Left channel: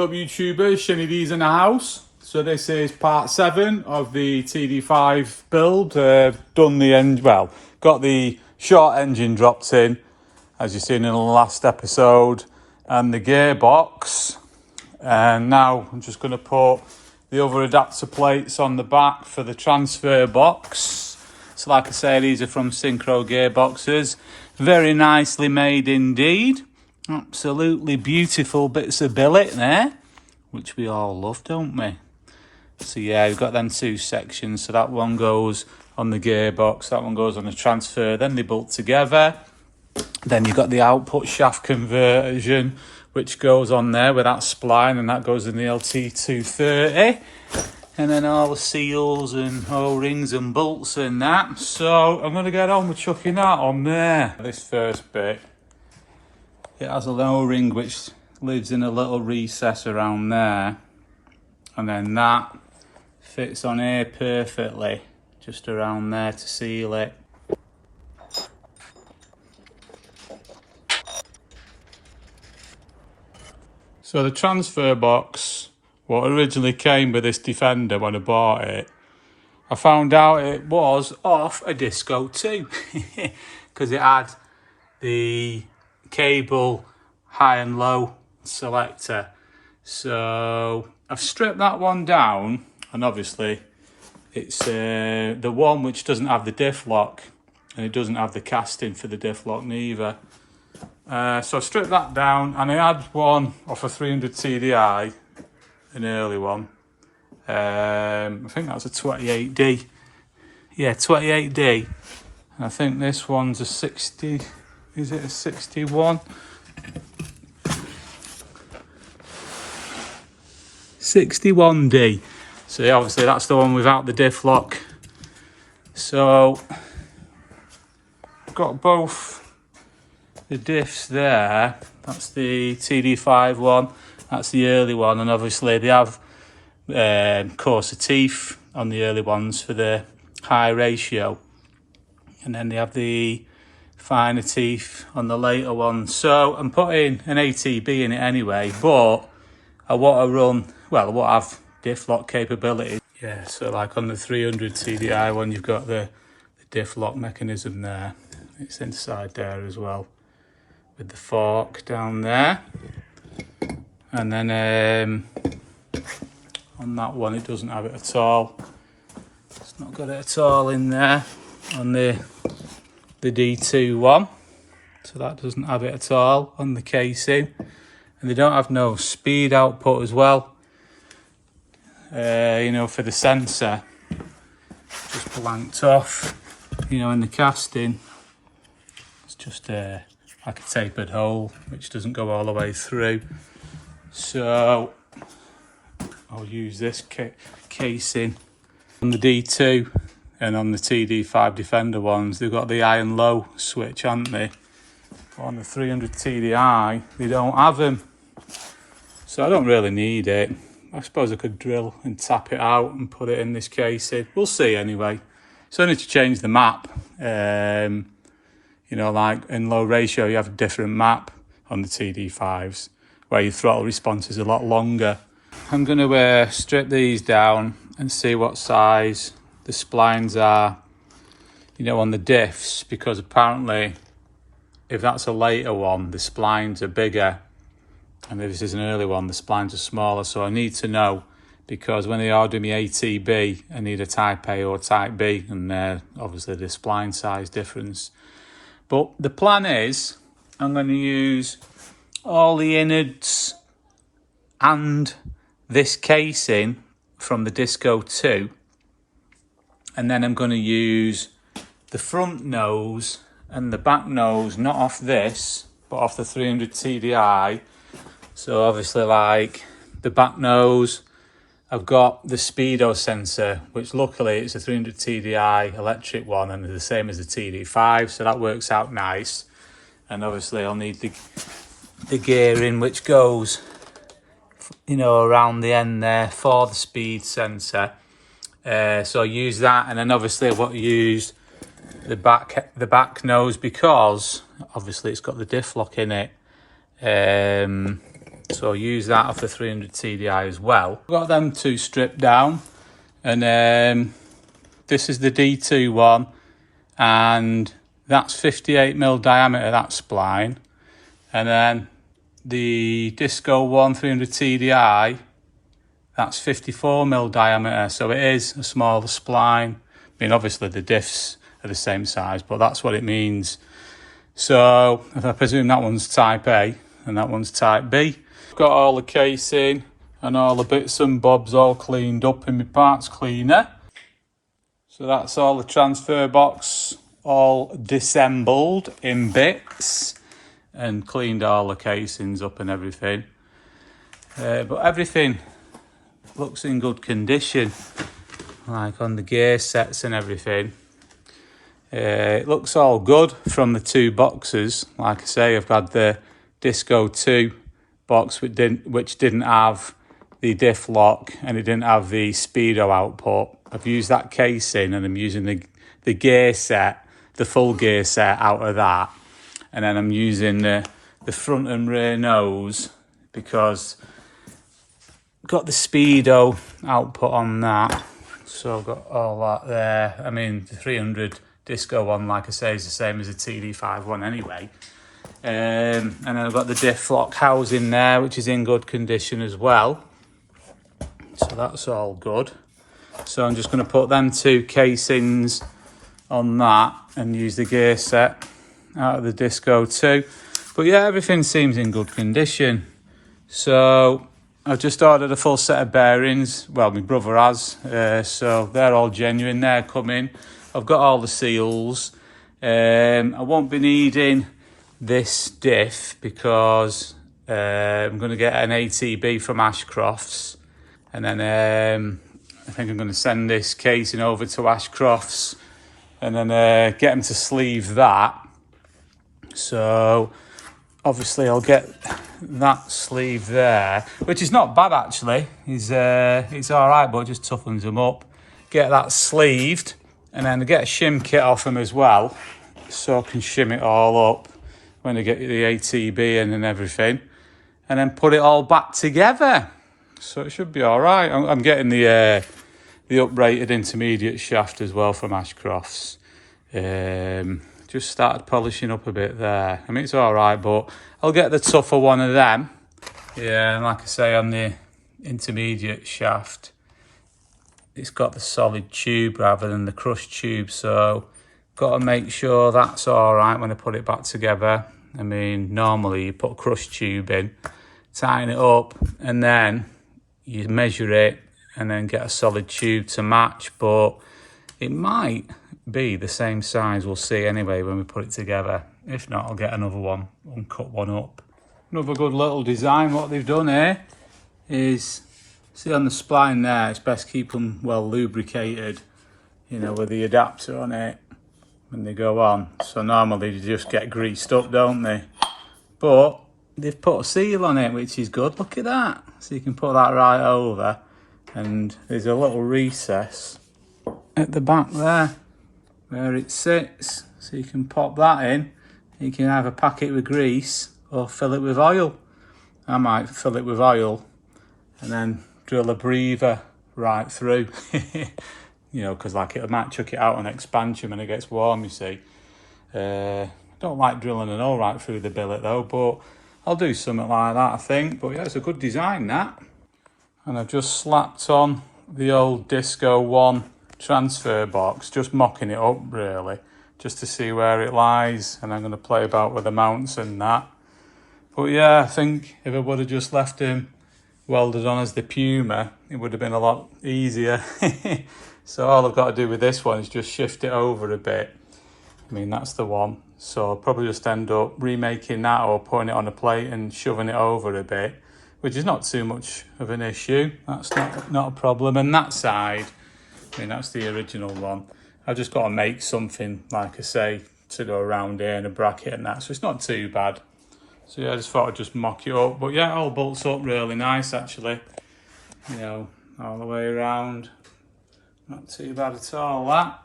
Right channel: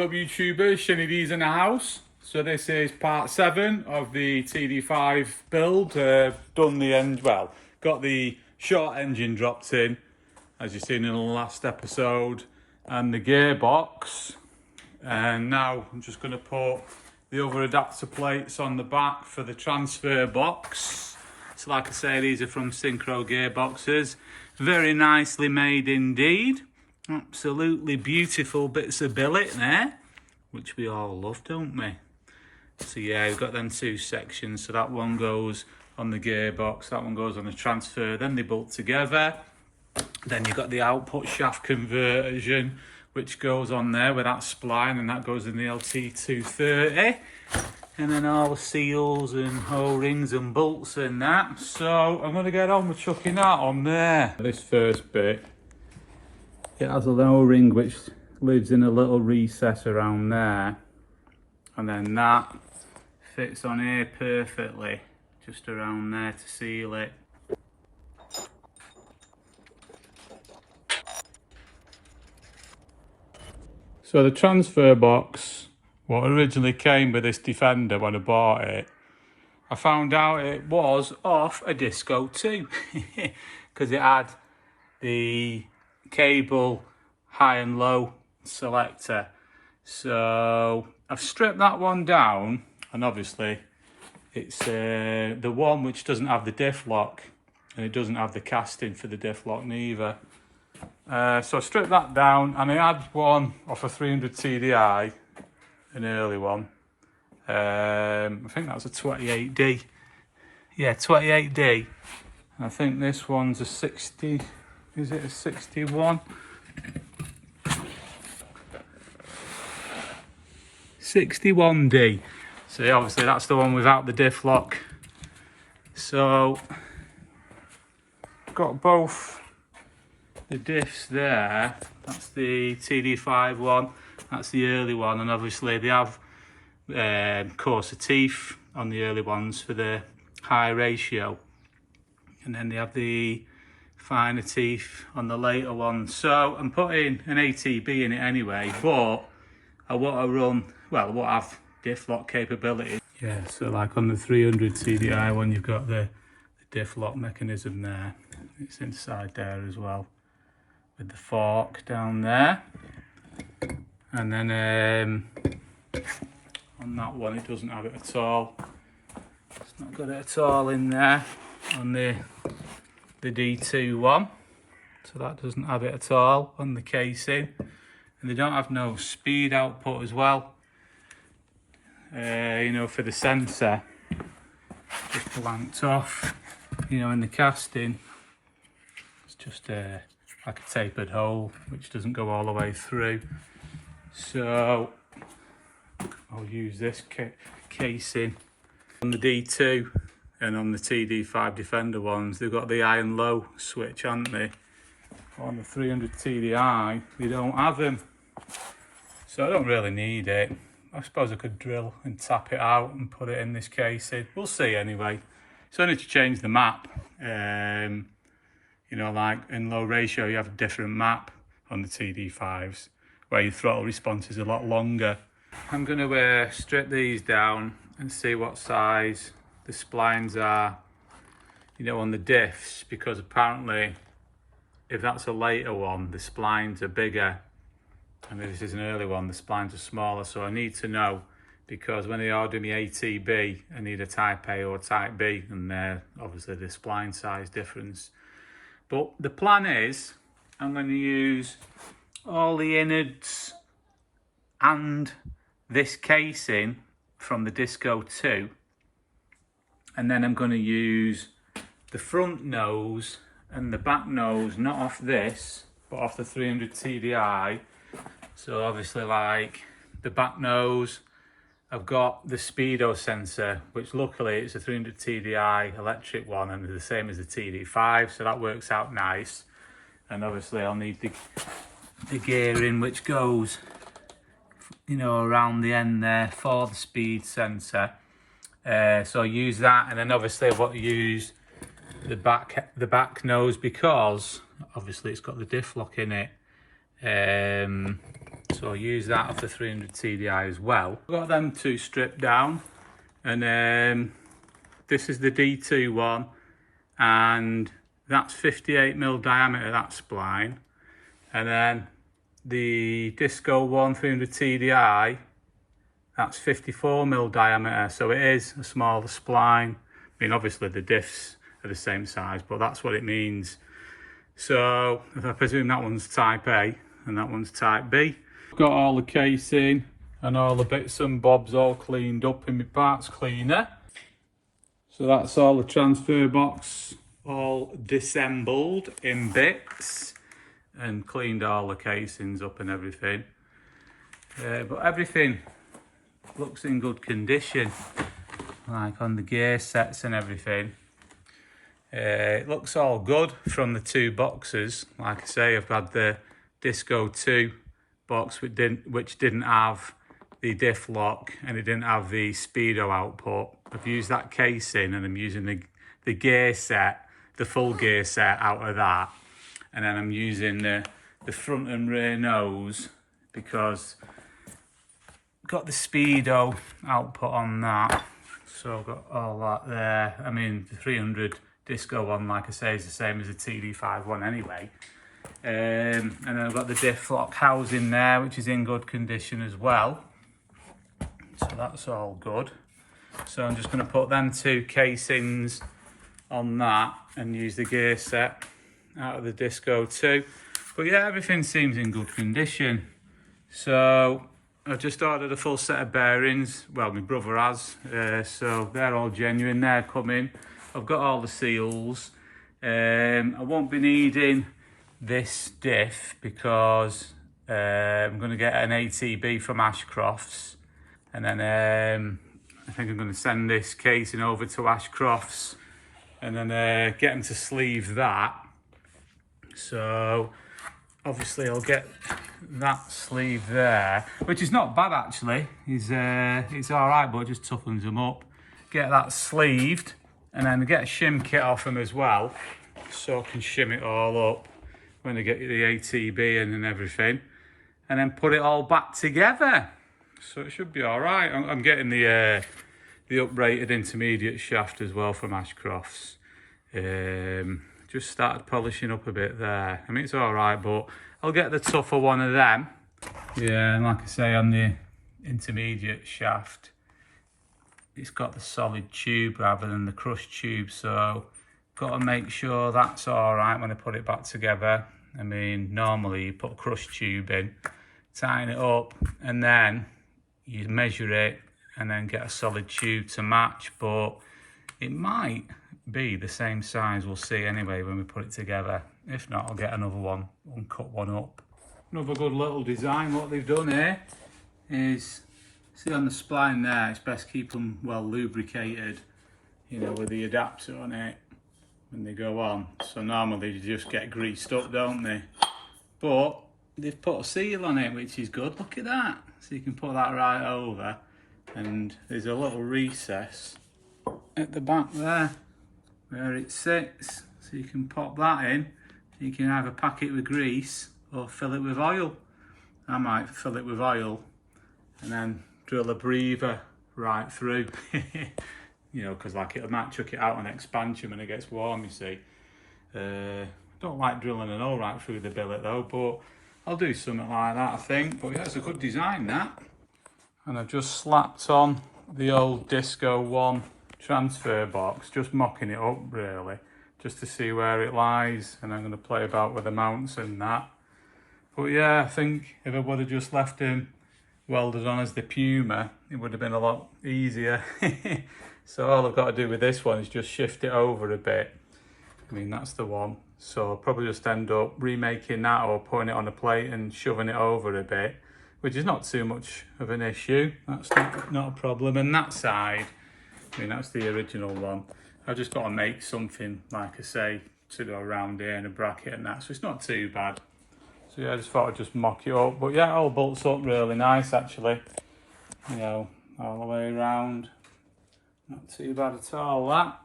What up YouTubers, CarJunkeez in the house. So this is part 7 of the TD5 build. Done the end, well, got the short engine dropped in, as you've seen in the last episode, and the gearbox. And now I'm just going to put the other adapter plates on the back for the transfer box. So like I say, these are from Synchro gearboxes. Very nicely made indeed. Absolutely beautiful bits of billet there, which we all love, don't we? So yeah, we've got them two sections. So that one goes on the gearbox, that one goes on the transfer, then they bolt together. Then you've got the output shaft conversion, which goes on there with that spline, and that goes in the LT230. And then all the seals and O-rings and bolts and that. So I'm going to get on with chucking that on there. This first bit, it has an O-ring which lives in a little recess around there. And then that fits on here perfectly, just around there to seal it. So the transfer box, what originally came with this Defender when I bought it, I found out it was off a Disco 2 because it had the cable high and low selector. So I've stripped that one down, and obviously it's the one which doesn't have the diff lock, and it doesn't have the casting for the diff lock neither. So I stripped that down, and I had one off a 300 TDI, an early one. I think that was a 28D. Yeah, 28D. And I think this one's a 60, is it a 61? 61D. So yeah, obviously that's the one without the diff lock. So I've got both the diffs there. That's the TD5 one, that's the early one, and obviously they have coarser teeth on the early ones for the high ratio, and then they have the finer teeth on the later ones. So I'm putting an ATB in it anyway, but I want to run, well, I want to have diff lock capability. Yeah, so like on the 300 TDI one, you've got the diff lock mechanism there. It's inside there as well, with the fork down there. And then on that one, it doesn't have it at all. It's not got it at all in there on the D2 one. So that doesn't have it at all on the casing. And they don't have no speed output as well. You know, for the sensor, just blanked off. You know, in the casting, it's just like a tapered hole, which doesn't go all the way through. So I'll use this casing on the D2 and on the TD5 Defender ones. They've got the high and low switch, haven't they? But on the 300 TDI, they don't have them. So I don't really need it. I suppose I could drill and tap it out and put it in this casing. We'll see anyway. It's only to change the map. You know, like in low ratio, you have a different map on the TD5s, where your throttle response is a lot longer. I'm going to strip these down and see what size the splines are, you know, on the diffs, because apparently if that's a later one, the splines are bigger, and if this is an early one, the splines are smaller. So I need to know, because when they order me ATB, I need a type A or type B, and obviously the spline size difference. But the plan is I'm going to use all the innards and this casing from the Disco 2, and then I'm going to use the front nose and the back nose, not off this, but off the 300 TDI. So obviously, like the back nose, I've got the speedo sensor, which luckily it's a 300 TDI electric one, and the same as the TD5, so that works out nice. And obviously I'll need the gearing, which goes, you know, around the end there for the speed sensor. So I use that, and then obviously I want to use the back nose, because obviously it's got the diff lock in it. So I'll use that off the 300 TDI as well. I've got them two stripped down, and this is the D2 one, and that's 58mm diameter, that spline. And then the Disco 1 300 TDI, that's 54mm diameter, so it is a smaller spline. I mean, obviously the diffs are the same size, but that's what it means. So I presume that one's type A and that one's type B. I've got all the casing and all the bits and bobs all cleaned up in my parts cleaner. So that's all the transfer box all disassembled in bits and cleaned all the casings up and everything. But everything looks in good condition, like on the gear sets and everything. It looks all good from the two boxes. Like I say, I've got the Disco 2 box which didn't have the diff lock and it didn't have the speedo output. I've used that casing and I'm using the gear set, the full gear set out of that. And then I'm using the front and rear nose because I've got the speedo output on that. So I've got all that there. I mean, the 300 Disco one, like I say, is the same as the TD5 one anyway. And then I've got the diff lock housing there, which is in good condition as well. So that's all good. So I'm just going to put them two casings on that and use the gear set out of the Disco 2. But yeah, everything seems in good condition. So I've just ordered a full set of bearings. Well, my brother has. So they're all genuine. They're coming. I've got all the seals. I won't be needing this diff because I'm going to get an ATB from Ashcrofts. And then I think I'm going to send this casing over to Ashcrofts and then get them to sleeve that. So obviously I'll get that sleeve there, which is not bad actually. It's all right, but it just toughens them up. Get that sleeved and then get a shim kit off them as well, so I can shim it all up when I get the ATB in and everything, and then put it all back together. So it should be all right. I'm getting the uprated intermediate shaft as well from Ashcrofts. Just started polishing up a bit there. I mean, it's all right, but I'll get the tougher one of them. Yeah, and like I say, on the intermediate shaft, it's got the solid tube rather than the crushed tube, so got to make sure that's all right when I put it back together. I mean, normally you put a crushed tube in, tighten it up, and then you measure it and then get a solid tube to match, but it might be the same size, we'll see anyway when we put it together. If not, I'll get another one and cut one up. Another good little design, what they've done here is, see on the spline there, it's best keep them well lubricated, you know, with the adapter on it when they go on. So normally they just get greased up, don't they? But they've put a seal on it, which is good. Look at that. So you can put that right over, and there's a little recess at the back there where it sits. So you can pop that in. You can either pack it with grease or fill it with oil. I might fill it with oil and then drill a breather right through. You know, because like it might chuck it out on expansion when it gets warm, you see. I don't like drilling an hole right through the billet though, but I'll do something like that, I think. But yeah, it's a good design, that. And I've just slapped on the old Disco 1 transfer box, just mocking it up really, just to see where it lies. And I'm going to play about with the mounts and that. But yeah, I think if I would have just left him welded on as the Puma, it would have been a lot easier. So all I've got to do with this one is just shift it over a bit. I mean, that's the one. So I'll probably just end up remaking that or putting it on a plate and shoving it over a bit, which is not too much of an issue. That's not a problem. And that side, I mean, that's the original one. I've just got to make something, like I say, to go around here and a bracket and that. So it's not too bad. So yeah, I just thought I'd just mock it up. But yeah, it all bolts up really nice, actually. You know, all the way around. Not too bad at all, that.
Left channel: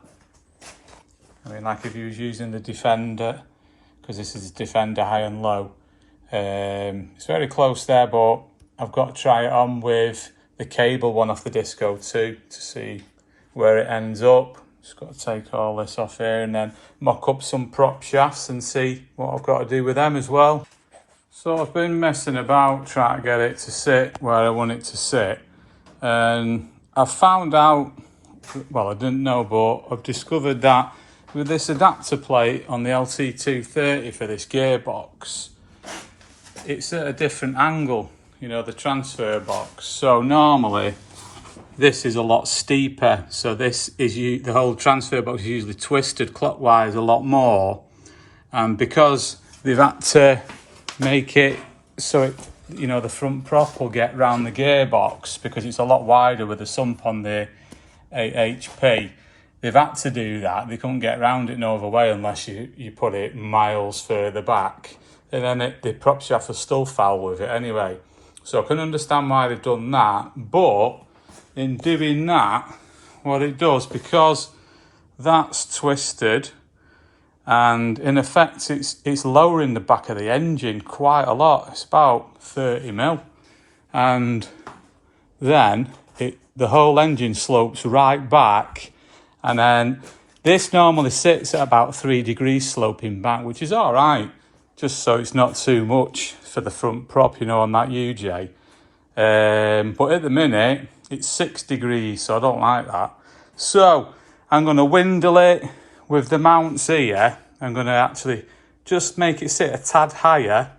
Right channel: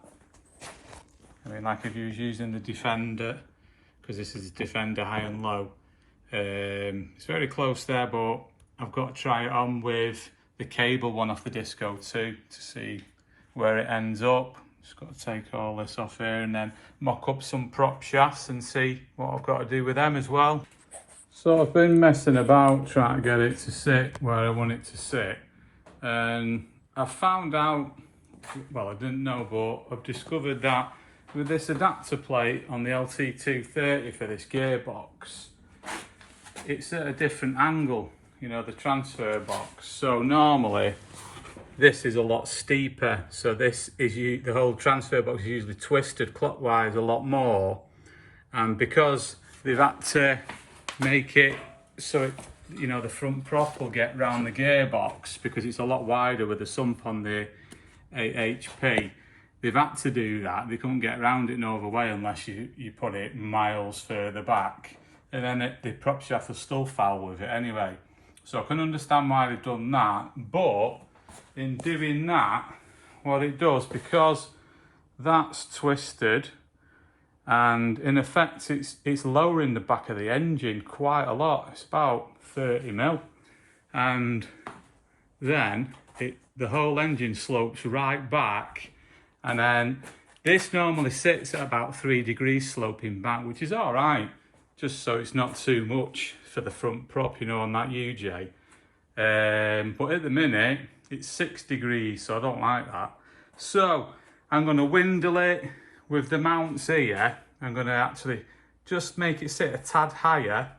I mean, like if you was using the Defender, because this is Defender high and low, It's very close there, but I've got to try it on with the cable one off the Disco 2 to see where it ends up. Just got to take all this off here and then mock up some prop shafts and see what I've got to do with them as well. So I've been messing about trying to get it to sit where I want it to sit, and I've found out, well, I didn't know, but I've discovered that with this adapter plate on the LT230 for this gearbox, it's at a different angle, you know, the transfer box. So normally this is a lot steeper, so this is the whole transfer box is usually twisted clockwise a lot more, and because they've had to make it so it, you know, the front prop will get round the gearbox because it's a lot wider with the sump on the 8HP. They've had to do that. They couldn't get around it no other way unless you put it miles further back, and then the prop shaft will still foul with it anyway. So I can understand why they've done that, but in doing that, what it does, because that's twisted, and in effect it's lowering the back of the engine quite a lot. It's about 30 mil, and then the whole engine slopes right back, and then this normally sits at about 3 degrees sloping back, which is all right, just so it's not too much for the front prop, you know, on that UJ. But at the minute it's 6 degrees, so I don't like that. So I'm going to windle it with the mounts here. I'm going to actually just make it sit a tad higher,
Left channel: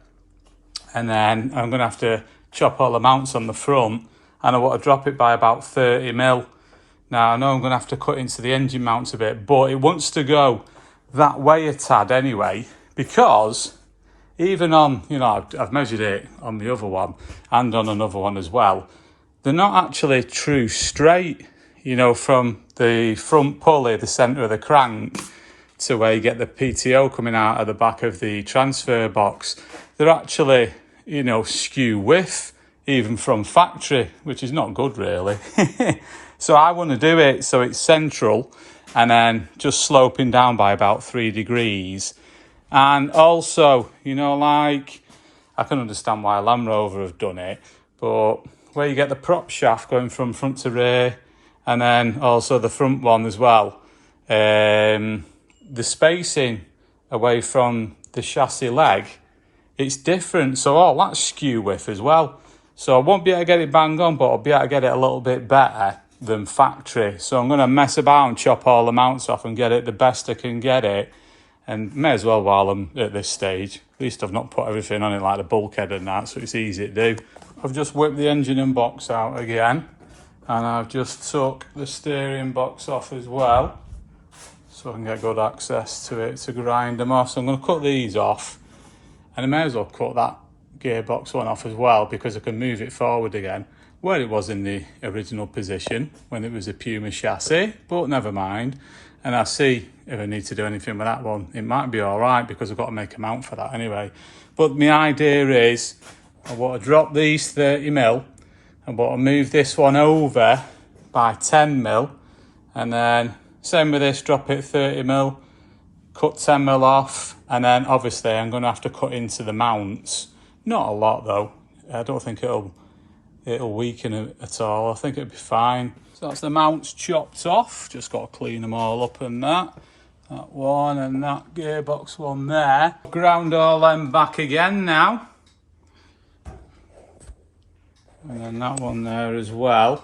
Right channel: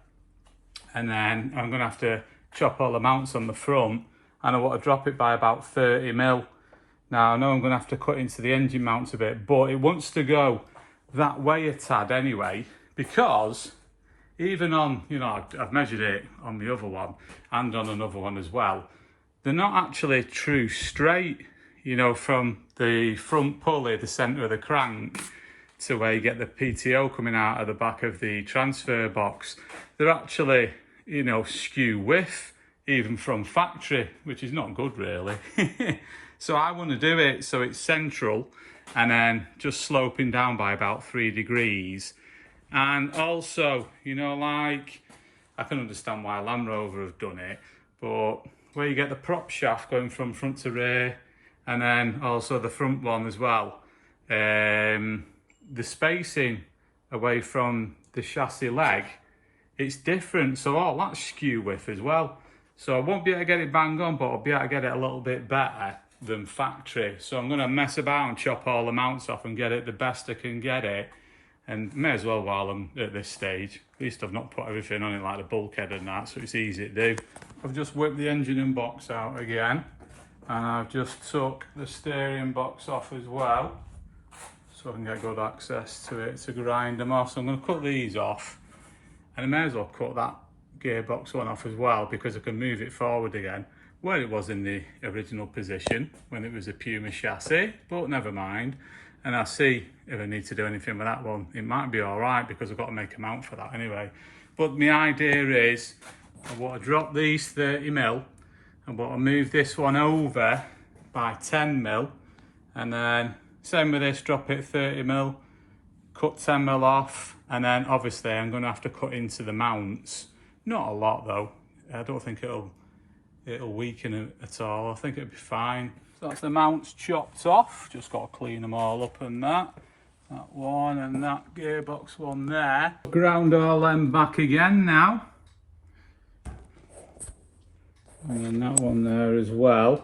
and then I'm going to have to chop all the mounts on the front, and I want to drop it by about 30 mil. Now I know I'm going to have to cut into the engine mounts a bit, but it wants to go that way a tad anyway, because even on, you know, I've measured it on the other one and on another one as well, they're not actually true straight, you know, from the front pulley, the centre of the crank, to where you get the PTO coming out of the back of the transfer box. They're actually, you know, skew width, even from factory, which is not good really. So I want to do it so it's central and then just sloping down by about 3 degrees. And also, you know, like, I can understand why Land Rover have done it, but where you get the prop shaft going from front to rear, and then also the front one as well, the spacing away from the chassis leg, it's different, so all that's skew width as well. So I won't be able to get it bang on, but I'll be able to get it a little bit better than factory. So I'm going to mess about and chop all the mounts off and get it the best I can get it, and may as well while I'm at this stage. At least I've not put everything on it like the bulkhead and that, so it's easy to do. I've just whipped the engine and box out again, and I've just took the steering box off as well, so I can get good access to it to grind them off. So I'm going to cut these off, and I may as well cut that gearbox one off as well, because I can move it forward again where it was in the original position when it was a Puma chassis, but never mind. And I'll see if I need to do anything with that one. It might be all right because I've got to make a mount for that anyway. But my idea is I want to drop these 30 mil, and want to move this one over by 10 mil, and then same with this, drop it 30 mil, cut 10 mil off, and then obviously I'm going to have to cut into the mounts. Not a lot though. I don't think it'll weaken it at all. I think it'll be fine. So that's the mounts chopped off. Just got to clean them all up and that. That one and that gearbox one there. Ground all them back again now. And then that one there as well.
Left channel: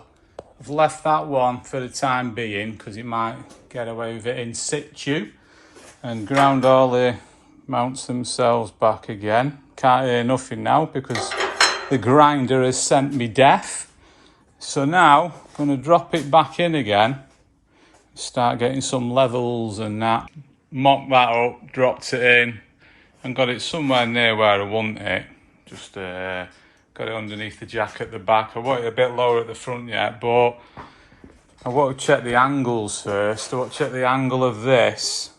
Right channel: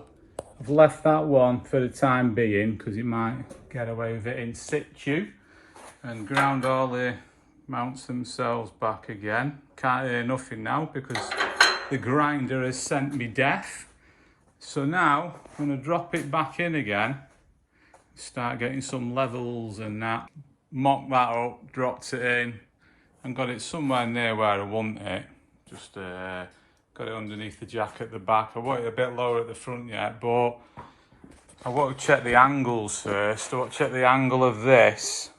I've left that one for the time being because it might get away with it in situ. And ground all the mounts themselves back again. Can't hear nothing now because the grinder has sent me deaf. So now I'm going to drop it back in again, start getting some levels and that. Mocked that up, dropped it in, and got it somewhere near where I want it. Just got it underneath the jack at the back. I want it a bit lower at the front yet, but I want to check the angles first. I want to check the angle of this,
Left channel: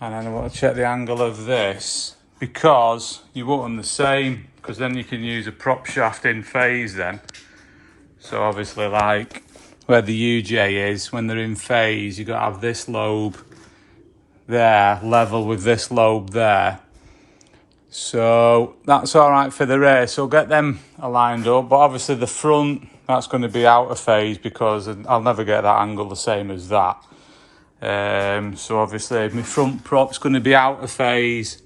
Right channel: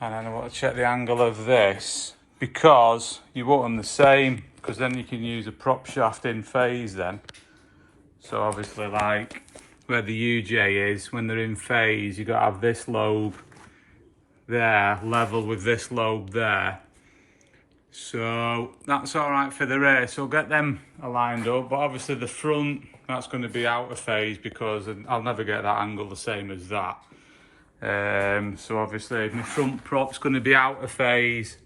and then I want to check the angle of this, because you want them the same, because then you can use a prop shaft in phase then. So obviously, like where the UJ is, when they're in phase, you've got to have this lobe there level with this lobe there. So that's all right for the rear. So get them aligned up, but obviously the front, that's going to be out of phase because I'll never get that angle the same as that. So obviously my front prop's going to be out of phase.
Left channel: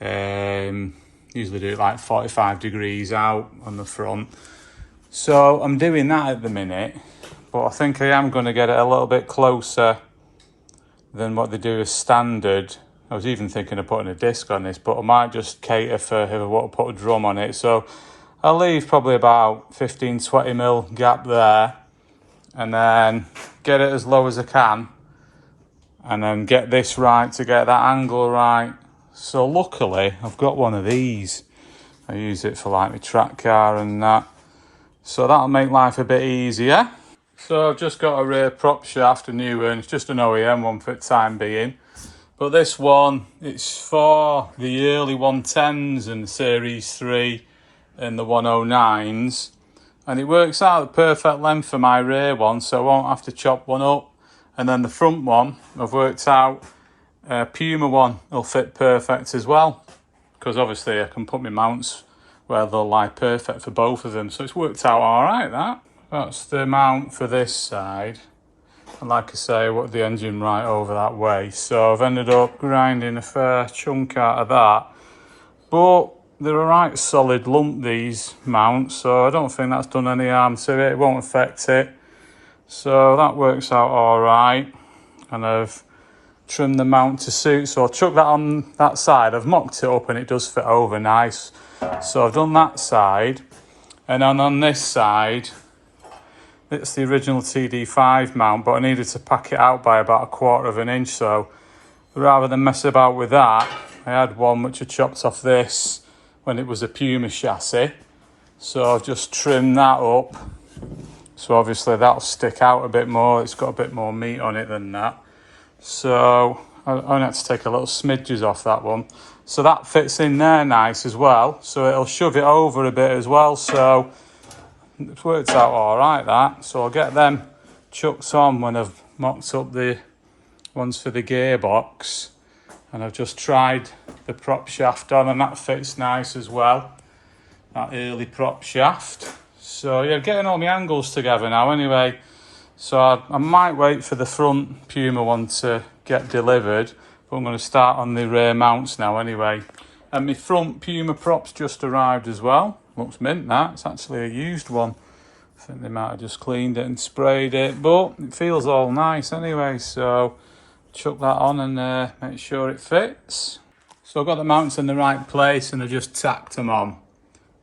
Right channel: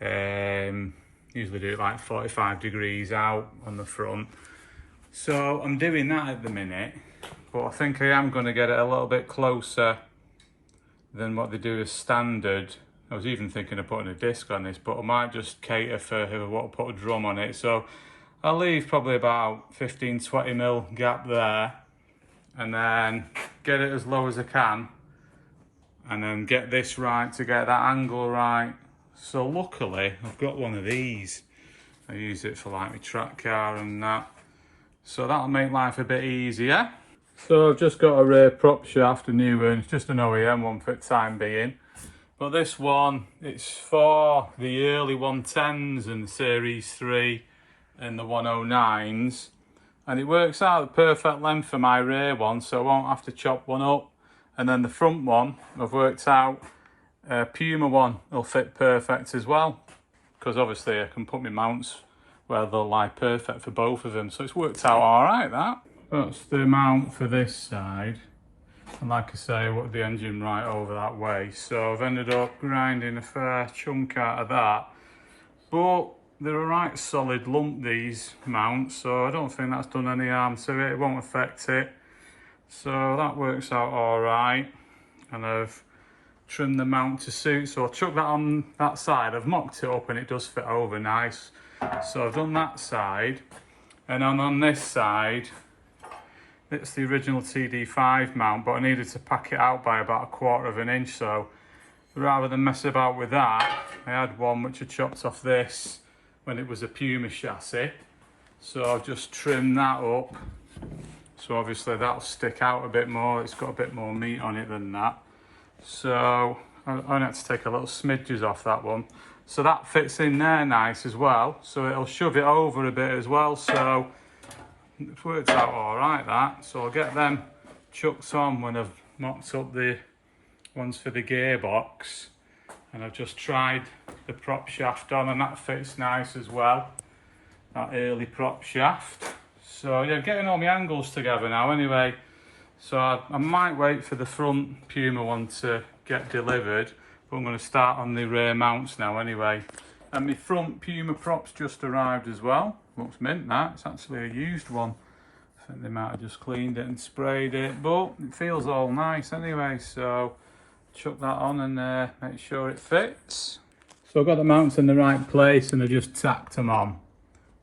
Usually do it like 45 degrees out on the front. So I'm doing that at the minute, but I think I am going to get it a little bit closer than what they do as standard. I was even thinking of putting a disc on this, but I might just cater for if I want to put a drum on it. So I'll leave probably about 15-20mm gap there, and then get it as low as I can, and then get this right to get that angle right. So luckily I've got one of these. I use it for like my track car and that. So that'll make life a bit easier. So I've just got a rear prop shaft, a new one. It's just an OEM one for the time being. But this one, it's for the early 110s and the Series 3 and the 109s. And it works out the perfect length for my rear one, so I won't have to chop one up. And then the front one, I've worked out Puma one will fit perfect as well. Because obviously I can put my mounts where they'll lie perfect for both of them. So it's worked out all right, that. That's the mount for this side. And like I say, I put the engine right over that way. So I've ended up grinding a fair chunk out of that. But they're a right solid lump, these mounts. So I don't think that's done any harm to it. It won't affect it. So that works out all right. And I've trimmed the mount to suit. So I chuck that on that side. I've mocked it up and it does fit over nice. So I've done that side. And then on this side, it's the original TD5 mount, but I needed to pack it out by about 1/4 of an inch. So rather than mess about with that, I had one which I chopped off this when it was a Puma chassis. So I've just trimmed that up. So obviously that'll stick out a bit more. It's got a bit more meat on it than that. So I only had to take a little smidges off that one. So that fits in there nice as well. So it'll shove it over a bit as well. So it's worked out all right, that. So I'll get them chucked on when I've mocked up the ones for the gearbox. And I've just tried the prop shaft on, and that fits nice as well. That early prop shaft. So yeah, getting all my angles together now anyway. So I might wait for the front Puma one to get delivered, but I'm going to start on the rear mounts now anyway. And my front Puma prop's just arrived as well. Looks mint, that. It's actually a used one. I think they might have just cleaned it and sprayed it, but it feels all nice anyway. So chuck that on and make sure it fits. So I've got the mounts in the right place and I just tacked them on.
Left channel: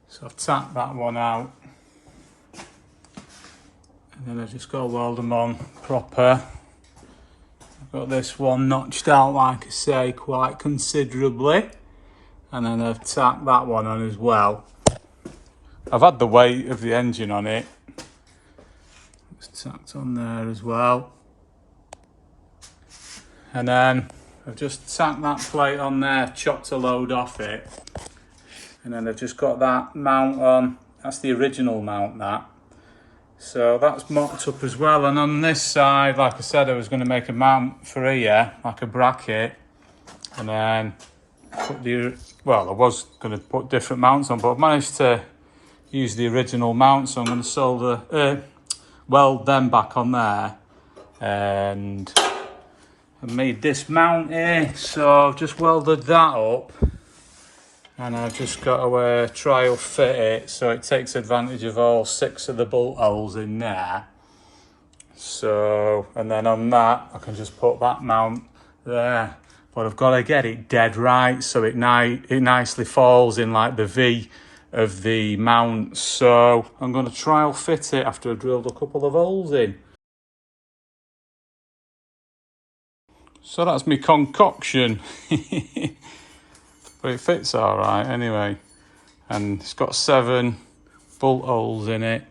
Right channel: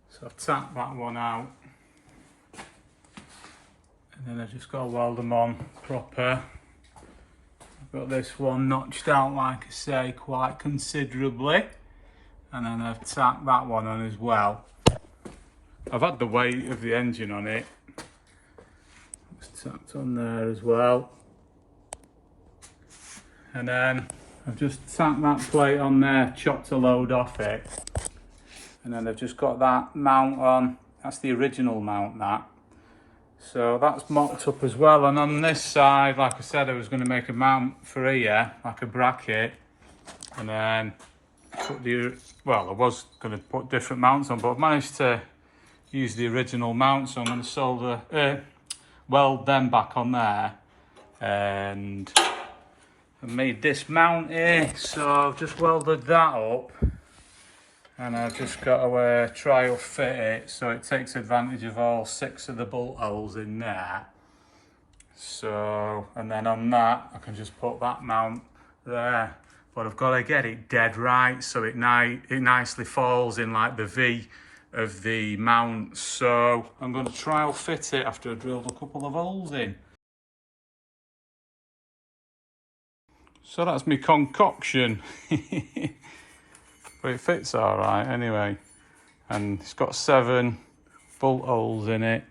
So I've tacked that one out. And then I've just got to weld them on proper. I've got this one notched out, like I say, quite considerably. And then I've tacked that one on as well. I've had the weight of the engine on it. It's tacked on there as well. And then I've just tacked that plate on there, chopped a load off it. And then I've just got that mount on. That's the original mount, that. So that's mocked up as well. And on this side, like I said, I was going to make a mount for here, like a bracket. And then put the, well, I was going to put different mounts on, but I've managed to use the original mount. So I'm going to solder, weld them back on there. And I made this mount here. So I've just welded that up. And I've just got to trial fit it so it takes advantage of all 6 of the bolt holes in there. So, and then on that, I can just put that mount there. But I've got to get it dead right so it nicely falls in like the V of the mount. So I'm going to trial fit it after I've drilled a couple of holes in. So that's my concoction. But it fits all right anyway. And it's got 7 bolt holes in it.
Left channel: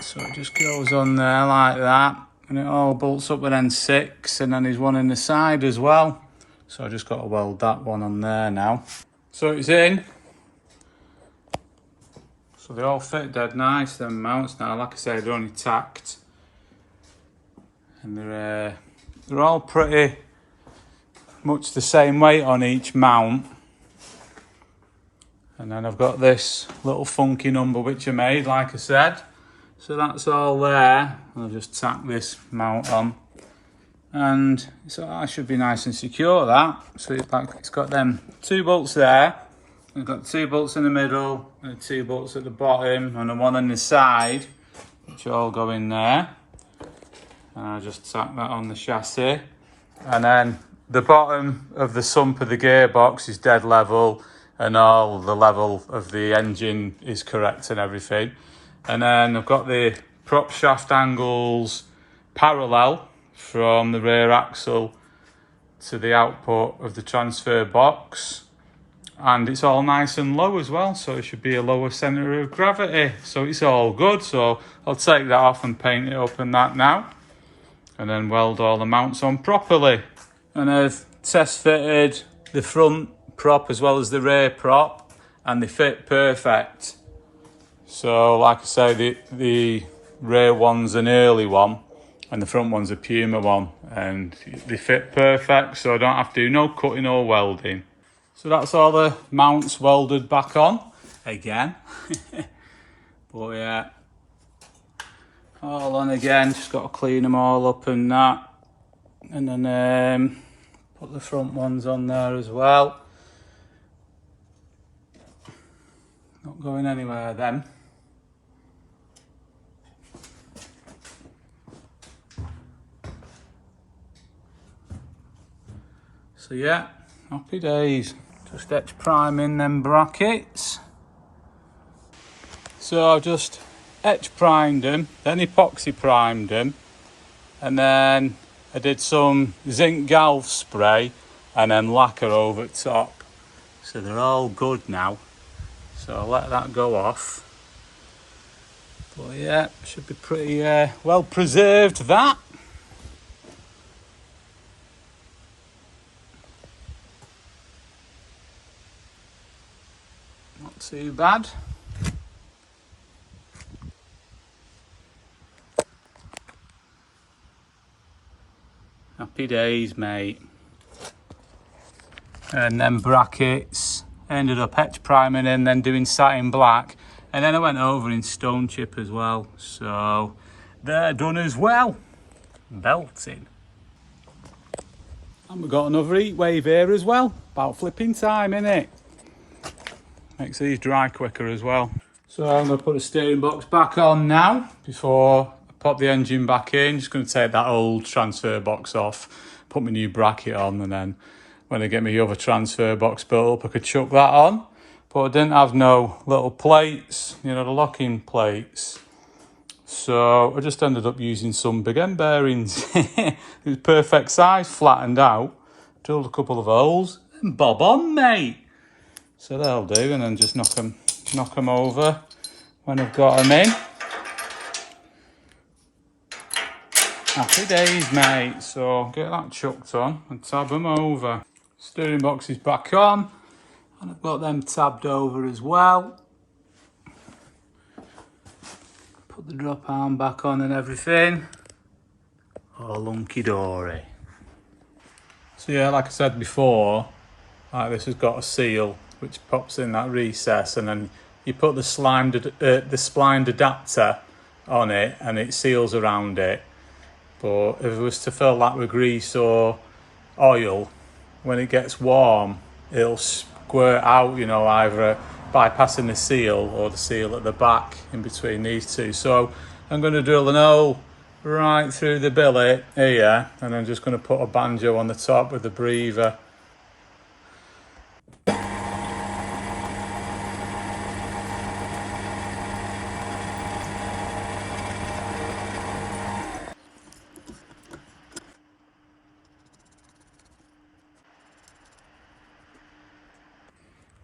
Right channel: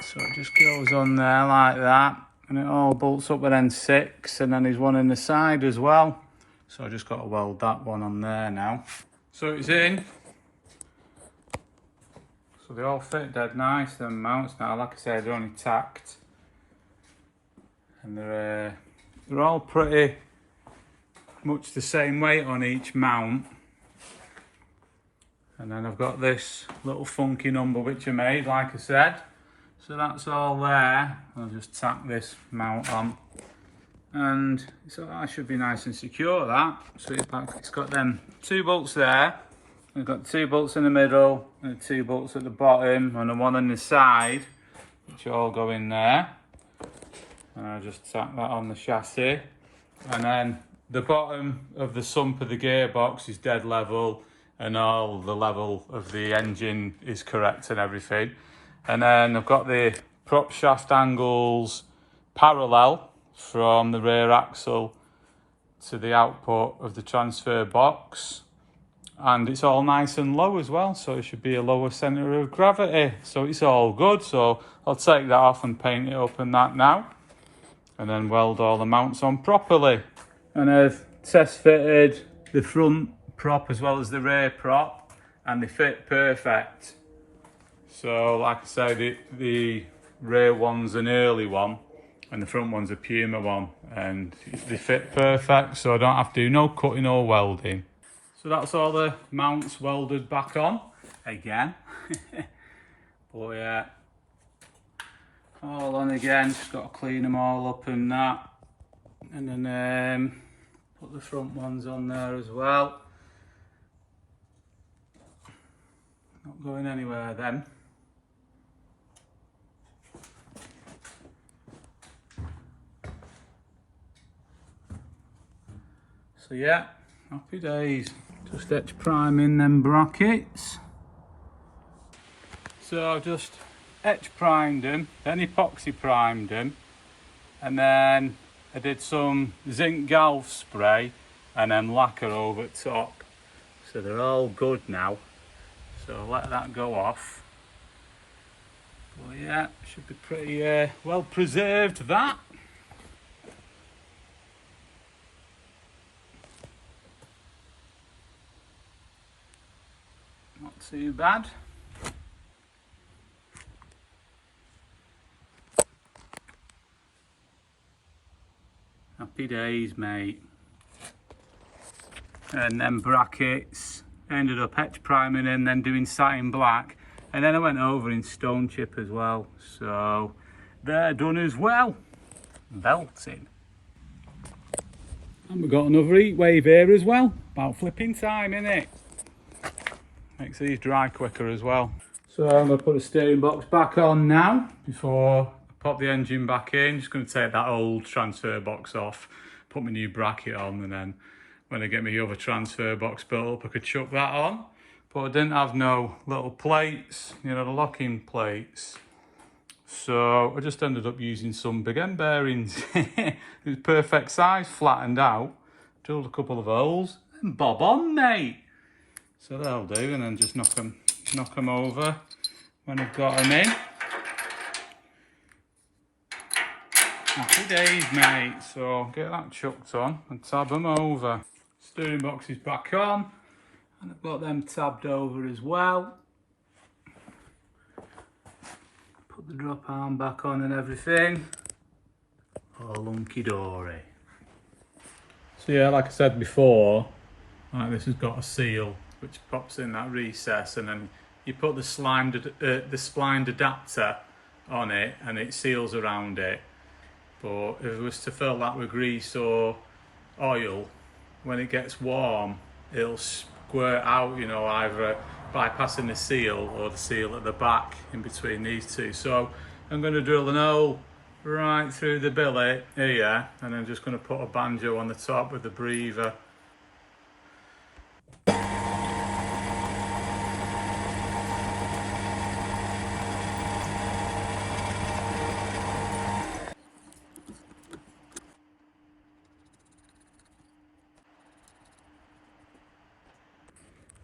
So it just goes on there like that. And it all bolts up with then 6. And then there's one in the side as well. So I just got to weld that one on there now. So it's in. So they all fit dead nice, them mounts now. Like I said, they're only tacked. And they're all pretty much the same weight on each mount. And then I've got this little funky number which I made, like I said. So that's all there. I'll just tack this mount on. And so that should be nice and secure, that. So it's got them 2 bolts there. We've got 2 bolts in the middle and 2 bolts at the bottom and 1 on the side, which all go in there. And I'll just tack that on the chassis. And then the bottom of the sump of the gearbox is dead level, and all the level of the engine is correct and everything. And then I've got the prop shaft angles parallel from the rear axle to the output of the transfer box. And it's all nice and low as well, so it should be a lower centre of gravity. So it's all good. So I'll take that off and paint it up and that now. And then weld all the mounts on properly. And I've test fitted the front prop as well as the rear prop, and they fit perfect. So like I say, the rear one's an early one and the front one's a Puma one, and they fit perfect, so I don't have to do no cutting or welding. So that's all the mounts welded back on again. But yeah, all on again, just got to clean them all up and that. And then put the front ones on there as well. Not going anywhere then. So yeah, happy days. Just etch priming them brackets. So I've just etch primed them, then epoxy primed them, and then I did some zinc galv spray and then lacquer over the top. So they're all good now. So I'll let that go off. But yeah, should be pretty well preserved, that. Not too bad. Happy days, mate. And then brackets. Ended up etch priming and then doing satin black, and then I went over in stone chip as well, so they're done as well. Belting. And we've got another heat wave here as well. About flipping time, innit? Makes these dry quicker as well. So I'm going to put the steering box back on now before I pop the engine back in. Just going to take that old transfer box off, put my new bracket on, and then when I get my other transfer box built up, I could chuck that on. But I didn't have no little plates, you know, the locking plates. So I just ended up using some big end bearings. It was perfect size, flattened out. Drilled a couple of holes, and bob on, mate. So they'll do, and then just knock them over when I've got them in. Happy days, mate. So get that chucked on and tab them over. Steering box is back on, and I've got them tabbed over as well. Put the drop arm back on and everything. All hunky-dory. So yeah, like I said before, like this has got a seal which pops in that recess, and then you put the splined adapter on it and it seals around it. But if it was to fill that with grease or oil, when it gets warm, it'll squirt out, you know, either bypassing the seal or the seal at the back in between these two. So I'm going to drill an hole right through the billet here, and I'm just going to put a banjo on the top with the breather.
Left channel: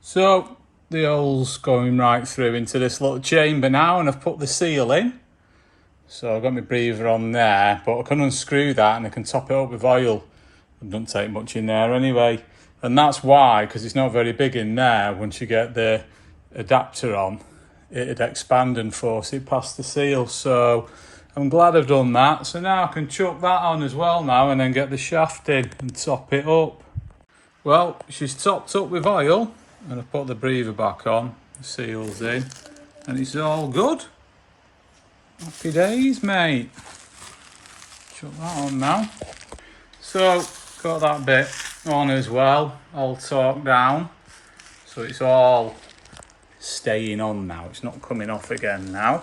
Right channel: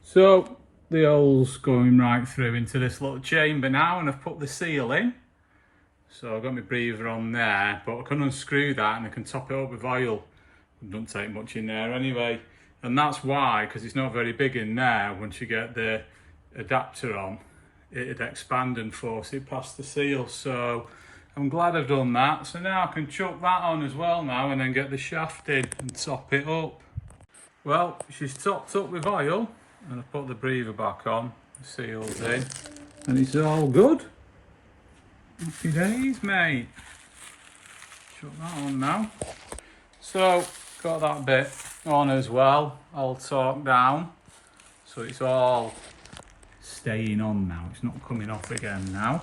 So the hole's going right through into this little chamber now, and I've put the seal in. So I've got my breather on there, but I can unscrew that and I can top it up with oil. It doesn't take much in there anyway. And that's why, because it's not very big in there, once you get the adapter on, it'd expand and force it past the seal. So I'm glad I've done that. So now I can chuck that on as well now, and then get the shaft in and top it up. Well, she's topped up with oil. And I put the breather back on, the seal's in, and it's all good. Happy days, mate. Chuck that on now. So, got that bit on as well, all torqued down. So it's all staying on now, it's not coming off again now.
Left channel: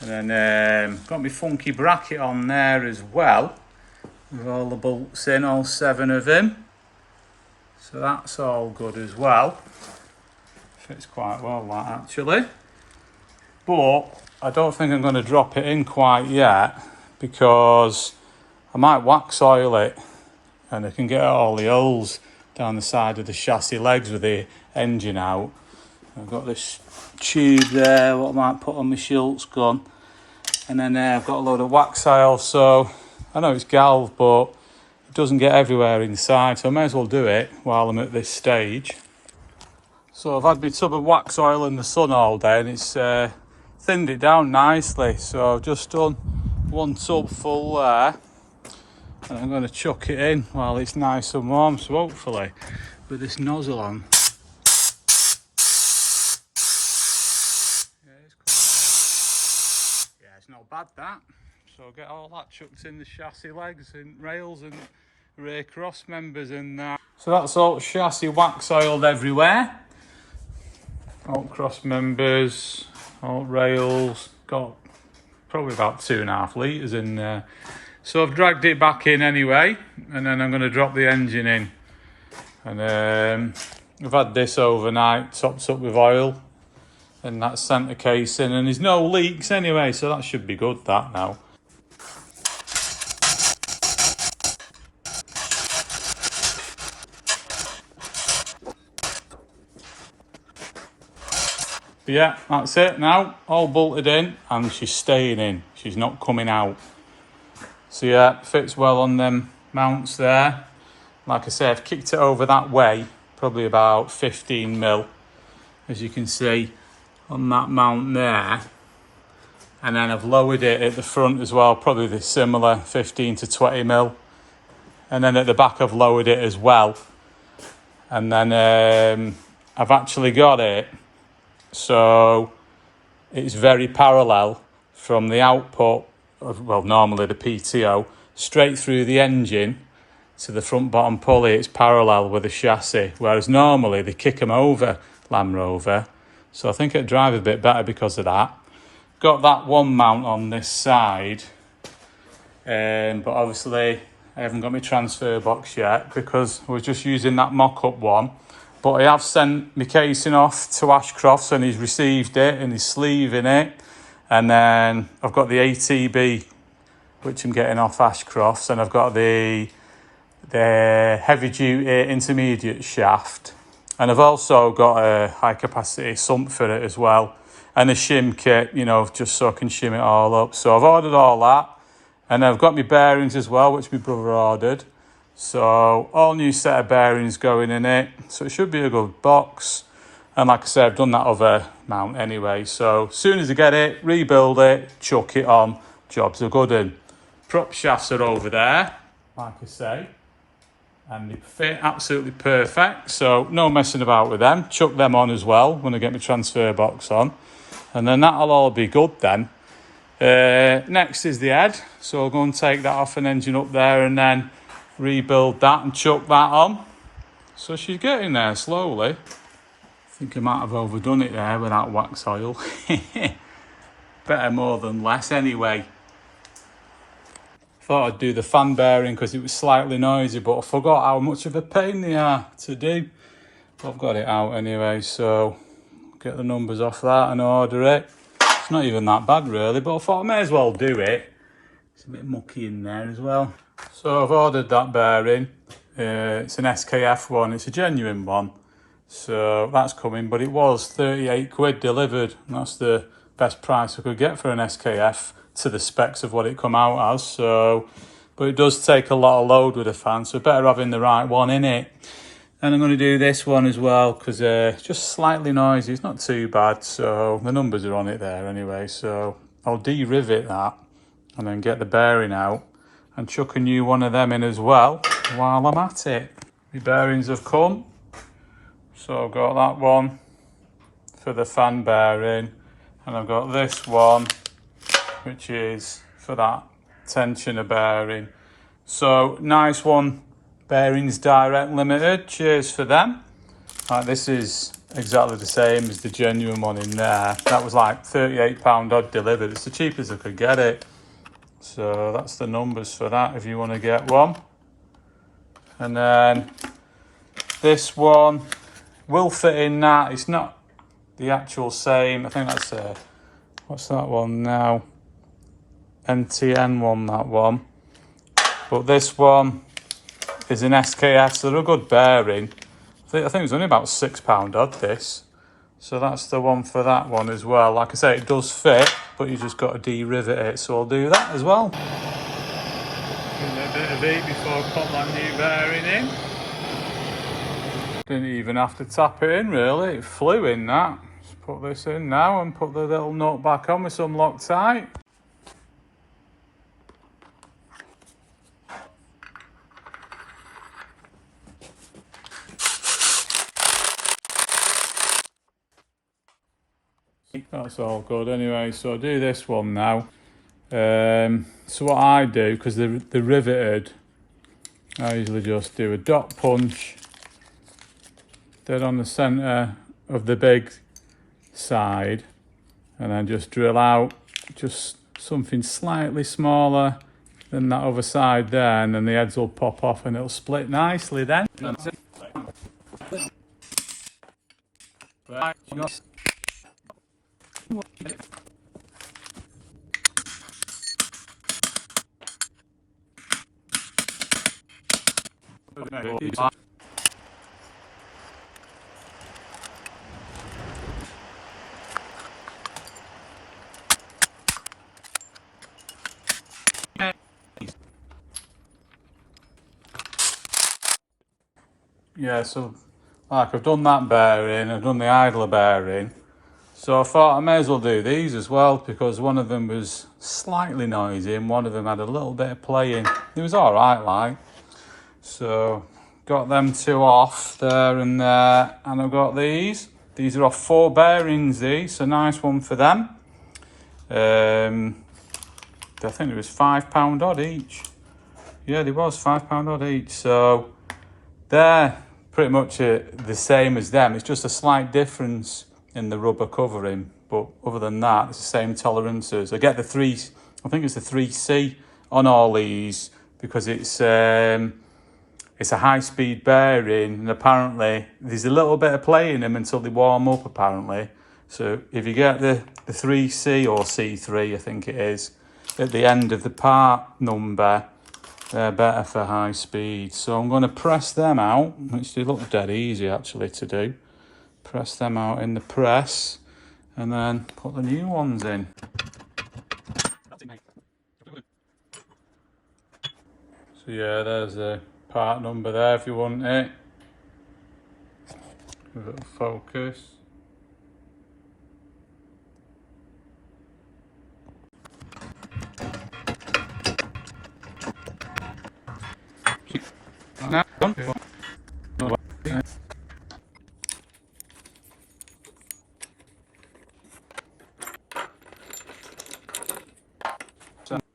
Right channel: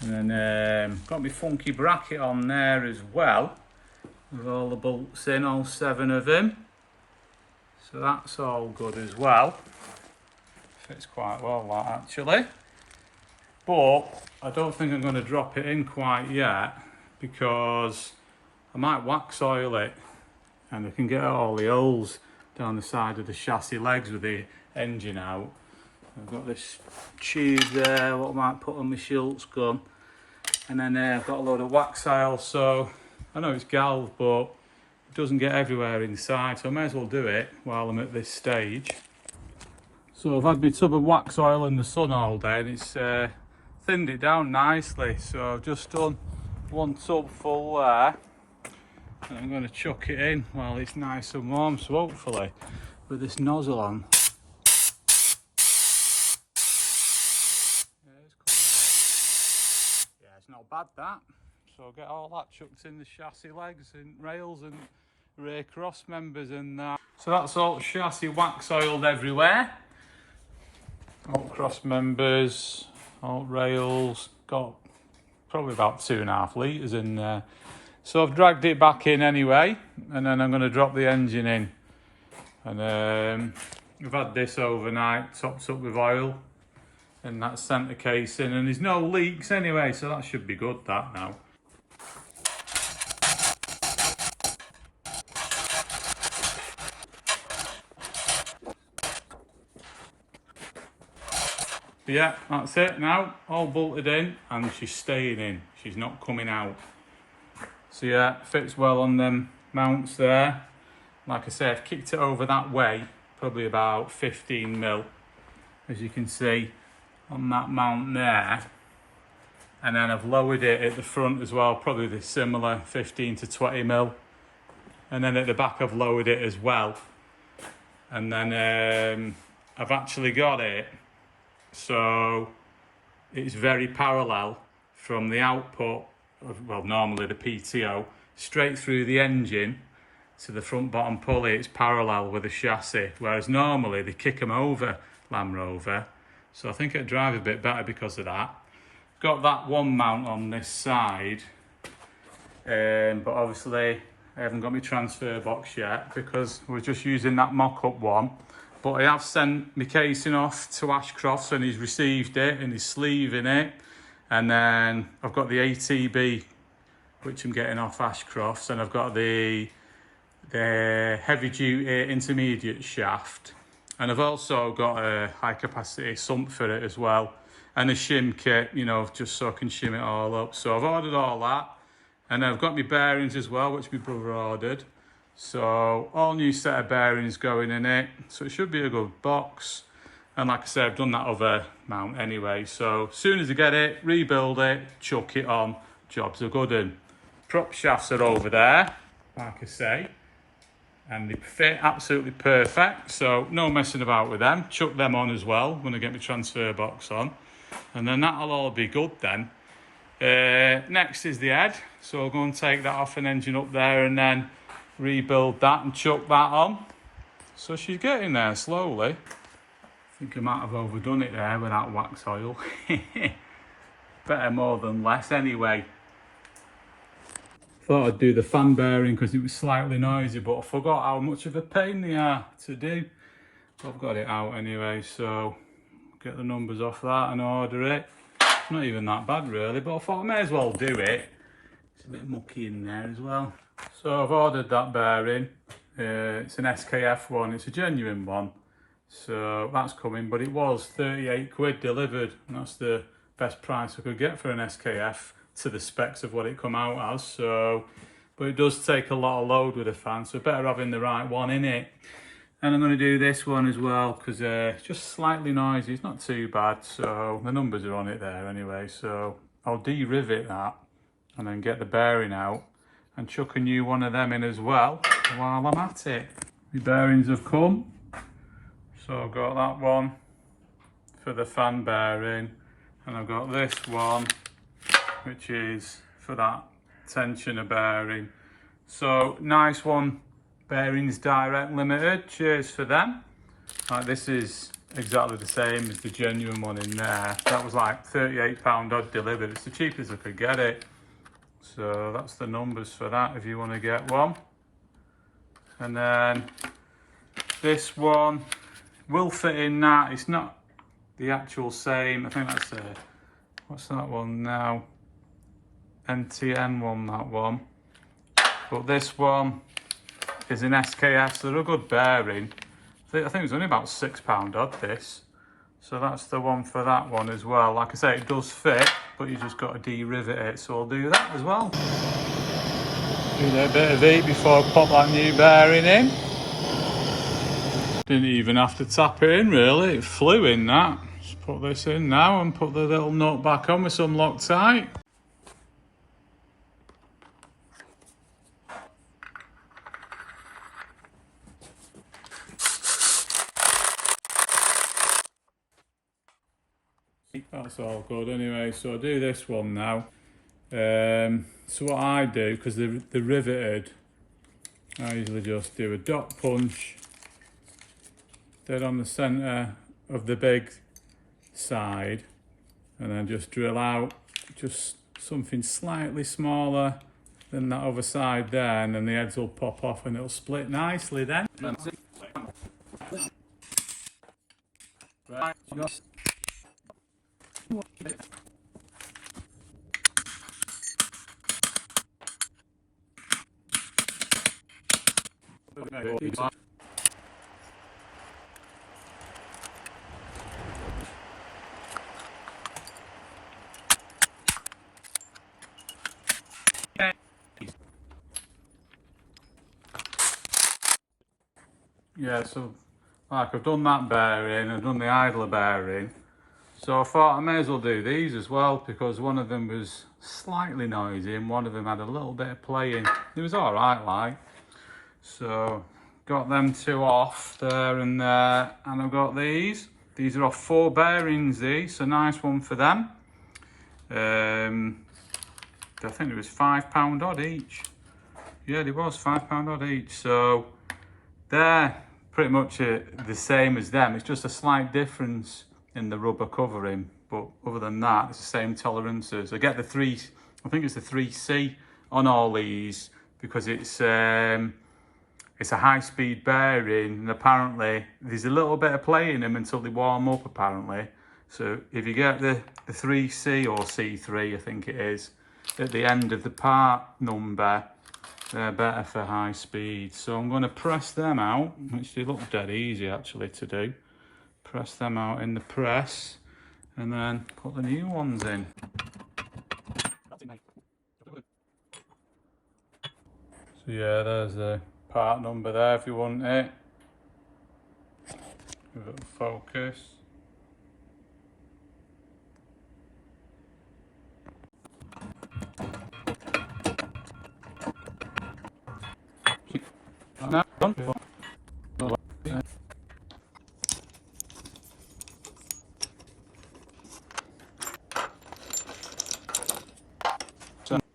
And then got my funky bracket on there as well, with all the bolts in, all 7 of them. So that's all good as well. Fits quite well, that actually. But I don't think I'm going to drop it in quite yet, because I might wax oil it and I can get all the holes down the side of the chassis legs with the engine out. I've got this tube there, what I might put on my Schultz gun. And then I've got a load of wax oil, so I know it's galv, but it doesn't get everywhere inside, so I may as well do it while I'm at this stage. So I've had my tub of wax oil in the sun all day, and it's thinned it down nicely. So I've just done 1 tub full there, and I'm going to chuck it in while it's nice and warm. So hopefully with this nozzle on, it's not bad, that. So I'll get all that chucked in the chassis legs and rails and rear cross members and that. So that's all chassis wax oiled everywhere. All cross members, all rails, got probably about 2.5 litres in there. So I've dragged it back in anyway, and then I'm going to drop the engine in. And I've had this overnight, topped up with oil, and that's centre casing, and there's no leaks anyway, so that should be good, that now. But yeah, that's it now, all bolted in, and she's staying in, she's not coming out. So yeah, fits well on them mounts there. Like I say, I've kicked it over that way, probably about 15 mil, as you can see on that mount there. And then I've lowered it at the front as well, probably the similar 15 to 20 mil. And then at the back I've lowered it as well. And then I've actually got it so it's very parallel from the output of, well, normally the PTO, straight through the engine to the front bottom pulley. It's parallel with the chassis, whereas normally they kick them over Land Rover. So I think it'd drive a bit better because of that. Got that one mount on this side, but obviously I haven't got my transfer box yet because I was just using that mock-up one. But I have sent my casing off to Ashcrofts and he's received it and he's sleeving it. And then I've got the ATB, which I'm getting off Ashcrofts, and I've got the heavy duty intermediate shaft. And I've also got a high capacity sump for it as well. And a shim kit, you know, just so I can shim it all up. So I've ordered all that. And I've got my bearings as well, which my brother ordered. So all new set of bearings going in it. So it should be a good box. And like I said, I've done that other mount anyway. So as soon as I get it, rebuild it, chuck it on, jobs are good. And prop shafts are over there, like I say. And they fit absolutely perfect. So no messing about with them. Chuck them on as well when I get my transfer box on. And then that'll all be good then. Next is the head. So I'll go and take that off an engine up there and then rebuild that and chuck that on. So she's getting there slowly. I think I might have overdone it there with that wax oil. Better more than less anyway. Thought I'd do the fan bearing because it was slightly noisy, but I forgot how much of a pain they are to do. But I've got it out anyway, so get the numbers off that and order it. It's not even that bad really, but I thought I may as well do it. It's a bit mucky in there as well. So I've ordered that bearing. It's an SKF one, it's a genuine one. So that's coming, but it was 38 quid delivered. And that's the best price I could get for an SKF to the specs of what it come out as. So, but it does take a lot of load with a fan, so better having the right one in it. And I'm going to do this one as well because it's just slightly noisy. It's not too bad, so the numbers are on it there anyway. So I'll de-rivet that and then get the bearing out and chuck a new one of them in as well while I'm at it. The bearings have come. So I've got that one for the fan bearing, and I've got this one which is for that tensioner bearing. So nice one, Bearings Direct Limited, cheers for them. This is exactly the same as the genuine one in there. That was like £38 odd delivered. It's the cheapest I could get it. So that's the numbers for that if you want to get one. And then this one will fit in that. It's not the actual same. I think that's what's that one now? NTN one, that one. But this one is an SKF, so they're a good bearing. I think it was only about £6 odd this. So that's the one for that one as well. Like I say, it does fit, but you just got to de-rivet it. So I'll do that as well. Doing a bit of heat before I pop that new bearing in. Didn't even have to tap it in really, it flew in that. Just put this in now and put the little nut back on with some Loctite. That's all good anyway, so I'll do this one now. So what I do, because they're riveted, I usually just do a dot punch dead on the centre of the big side, and then just drill out just something slightly smaller than that other side there, and then the heads will pop off and it'll split nicely then. Yeah, so like I've done that bearing, I've done the idler bearing, so I thought I may as well do these as well, because one of them was slightly noisy and one of them had a little bit of playing. It was alright like. So got them two off there and there, and I've got these. These are off 4 bearings, these, so nice one for them. I think it was £5 odd each. Yeah, they was £5 odd each, so they're pretty much the same as them. It's just a slight difference in the rubber covering, but other than that, it's the same tolerances. I get I think it's the 3C on all these, because it's a high-speed bearing, and apparently there's a little bit of play in them until they warm up, apparently. So if you get the 3C or C3, I think it is, at the end of the part number, they're better for high speed. So I'm going to press them out, which they look dead easy actually to do. Press them out in the press, and then put the new ones in. So yeah, there's the part number there if you want it. Give it a focus.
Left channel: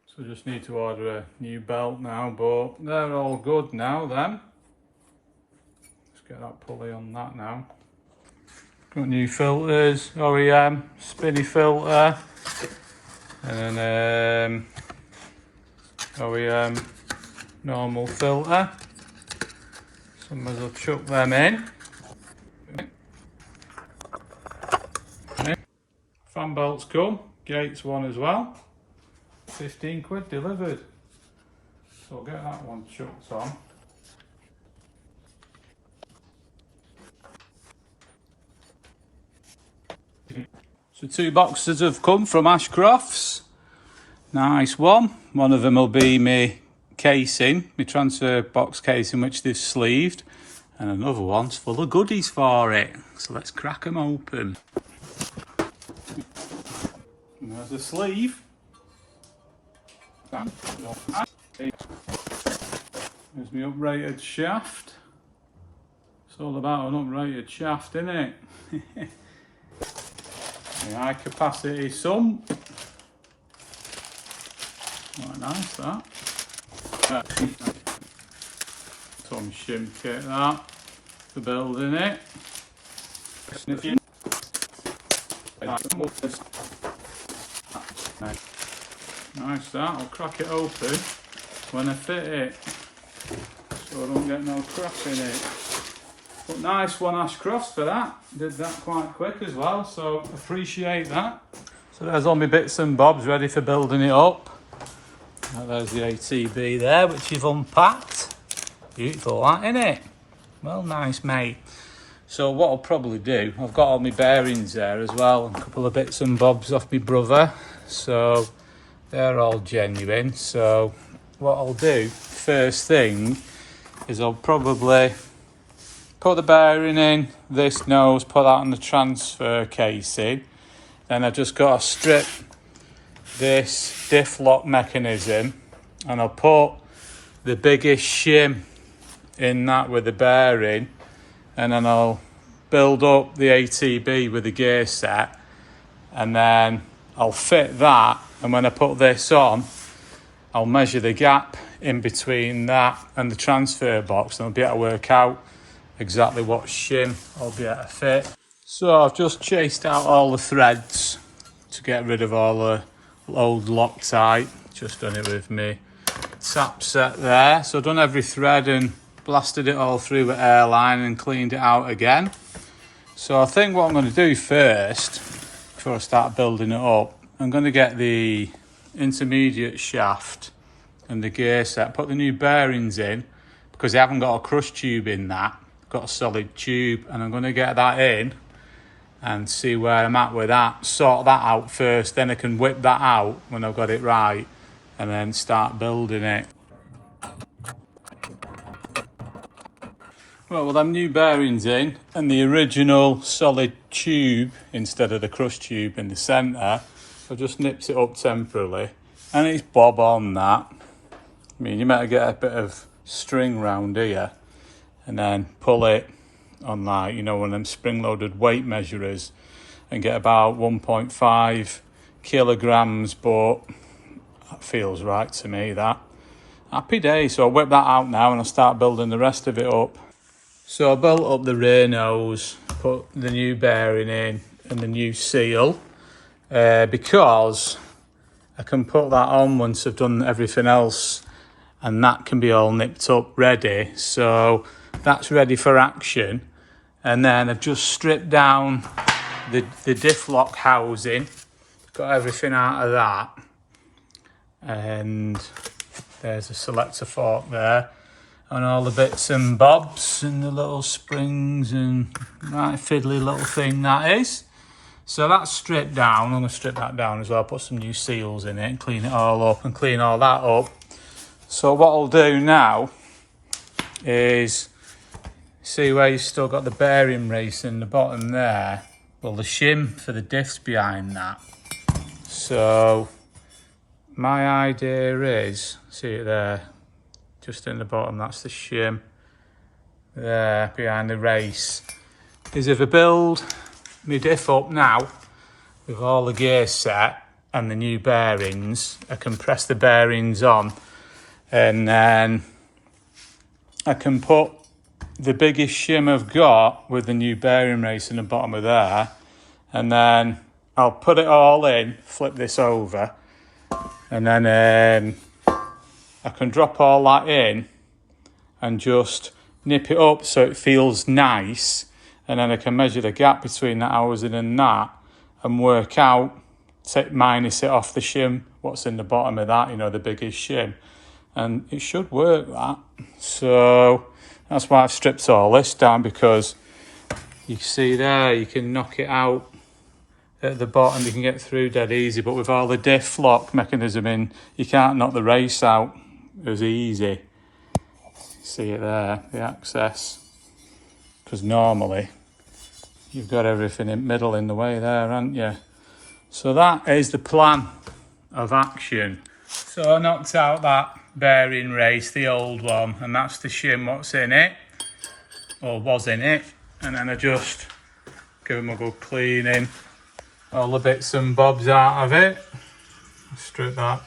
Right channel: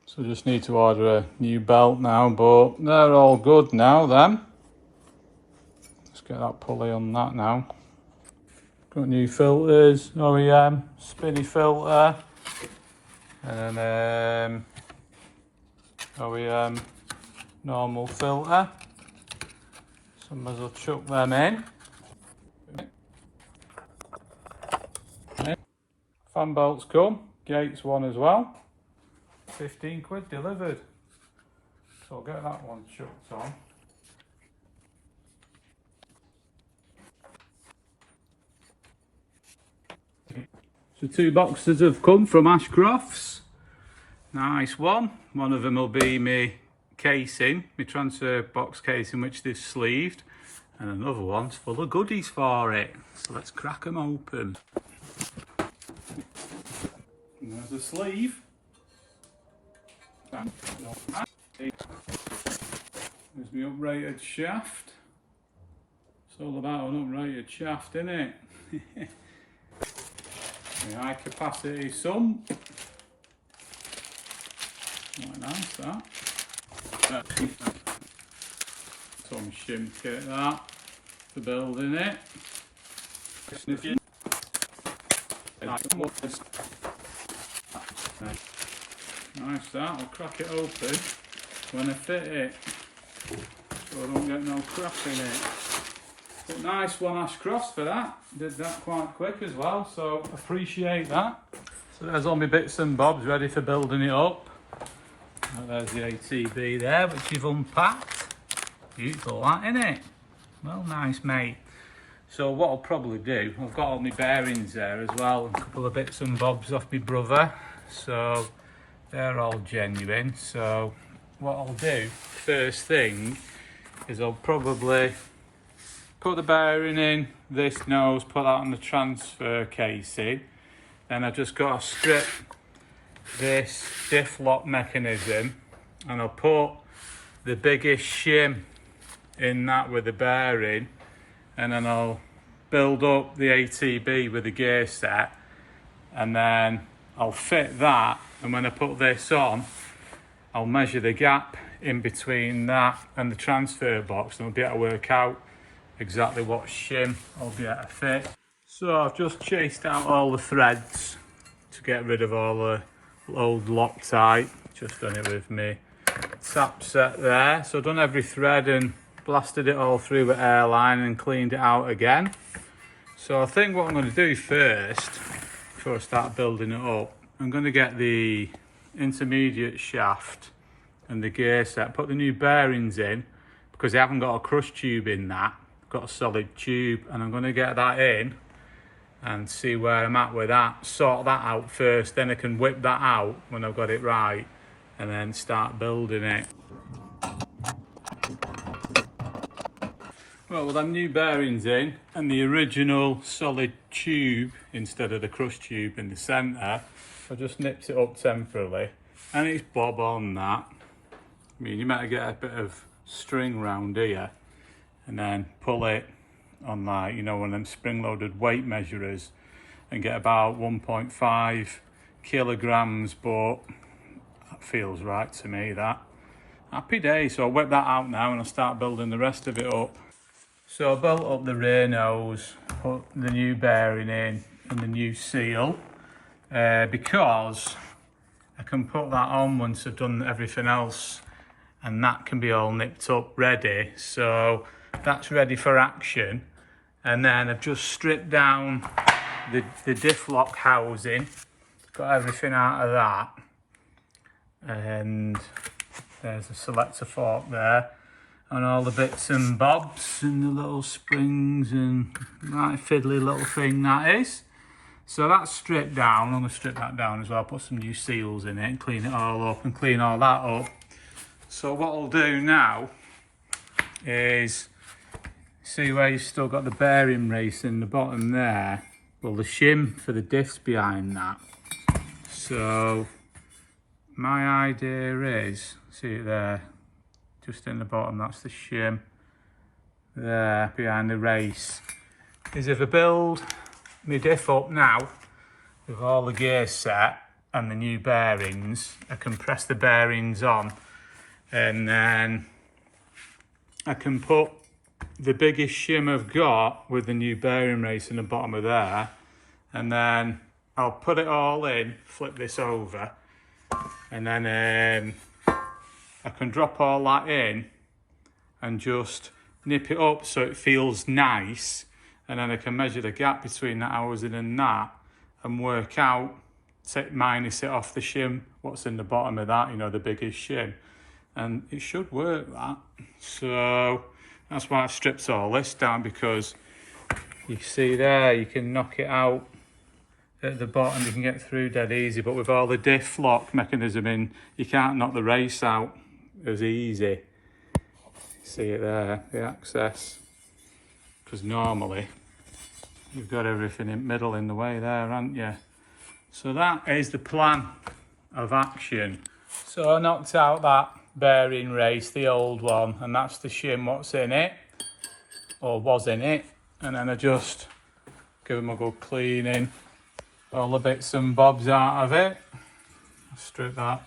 So just need to order a new belt now, but they're all good now then. Let's get that pulley on that now. Got new filters, OEM, spinny filter, and then OEM normal filter. So I might as well chuck them in. Okay. Fan belts come, gates one as well. 15 quid delivered. So I'll get that one chucked on. So 2 boxes have come from Ashcrofts. Nice one. One of them will be my casing, my transfer box casing, which they've sleeved. And another one's full of goodies for it. So let's crack them open. And there's the sleeve. There's my uprated shaft. It's all about an uprated shaft, isn't it? The high capacity sump. Quite nice that. Some shim kit that for building it. Nice that, I'll crack it open when I fit it, so I don't get no crap in it. But nice one, Ashcrofts, for that. Did that quite quick as well, so appreciate that. So there's all my bits and bobs ready for building it up. Now there's the ATB there, which you've unpacked. Beautiful that, innit? Well, nice, mate. So what I'll probably do, I've got all my bearings there as well, and a couple of bits and bobs off my brother. So they're all genuine. So what I'll do, first thing, is I'll probably put the bearing in, this nose, put that on the transfer casing. Then I've just got to strip this diff lock mechanism, and I'll put the biggest shim in that with the bearing, and then I'll build up the ATB with the gear set, and then I'll fit that, and when I put this on, I'll measure the gap in between that and the transfer box, and I'll be able to work out exactly what shim I'll be able to fit. So I've just chased out all the threads to get rid of all the old Loctite. Just done it with me tap set there. So I've done every thread and blasted it all through with airline and cleaned it out again. So I think what I'm going to do first, before I start building it up, I'm going to get the intermediate shaft and the gear set, put the new bearings in, because I haven't got a crush tube in that. I've got a solid tube, and I'm going to get that in and see where I'm at with that. Sort that out first, then I can whip that out when I've got it right, and then start building it. Well, with them new bearings in and the original solid tube instead of the crush tube in the centre, I just nipped it up temporarily, and it's bob on that. I mean, you might get a bit of string round here and then pull it on, like, you know, one of them spring-loaded weight measurers, and get about 1.5 kilograms, but that feels right to me, that. Happy day. So I'll whip that out now and I'll start building the rest of it up. So I built up the rear nose, put the new bearing in and the new seal, because I can put that on once I've done everything else, and that can be all nipped up ready. So that's ready for action. And then I've just stripped down the diff lock housing, got everything out of that, and there's a selector fork there, and all the bits and bobs and the little springs and that fiddly little thing that is. So that's stripped down. I'm going to strip that down as well, put some new seals in it and clean it all up and clean all that up. So what I'll do now is, see where you've still got the bearing race in the bottom there? Well, the shim for the diff's behind that. So my idea is, see it there, just in the bottom, that's the shim there behind the race, is if I build my diff up now with all the gear set and the new bearings, I can press the bearings on, and then I can put the biggest shim I've got with the new bearing race in the bottom of there, and then I'll put it all in, flip this over, and then I can drop all that in and just nip it up so it feels nice, and then I can measure the gap between that housing and that and work out, minus it off the shim, what's in the bottom of that, you know, the biggest shim, and it should work, that. So that's why I've stripped all this down, because you see there, you can knock it out at the bottom, you can get through dead easy, but with all the diff lock mechanism in, you can't knock the race out as easy. See it there, the access, because normally you've got everything in middle in the way there, haven't you? So that is the plan of action. So I knocked out that bearing race, the old one, and that's the shim what's in it. or was in it, and then I just give them a good cleaning, all the bits and bobs out of it. Strip that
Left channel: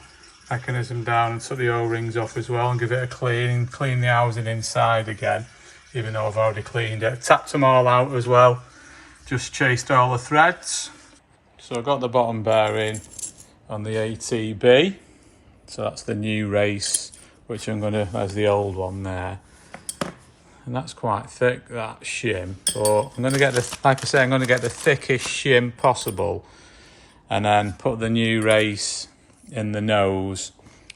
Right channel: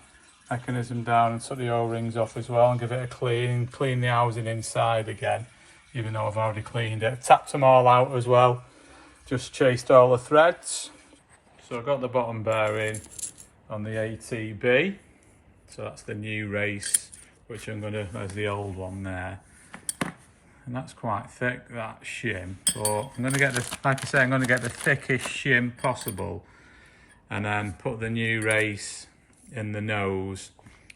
mechanism down and took the O-rings off as well and give it a clean the housing inside again, even though I've already cleaned it. Tapped them all out as well, just chased all the threads. So I've got the bottom bearing on the ATB, so that's the new race, which I'm gonna, there's the old one there, and that's quite thick, that shim, but I'm gonna get the, like I say, I'm gonna get the thickest shim possible and then put the new race in the nose.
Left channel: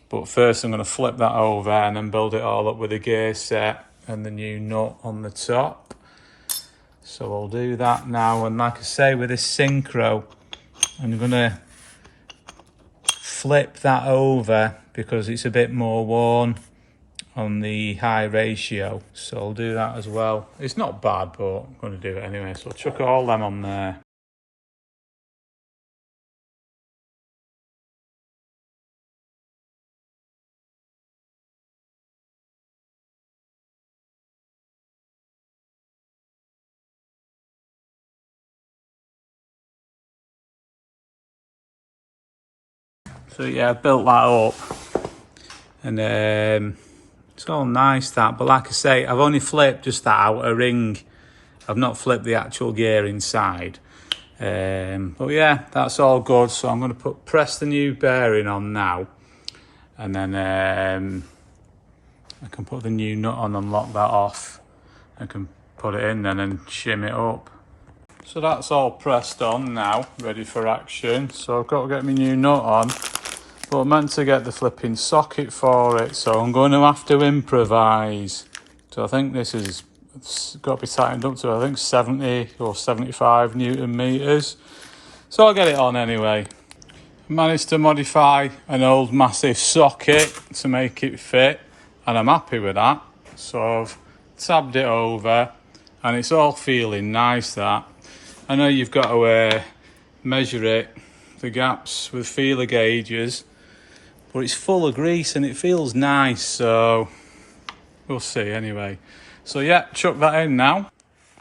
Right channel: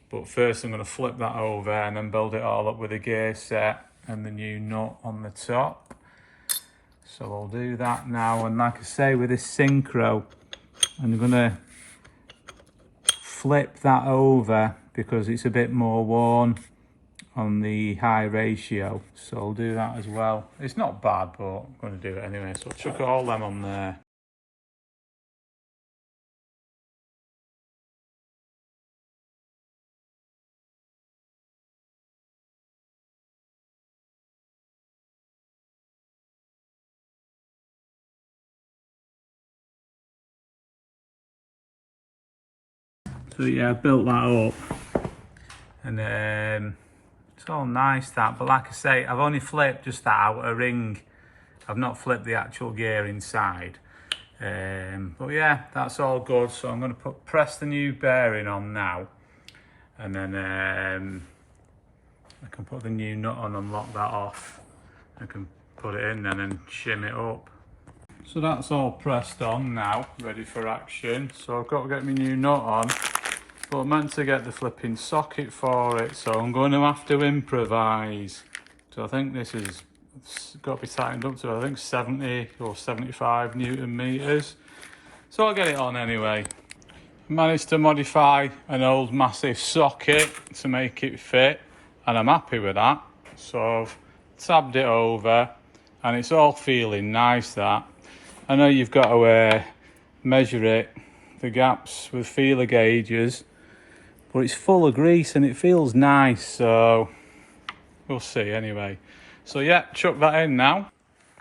But first I'm going to flip that over and then build it all up with a gear set and the new nut on the top. So I'll do that now, and like I say, with this synchro I'm going to flip that over because it's a bit more worn on the high ratio, so I'll do that as well. It's not bad, but I'm going to do it anyway, so I'll chuck all them on there. So yeah, I built that up, and it's all nice that, but like I say, I've only flipped just that outer ring. I've not flipped the actual gear inside. But yeah, that's all good. So I'm going to press the new bearing on now, and then I can put the new nut on and lock that off. I can put it in then and shim it up. So that's all pressed on now, ready for action. So I've got to get my new nut on, but I'm meant to get the flipping socket for it, so I'm going to have to improvise. So I think this is, it's got to be tightened up to, I think 70 or 75 Newton meters. So I'll get it on anyway. I managed to modify an old massive socket to make it fit, and I'm happy with that. So I've tabbed it over and it's all feeling nice. That I know you've got to measure it, the gaps with feeler gauges, but it's full of grease and it feels nice, so we'll see anyway. So yeah, chuck that in now.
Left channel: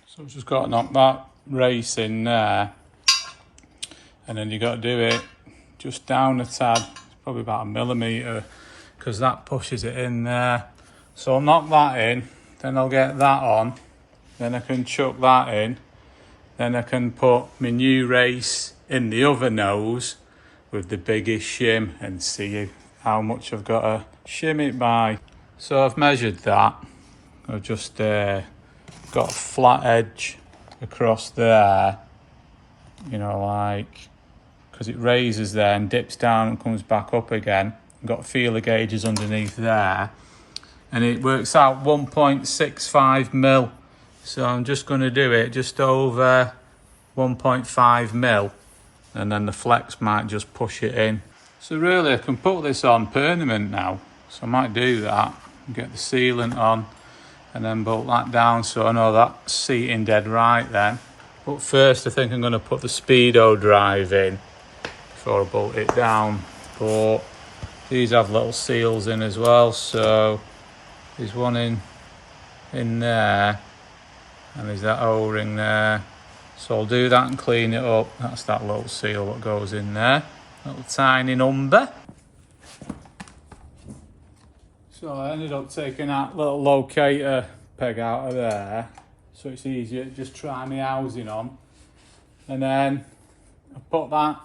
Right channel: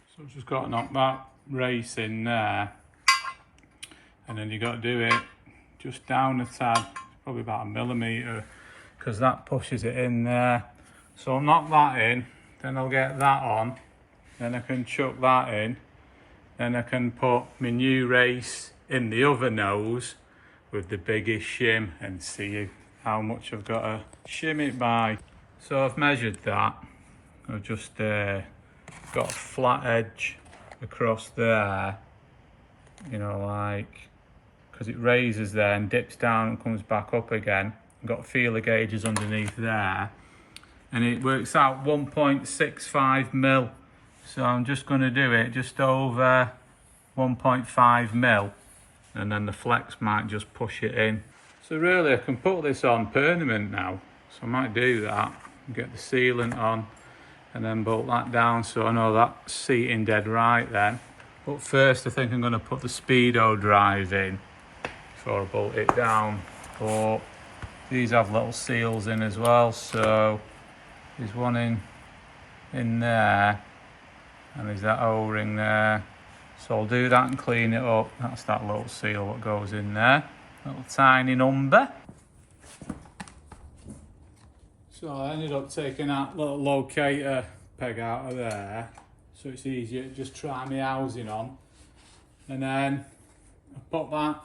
So I've just got to knock that race in there, and then you got to do it just down a tad, probably about 1 millimetre, because that pushes it in there. So I'll knock that in, then I'll get that on, then I can chuck that in, then I can put my new race in the other nose with the biggest shim and see how much I've got to shim it by. So I've measured that. I've just got a flat edge across there, you know, like, because it raises there and dips down and comes back up again. I've got feeler gauges underneath there, and it works out 1.65 mil. So I'm just going to do it just over 1.5 mil, and then the flex might just push it in. So really I can put this on permanent now, so I might do that and get the sealant on and then bolt that down, so I know that's seating dead right then. But first I think I'm going to put the speedo drive in before I bolt it down. But these have little seals in as well, so there's one in there, and there's that O-ring there. So I'll do that and clean it up. That's that little seal that goes in there, little tiny number. So I ended up taking that little locator peg out of there, so it's easier to just try my housing on. And then I put that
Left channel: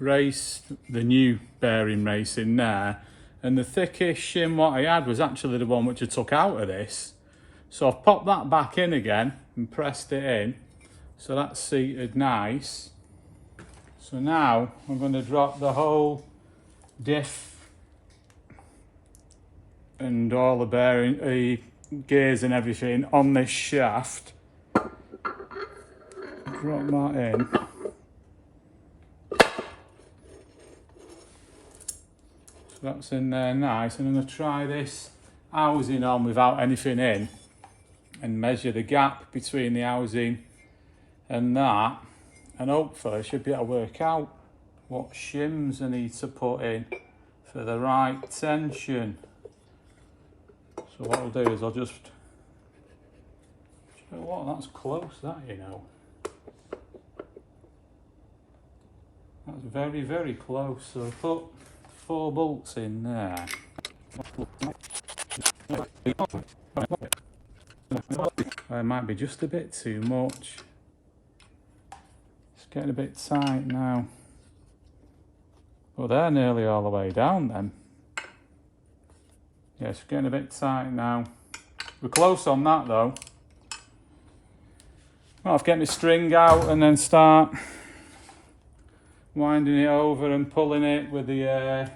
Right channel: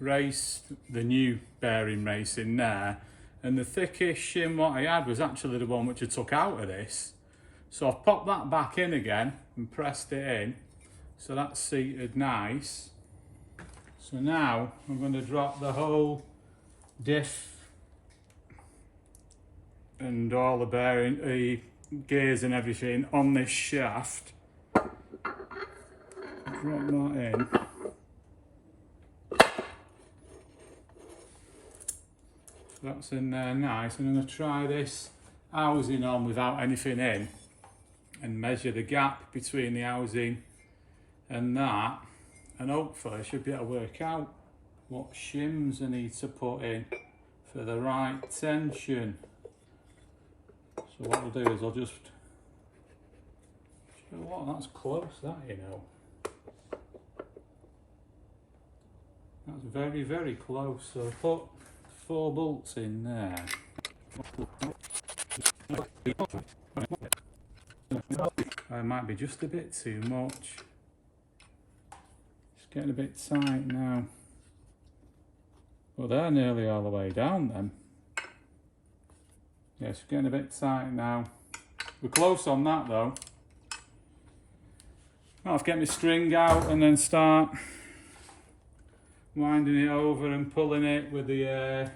race, the new bearing race, in there, and the thickest shim what I had was actually the one which I took out of this. So I've popped that back in again and pressed it in, so that's seated nice. So now I'm going to drop the whole diff and all the bearing, gears and everything on this shaft. Drop that in. So that's in there nice. And I'm going to try this housing on without anything in and measure the gap between the housing and that, and hopefully I should be able to work out what shims I need to put in for the right tension. So what I'll do is I'll just What, that's close, that, you know. That's very, very close. So put 4 bolts in there. It might be just a bit too much. It's getting a bit tight now. Well, they're nearly all the way down then. Yeah, it's getting a bit tight now. We're close on that though. I'll have to get my string out and then start winding it over and pulling it with the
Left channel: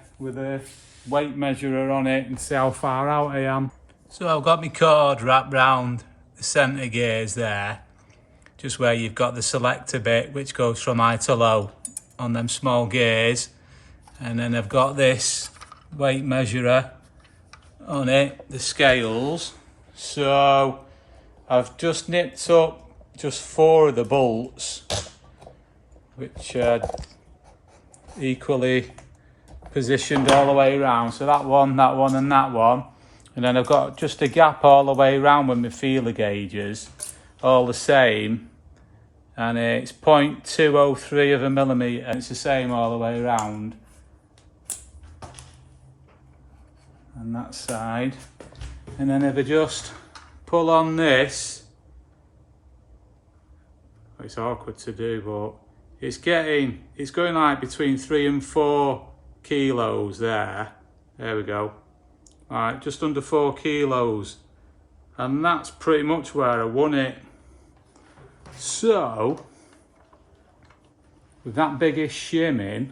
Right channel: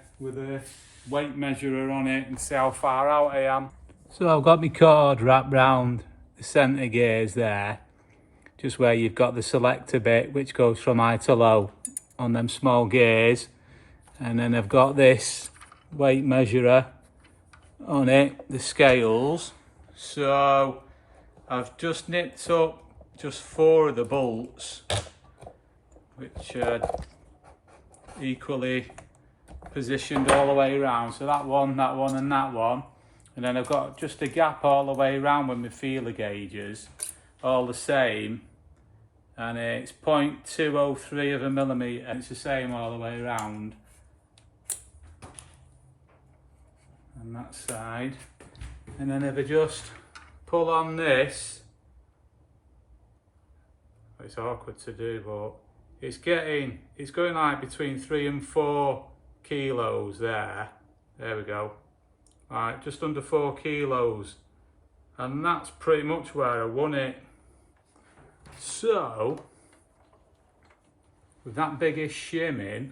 weight measurer on it and see how far out I am. So I've got my cord wrapped round the centre gears there, just where you've got the selector bit which goes from high to low on them small gears, and then I've got this weight measurer on it, the scales. So I've just nipped up just 4 of the bolts, which are equally positioned all the way around. So that one, and that one. And then I've got just a gap all the way around with my feeler gauges, all the same. And it's 0.203 of a millimetre, and it's the same all the way around. And that side. And then if I just pull on this, it's awkward to do, but it's going like between 3 and 4 kilos there. There we go. All right, just under 4 kilos. And that's pretty much where I want it. So, with that biggest shim in,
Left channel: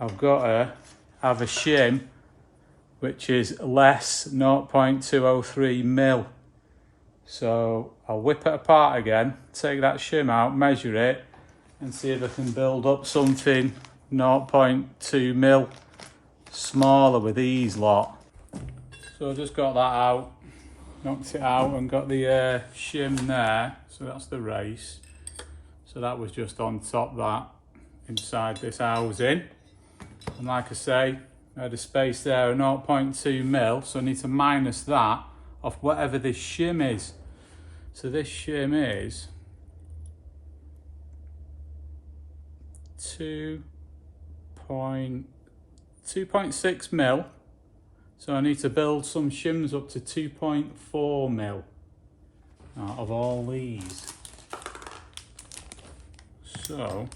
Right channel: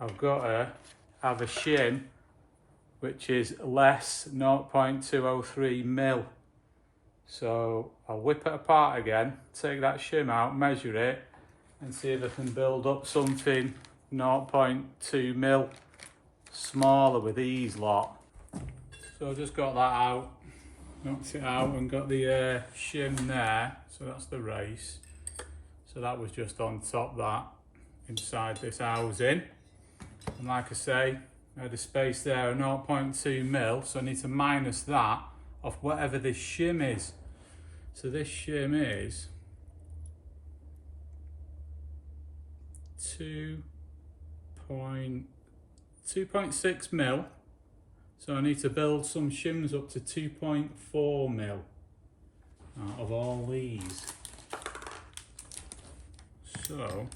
I've got to have a shim which is less 0.203 mil. So I'll whip it apart again, take that shim out, measure it, and see if I can build up something 0.2 mil smaller with these lot. So I just got that out, knocked it out and got the shim there. So that's the race. So that was just on top that, inside this housing. And like I say, I had a space there of 0.2 mil, so I need to minus that off whatever this shim is. So this shim is 2.6 mil. So I need to build some shims up to 2.4 mil out of all these. So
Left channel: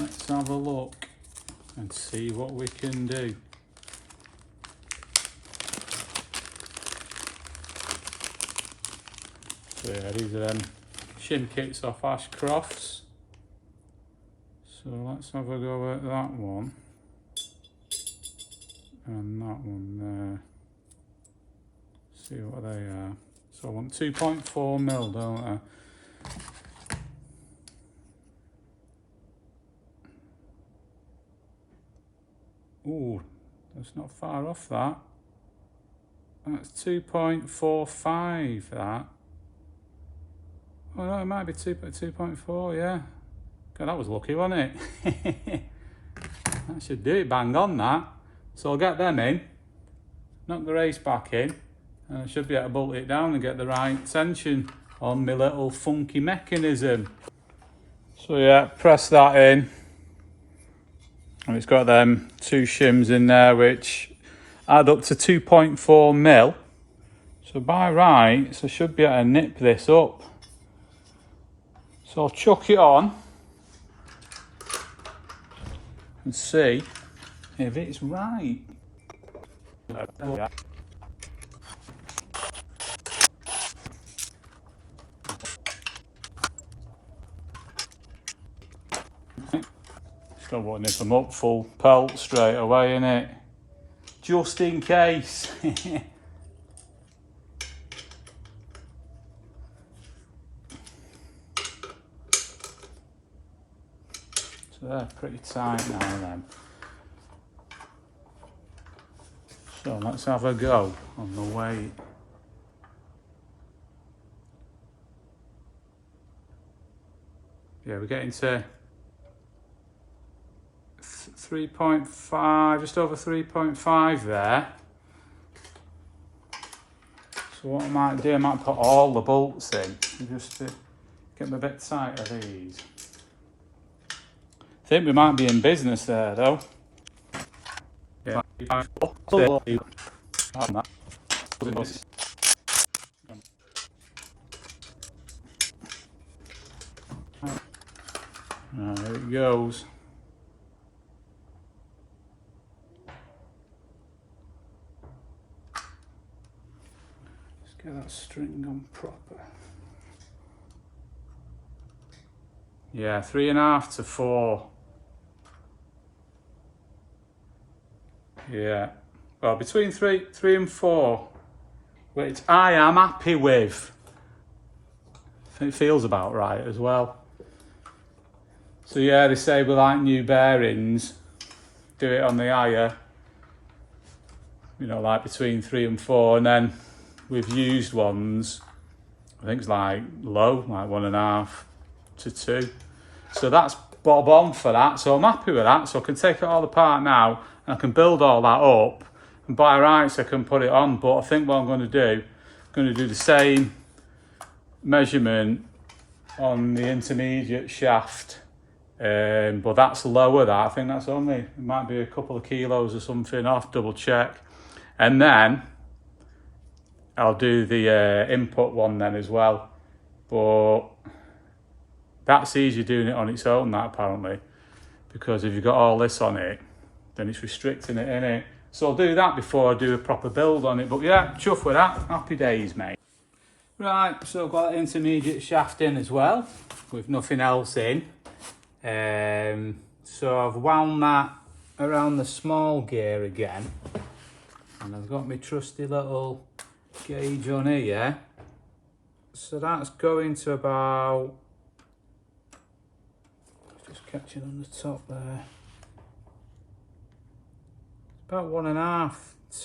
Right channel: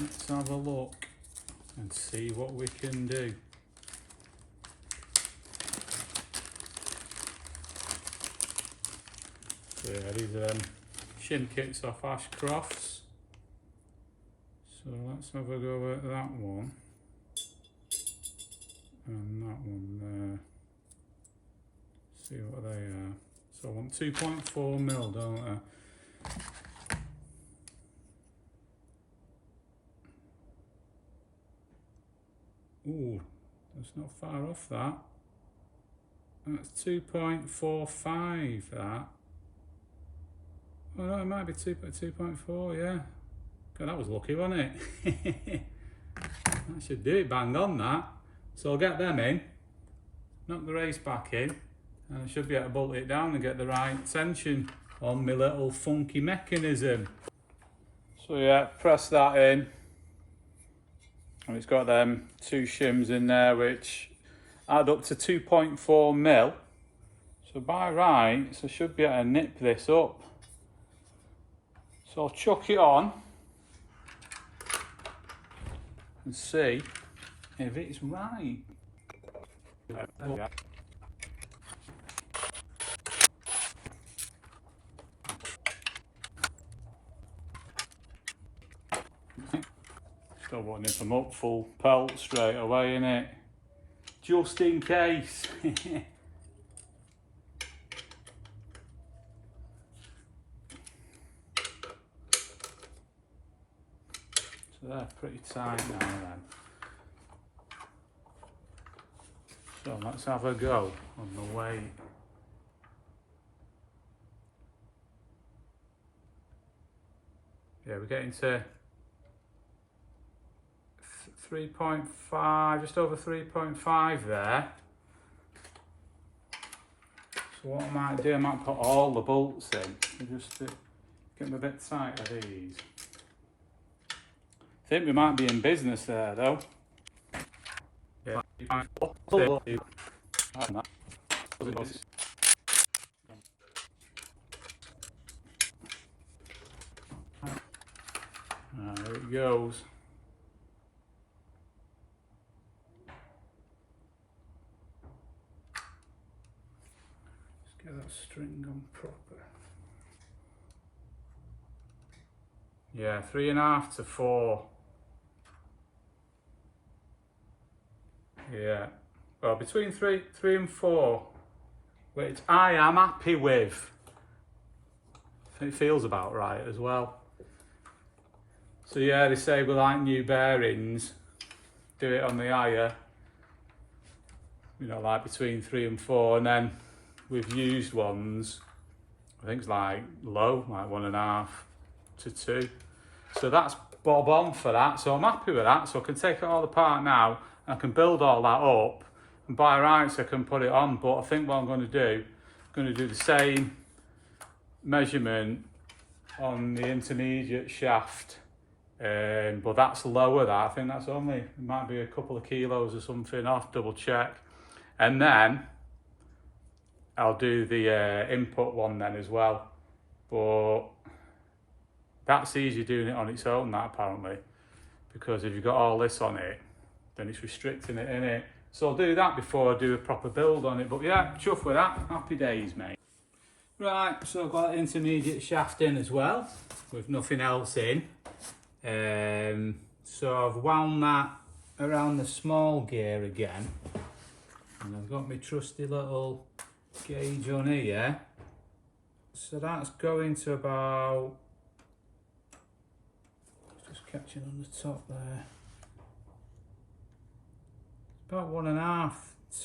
let's have a look and see what we can do. So yeah, these are them shim kits off Ashcrofts. So let's have a go at that one and that one there. See what they are. So I want 2.4 mil, don't I? Ooh, that's not far off that. That's 2.45, that. Oh no, it might be 2.4, yeah. God, that was lucky, wasn't it? That should do it, bang on that. So I'll get them in, knock the race back in, and I should be able to bolt it down and get the right tension on my little funky mechanism. So yeah, press that in. And it's got them 2 shims in there which add up to 2.4 mil. So by rights, I should be able to nip this up. So I'll chuck it on and see if it's right. Still want to nip them up full pelt straight away, innit? Just in case. So they're pretty tight now then. So let's have a go on the weight. Yeah, we're getting to 3.5, just over 3.5 there. So So what I might do, I might put all the bolts in just to get them a bit tight of these. I think we might be in business there though. Yeah. There it goes. Just get that string on proper. Yeah, 3.5 to 4. Yeah, well, between three and 4, which I am happy with. I think it feels about right as well. So yeah, they say we like new bearings, do it on the higher, you know, like between 3 and 4, and then with used ones, I think it's like low, like 1.5 to 2. So that's bob on for that, so I'm happy with that. So I can take it all apart now, and I can build all that up, and by rights I can put it on. But I think what I'm going to do, the same measurement on the intermediate shaft, but that's lower. That I think that's only, it might be a couple of kilos or something. I'll have to double check, and then I'll do the input one then as well. But that's easy doing it on its own, that apparently, because if you've got all this on it, then it's restricting it, innit? So I'll do that before I do a proper build on it. But yeah, chuff with that. Happy days, mate. Right, so I've got intermediate shaft in as well, with nothing else in. So I've wound that around the small gear again, and I've got my trusty little gauge on here. So that's going to about, just catching on the top there, about 1.5,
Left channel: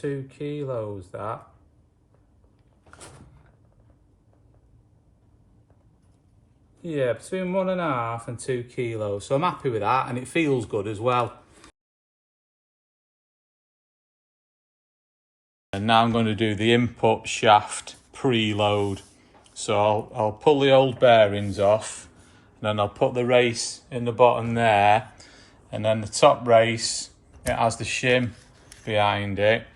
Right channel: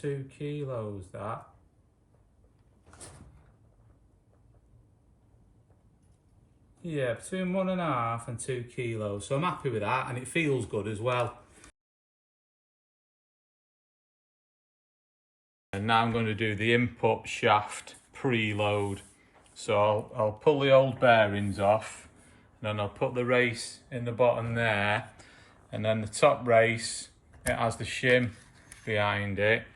2 kilos that. Yeah, between 1.5 and 2 kilos. So I'm happy with that, and it feels good as well. And now I'm going to do the input shaft preload. So I'll pull the old bearings off, and then I'll put the race in the bottom there, and then the top race, it has the shim behind it.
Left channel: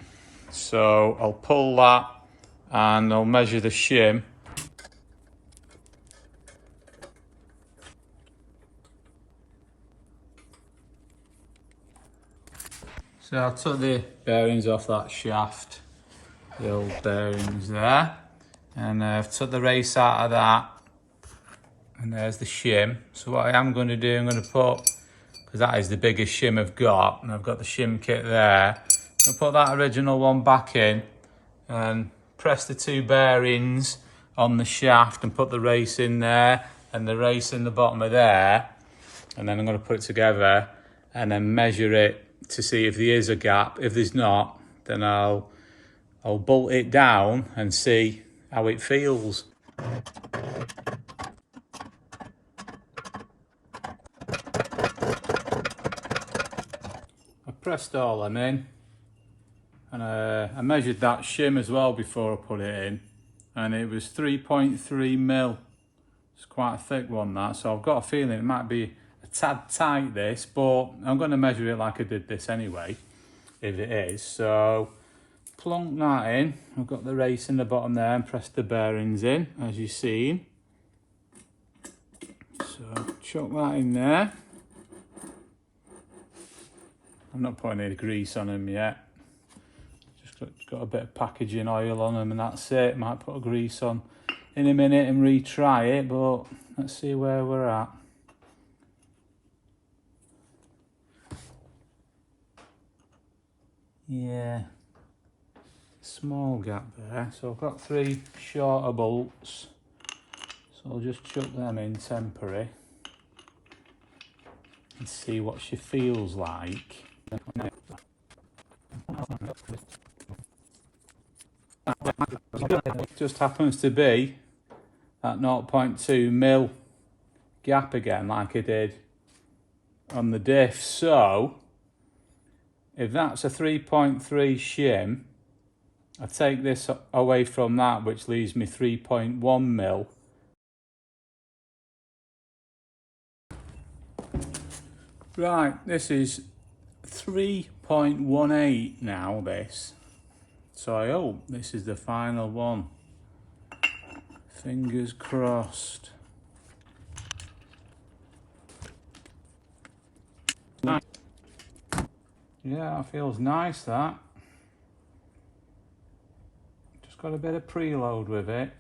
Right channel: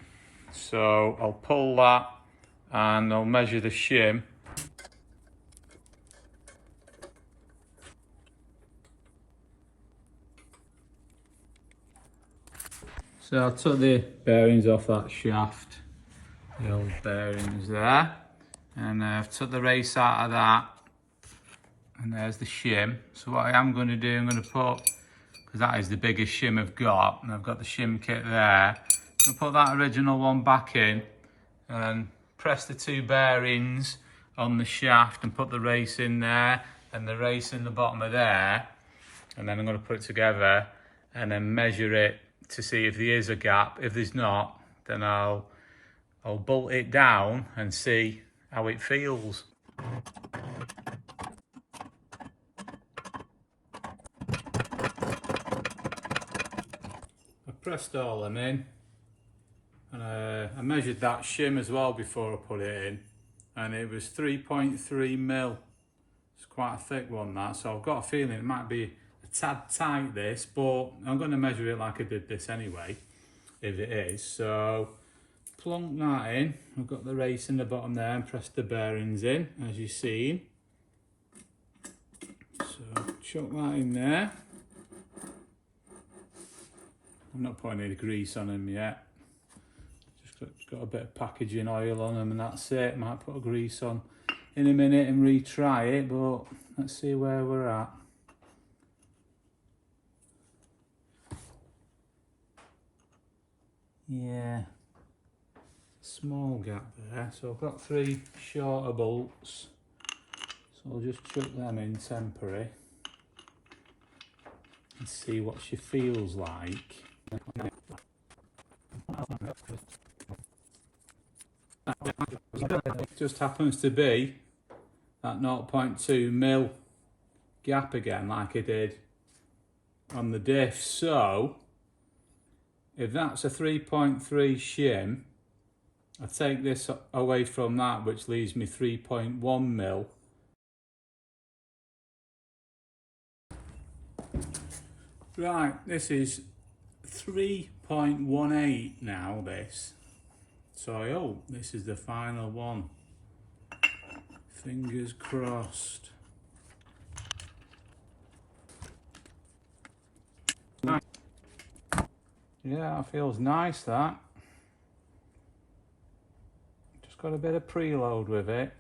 So I'll pull that and I'll measure the shim. So I took the bearings off that shaft, the old bearings there, and I've took the race out of that, and there's the shim. So what I am going to do, I'm going to put, because that is the biggest shim I've got, and I've got the shim kit there, I'll put that original one back in and press the 2 bearings on the shaft and put the race in there and the race in the bottom of there, and then I'm going to put it together and then measure it to see if there is a gap. If there's not, then I'll bolt it down and see how it feels. I pressed all them in, and I measured that shim as well before I put it in, and it was 3.3 mil. It's quite a thick one, that, so I've got a feeling it might be a tad tight, this, but I'm going to measure it like I did this anyway, if it is. So plonk that in. I've got the race in the bottom there, and press the bearings in, as you've seen. So chuck that in there. I'm not putting any grease on them yet. Just got a bit of packaging oil on them, and that's it. Might put a grease on in a minute and retry it, but let's see where we're at. Yeah, small gap there. So I've got 3 shorter bolts, so I'll just chuck them in temporary and see what she feels like. It just happens to be that 0.2 mil gap again, like I did on the diff. So if that's a 3.3 shim, I take this away from that, which leaves me 3.1 mil. Right, this is 3.18 now, this. So I hope this is the final one. Fingers crossed. Yeah, that feels nice, that. Just got a bit of preload with it.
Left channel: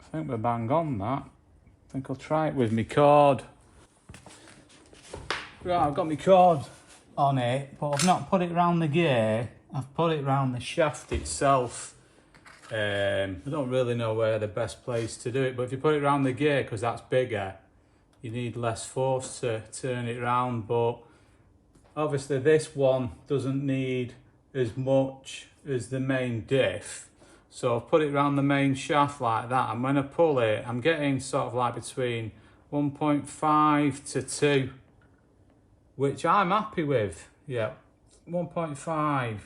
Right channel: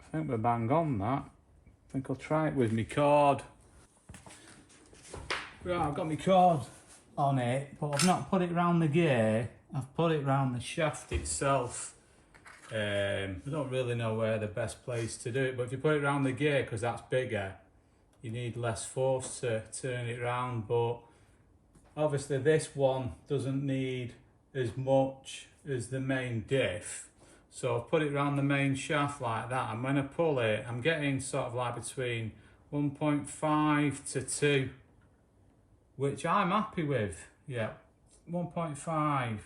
I think we're bang on that. I think I'll try it with my cord. Right, I've got my cord on it, but I've not put it around the gear. I've put it around the shaft itself. I don't really know where the best place to do it, but if you put it around the gear, because that's bigger, you need less force to turn it around. But obviously this one doesn't need as much as the main diff. So I've put it around the main shaft like that, and when I pull it, I'm getting sort of like between 1.5 to 2, which I'm happy with. Yeah, 1.5,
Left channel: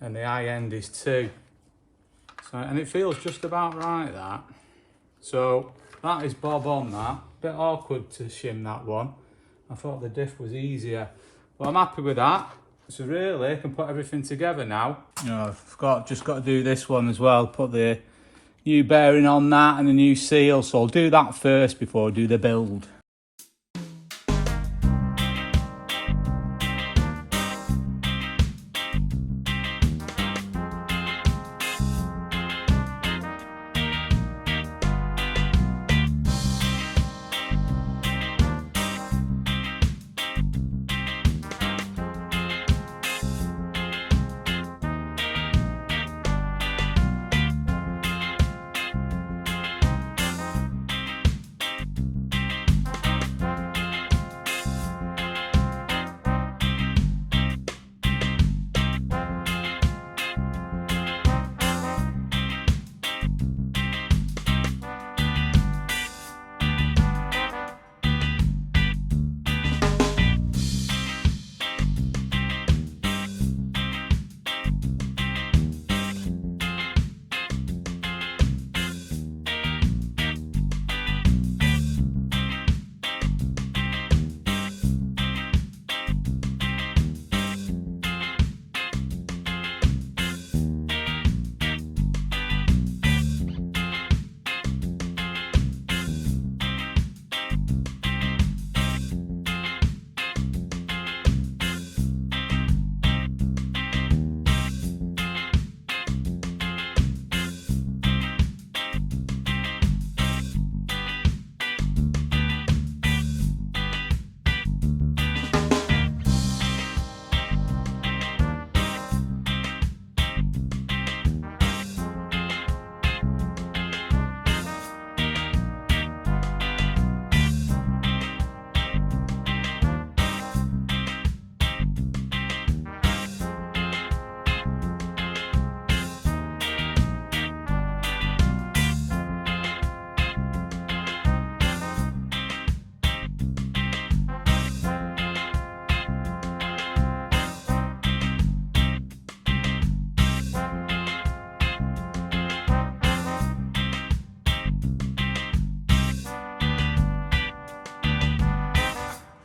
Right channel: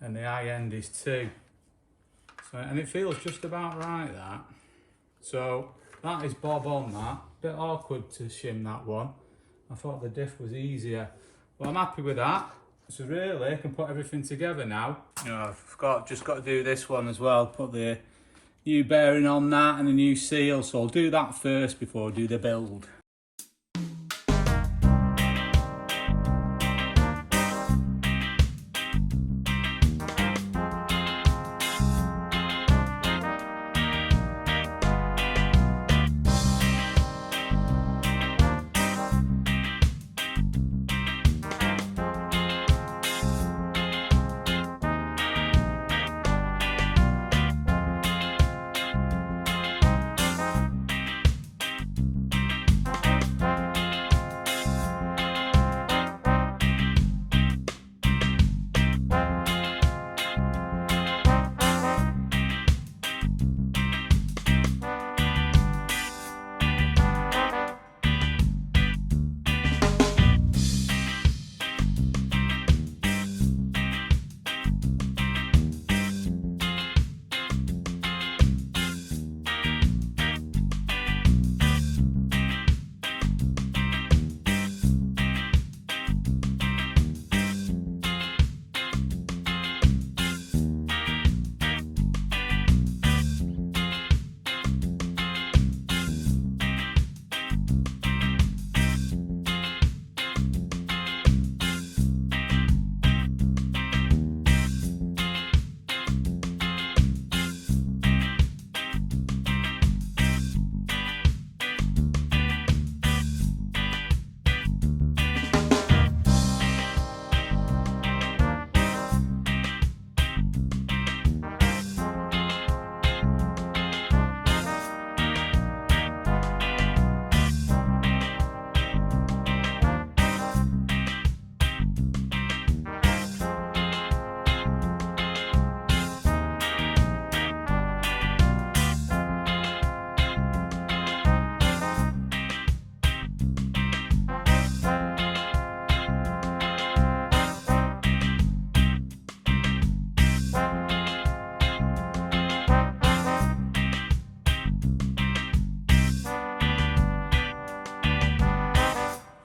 and the high end is 2. So, and it feels just about right, that. So that is bob on that. Bit awkward to shim that one. I thought the diff was easier, but I'm happy with that. So really, I can put everything together now. You know, I've just got to do this one as well. Put the new bearing on that and the new seal. So I'll do that first before I do the build.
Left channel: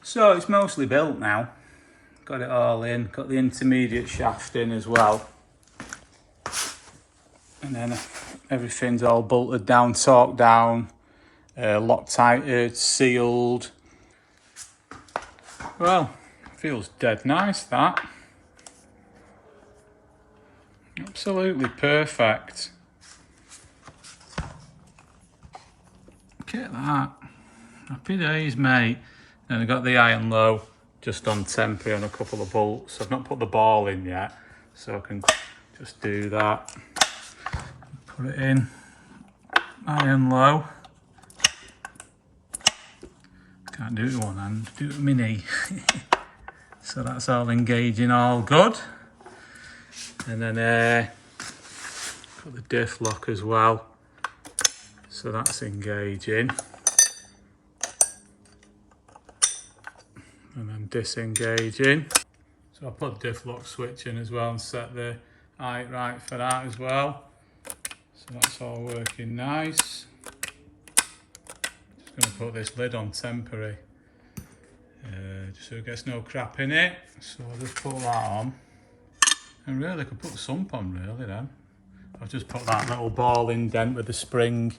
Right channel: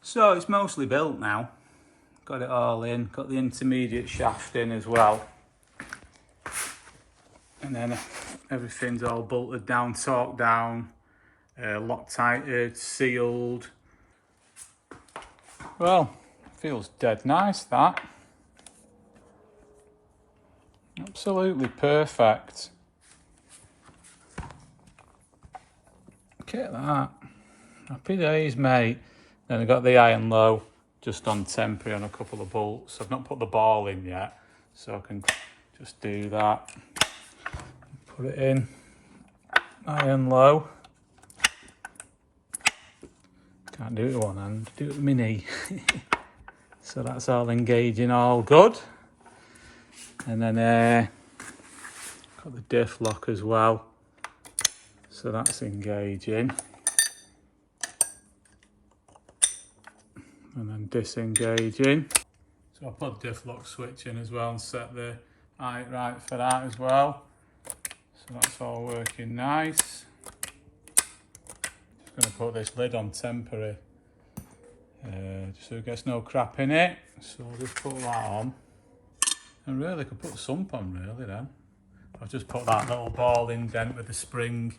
So it's mostly built now. Got it all in, got the intermediate shaft in as well. And then everything's all bolted down, torqued down, Loctited, sealed. Well, feels dead nice, that. Absolutely perfect. Look at that. Happy days, mate. Then I've got the iron low just on temporary on a couple of bolts. I've not put the ball in yet, so I can just do that. Put it in, iron low. Can't do it with one hand, do it with my knee. So that's all engaging, all good. And then got the diff lock as well. So that's engaging. And then disengaging. So I put diff lock switch in as well and set the right for that as well. So that's all working nice. Just going to put this lid on temporary, just so it gets no crap in it. So I'll just put that on. And really, I could put the sump on really then. I'll just put that little ball indent with the spring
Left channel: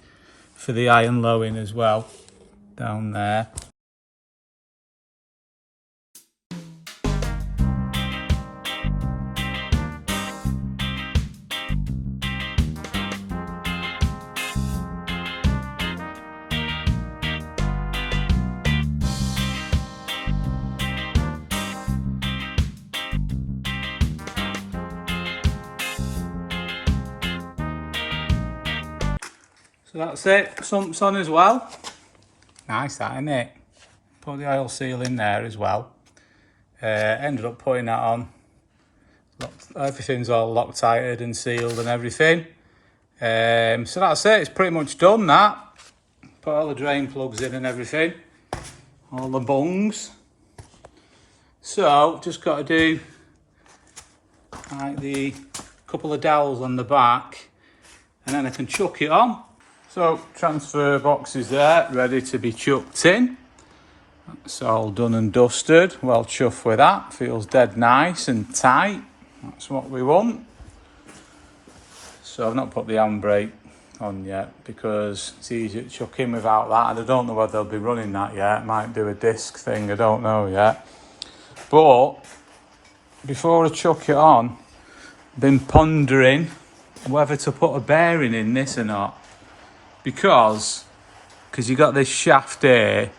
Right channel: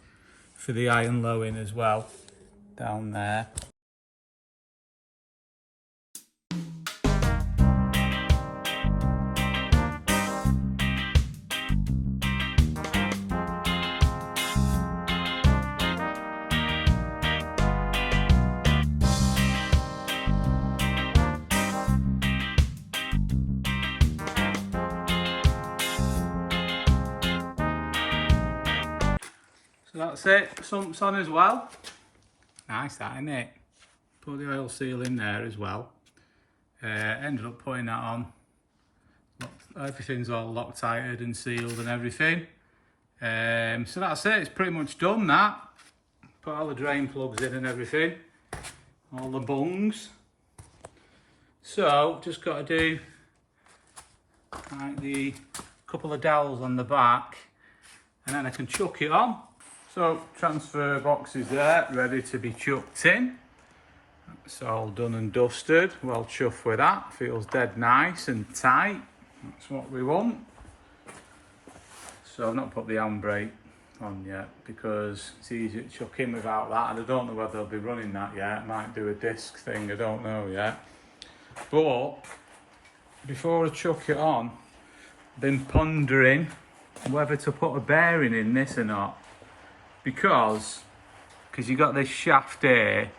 for the iron low in as well, down there. So that's it, sump's on as well. Nice that, isn't it? Put the oil seal in there as well. Ended up putting that on. Everything's all Loctited and sealed and everything. So that's it, it's pretty much done that. Put all the drain plugs in and everything. All the bungs. So, just got to do like the couple of dowels on the back and then I can chuck it on. So, transfer box is there, ready to be chucked in. That's all done and dusted. Well chuffed with that. Feels dead nice and tight. That's what we want. So I've not put the handbrake on yet because it's easier to chuck in without that. And I don't know whether they'll be running that yet. Might do a disc thing, I don't know yet. But before I chuck it on, I've been pondering whether to put a bearing in this or not. Because you got this shaft here,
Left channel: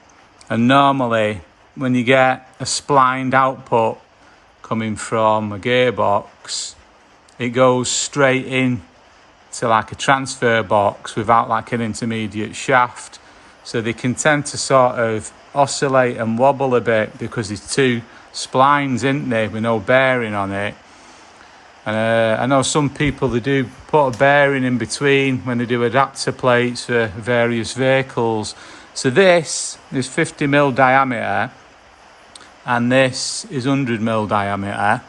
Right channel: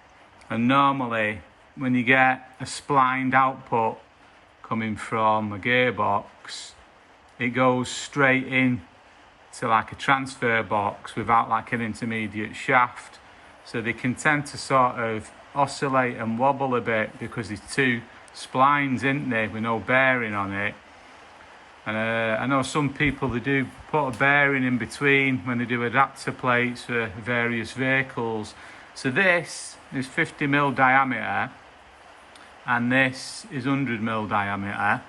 and normally when you get a splined output coming from a gearbox, it goes straight in to like a transfer box without like an intermediate shaft. So they can tend to sort of oscillate and wobble a bit because there's two splines, isn't there, with no bearing on it. And I know some people, they do put a bearing in between when they do adapter plates for various vehicles. So this is 50mm diameter and this is 100mm diameter.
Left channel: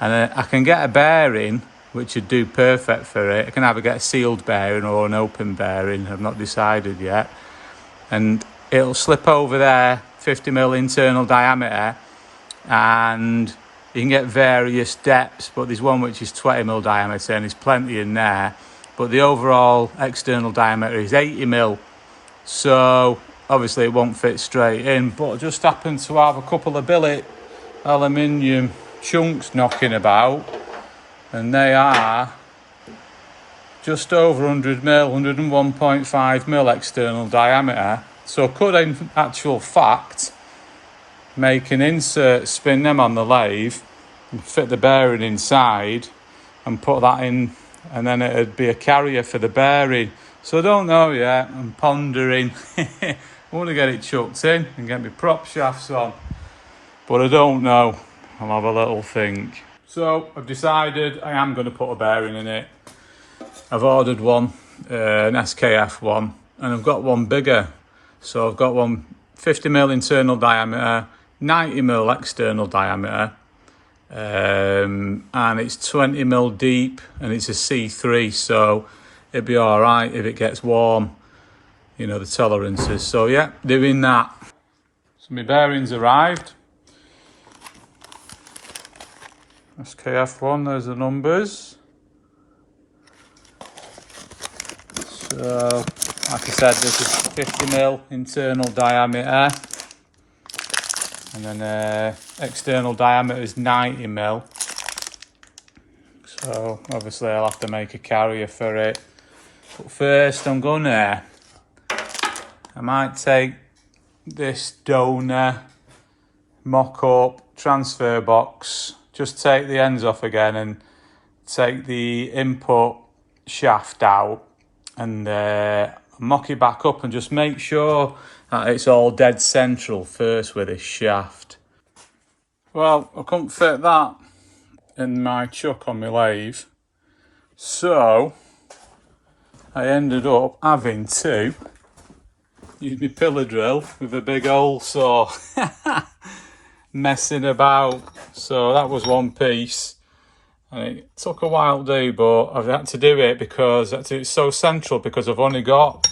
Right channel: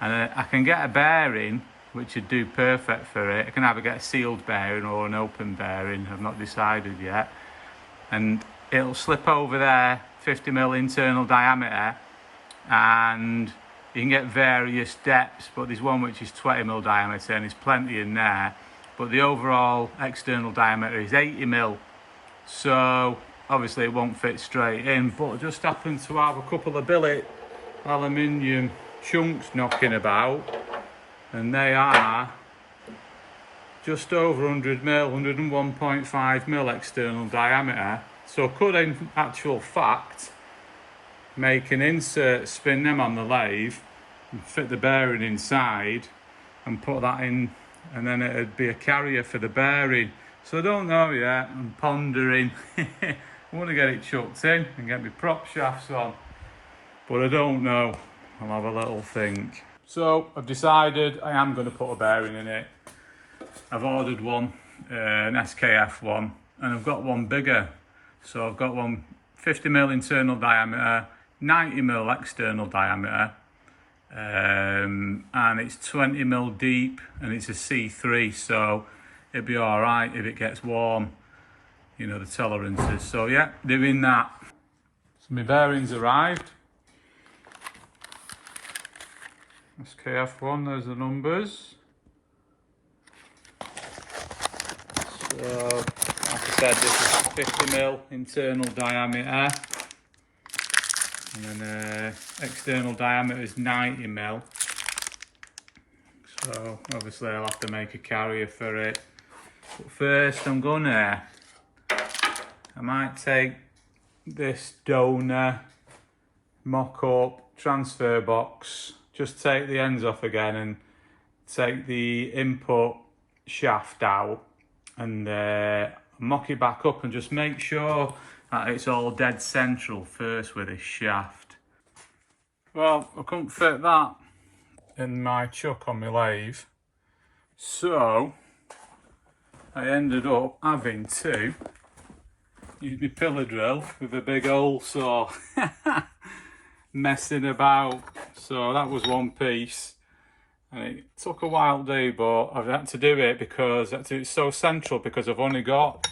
And I can get a bearing which would do perfect for it. I can either get a sealed bearing or an open bearing, I've not decided yet. And it'll slip over there, 50mm internal diameter, and you can get various depths, but there's one which is 20mm diameter and there's plenty in there. But the overall external diameter is 80mm. So obviously it won't fit straight in, but I just happen to have a couple of billet aluminium chunks knocking about, and they are just over 100mm, 101.5mm external diameter. So could in actual fact make an insert, spin them on the lathe and fit the bearing inside and put that in, and then it'd be a carrier for the bearing. So I don't know yet, I'm pondering. I want to get it chucked in and get my prop shafts on, but I don't know. I'll have a little think. So I've decided I am going to put a bearing in it. I've ordered one, an SKF one, and I've got one bigger. So I've got one 50mm internal diameter, 90mm external diameter, and it's 20mm deep and it's a C3, so it'd be all right if it gets warm, you know, the tolerances. So yeah, doing that. So my bearings arrived. SKF one, there's the numbers. So like I said, this is 50mm internal diameter, and then external diameter is 90mm. So obviously I'll have to make a carrier for it. But first I might take this donor mock-up transfer box, just take the ends off again and take the input shaft out and mock it back up and just make sure that it's all dead central first with this shaft. Well, I couldn't fit that in my chuck on my lathe, so I ended up having to use my pillar drill with a big hole saw. Messing about. So that was one piece, And it took a while to do, but I've had to do it because it's so central, because I've only got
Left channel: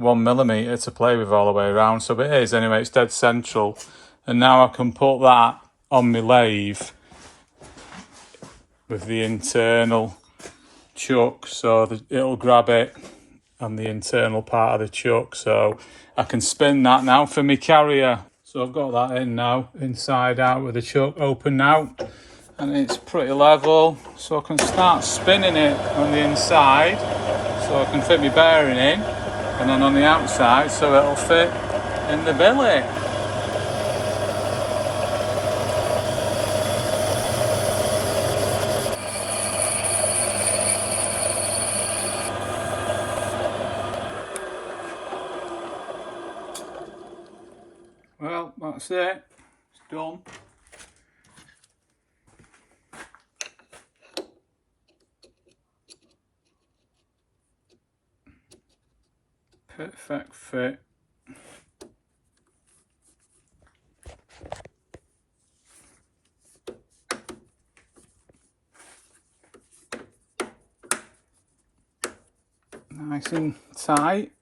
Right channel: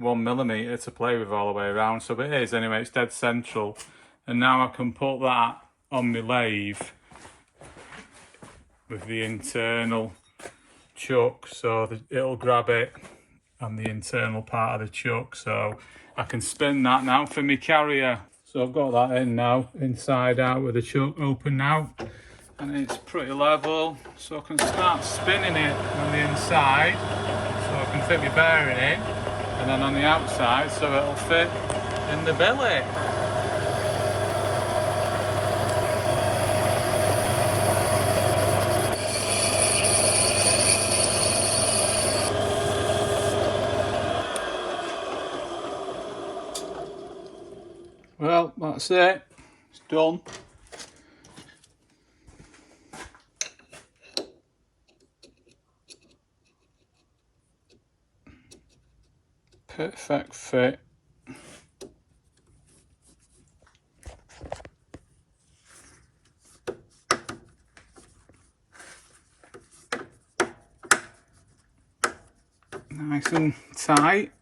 1mm to play with all the way around. So it is, anyway, it's dead central. And now I can put that on my lathe with the internal chuck, so it'll grab it on the internal part of the chuck, so I can spin that now for my carrier. So I've got that in now, inside out, with the chuck open now, and it's pretty level, so I can start spinning it on the inside so I can fit my bearing in, and then on the outside so it'll fit in the billet. Well, that's it. It's done. Perfect fit. Nice and tight.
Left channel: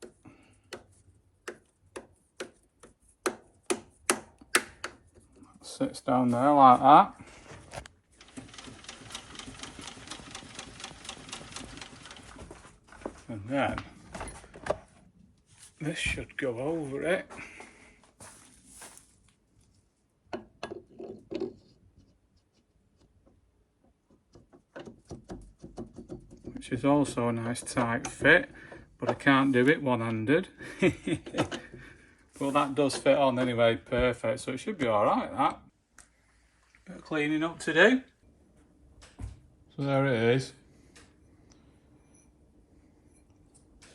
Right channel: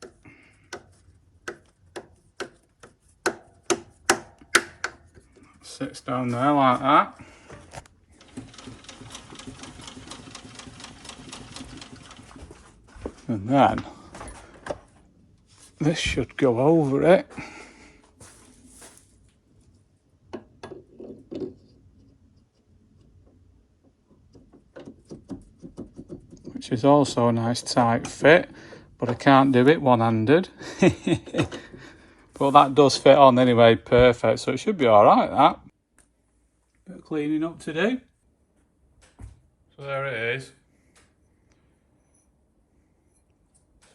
Sits down there like that. And then this should go over it. Which is also a nice tight fit, but I can't do it one-handed. But that does fit on anyway, perfect, so it should be alright, that. Bit of cleaning up to do. So there it is.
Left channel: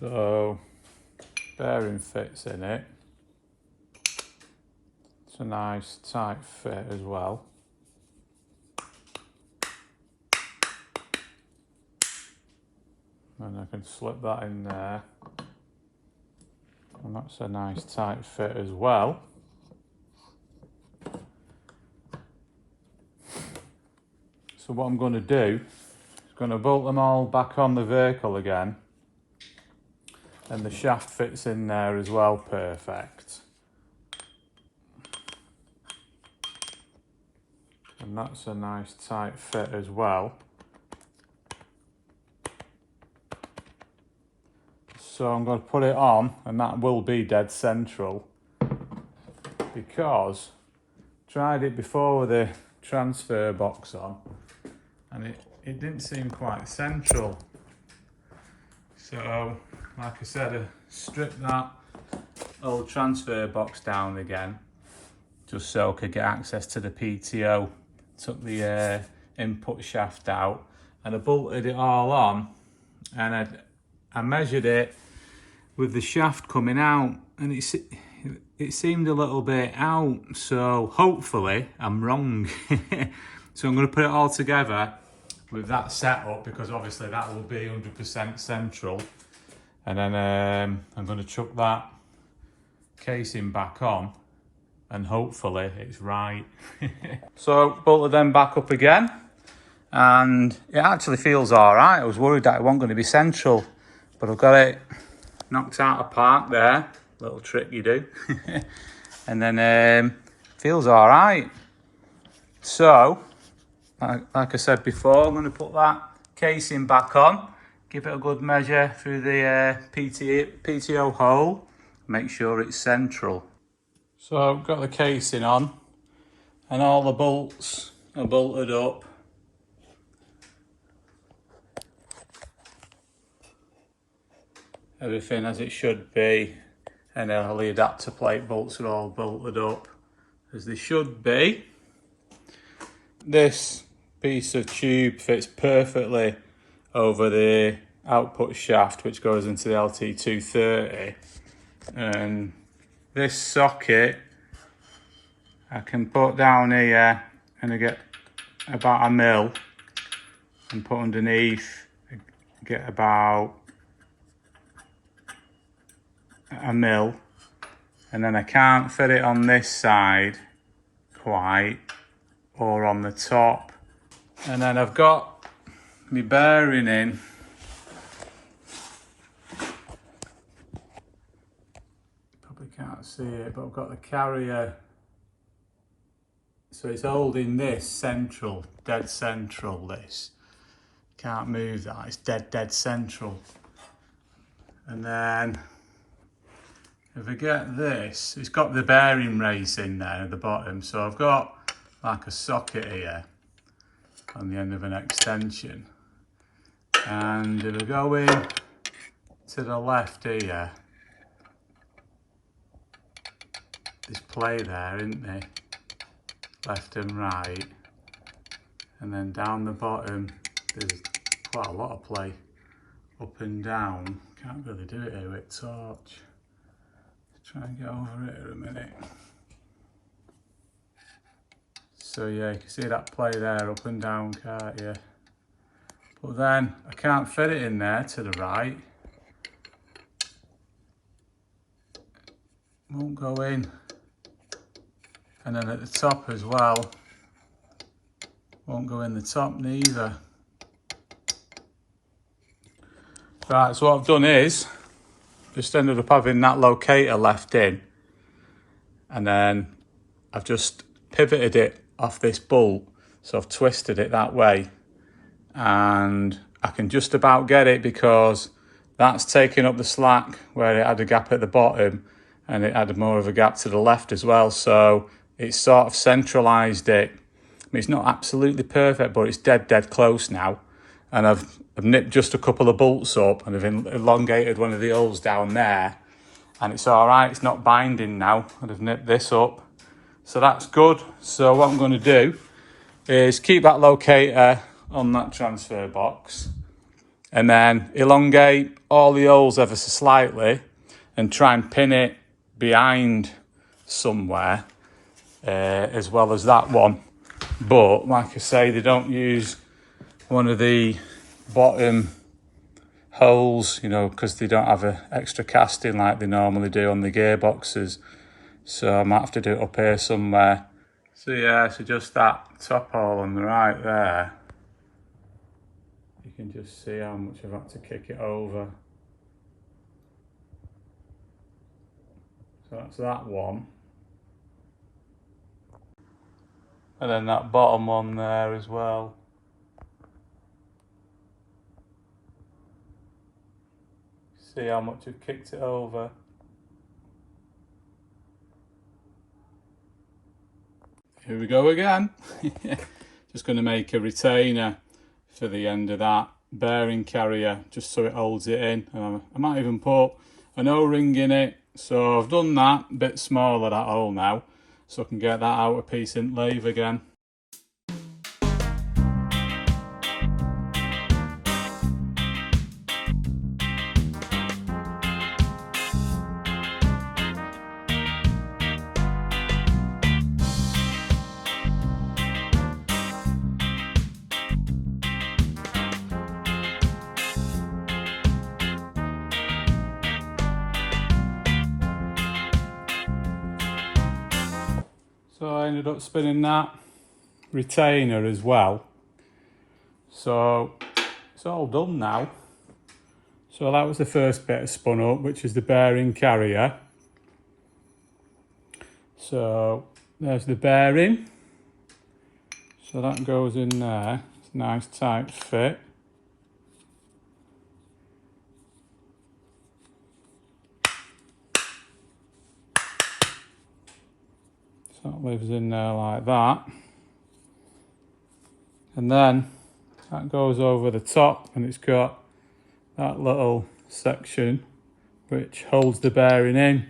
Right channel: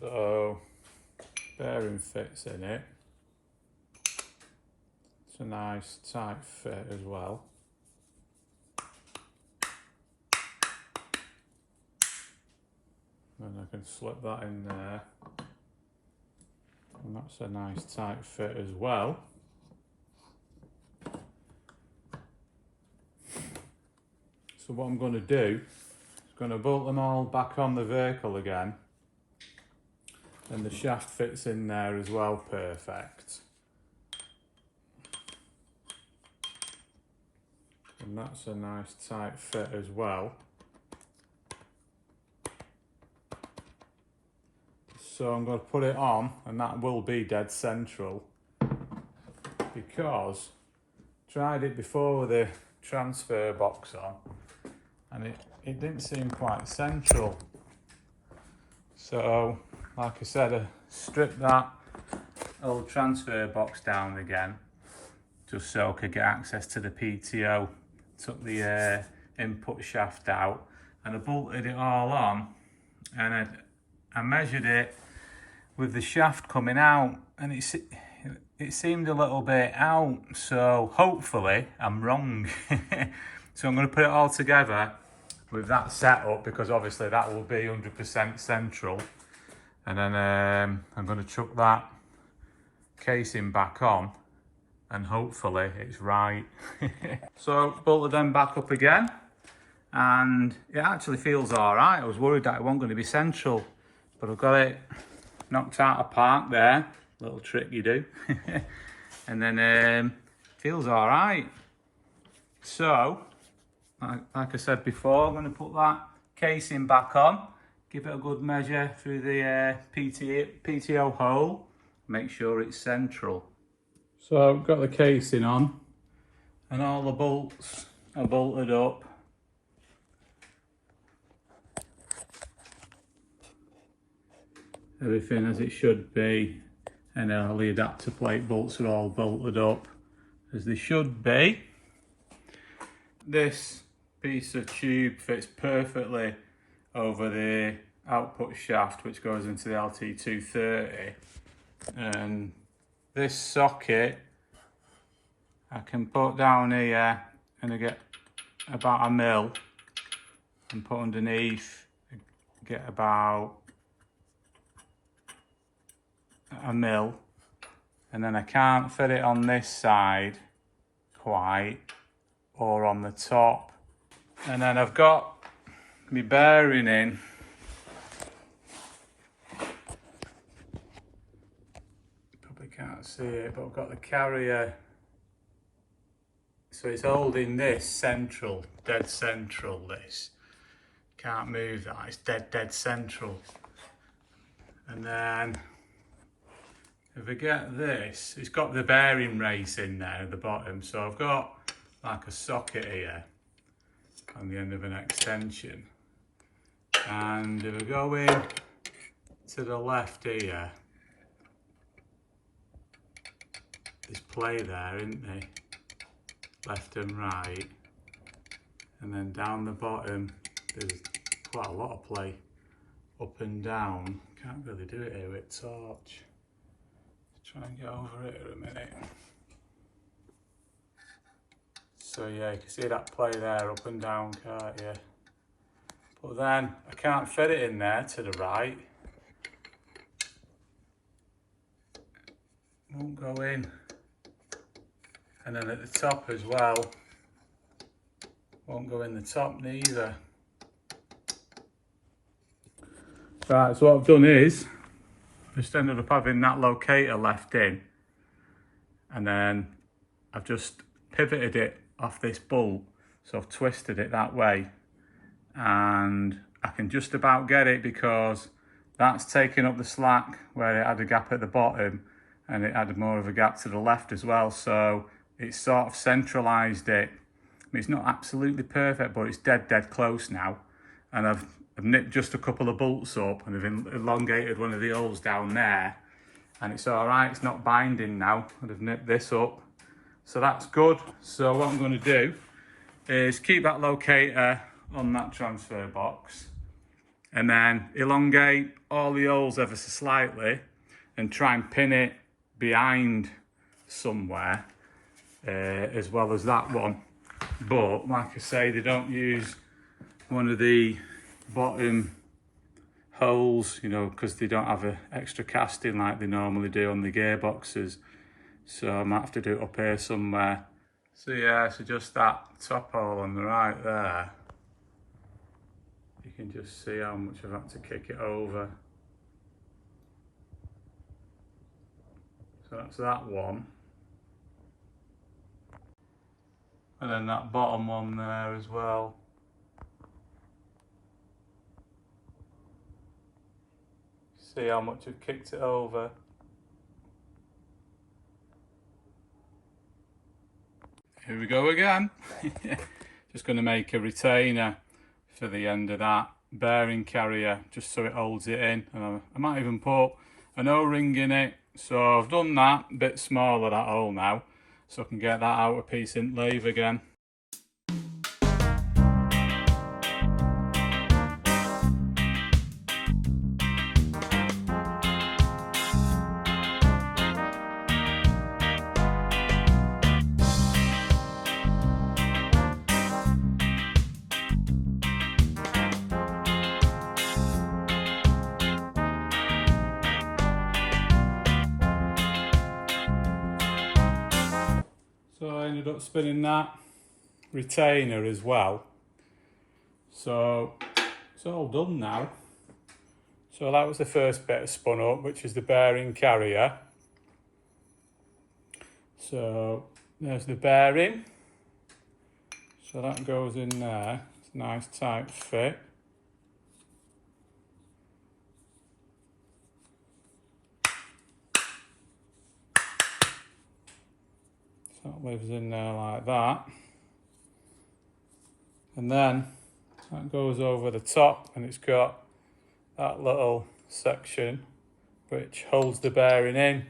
So, bearing fits in it. It's a nice tight fit as well. And I can slip that in there. And that's a nice tight fit as well. So what I'm going to do is going to bolt them all back on the vehicle again. And the shaft fits in there as well, perfect. And that's a nice tight fit as well. So I'm going to put it on, and that will be dead central, because I tried it before with the transfer box on, and it didn't seem quite central. So, like I said, I stripped that old transfer box down again, just so I could get access to the PTO. Took the input shaft out, and I bolted it all on, and I measured it with the shaft coming out, and it seemed a little bit out, so hopefully I'm wrong. So I'm going to put it all together with that setup, because obviously that will be 100% central, and then I'm going to chuck that casing back on, and hopefully it's right. So bolted them back up again, and it actually feels all right. I was worried that it wasn't going to be central, but I've got it knocked out of park there, little trick you do. And then feels all right. So like I said before, I'm going to put that casing back on, give it a good measure through the PTO hole, make sure it's central. So I've got the casing on, and all the bolts are bolted up. Everything as it should be, and all the adapter plate bolts are all bolted up as they should be. This piece of tube fits perfectly over the output shaft, which goes into the LT230, and this socket I can put down here, and I get about 1mm, and put underneath, get about 1mm, and then I can't fit it on this side quite, or on the top. And then I've got my bearing in. Probably can't see it, but I've got the carrier. So it's holding this central, dead central, this. Can't move that, it's dead central. And then, if I get this, it's got the bearing race in there at the bottom. So I've got like a socket here on the end of an extension. And if I go in to the left here, there's play there, isn't there? Left and right. And then down the bottom, there's quite a lot of play up and down. Can't really do it here with torch. Try and get over it in a minute. So yeah, you can see that play there up and down, can't you? But then I can't fit it in there to the right. Won't go in. And then at the top as well, won't go in the top neither. Right, so what I've done is, just ended up having that locator left in, and then I've just pivoted it off this bolt, so I've twisted it that way, and I can just about get it because that's taking up the slack where it had a gap at the bottom, and it had more of a gap to the left as well, so it's sort of centralized it. I mean, it's not absolutely perfect, but it's dead close now, and I've nipped just a couple of bolts up and I've elongated one of the holes down there, and it's all right, it's not binding now, and I've nipped this up. So that's good. So what I'm going to do is keep that locator on that transfer box and then elongate all the holes ever so slightly and try and pin it behind somewhere as well as that one. But like I say, they don't use one of the bottom holes, you know, because they don't have an extra casting like they normally do on the gearboxes. So I might have to do it up here somewhere. So yeah, so just that top hole on the right there, you can just see how much I've had to kick it over. So that's that one. And then that bottom one there as well. See how much I've kicked it over. Here we go again. Just going to make a retainer for the end of that bearing carrier, just so it holds it in. And I might even put an O-ring in it. So I've done that, a bit smaller that hole now, so I can get that outer piece in lathe again. So I ended up spinning that retainer as well. So it's all done now. So that was the first bit I spun up, which is the bearing carrier. So there's the bearing. So that goes in there. It's a nice tight fit. So that lives in there like that. And then that goes over the top, and it's got that little section which holds the bearing in.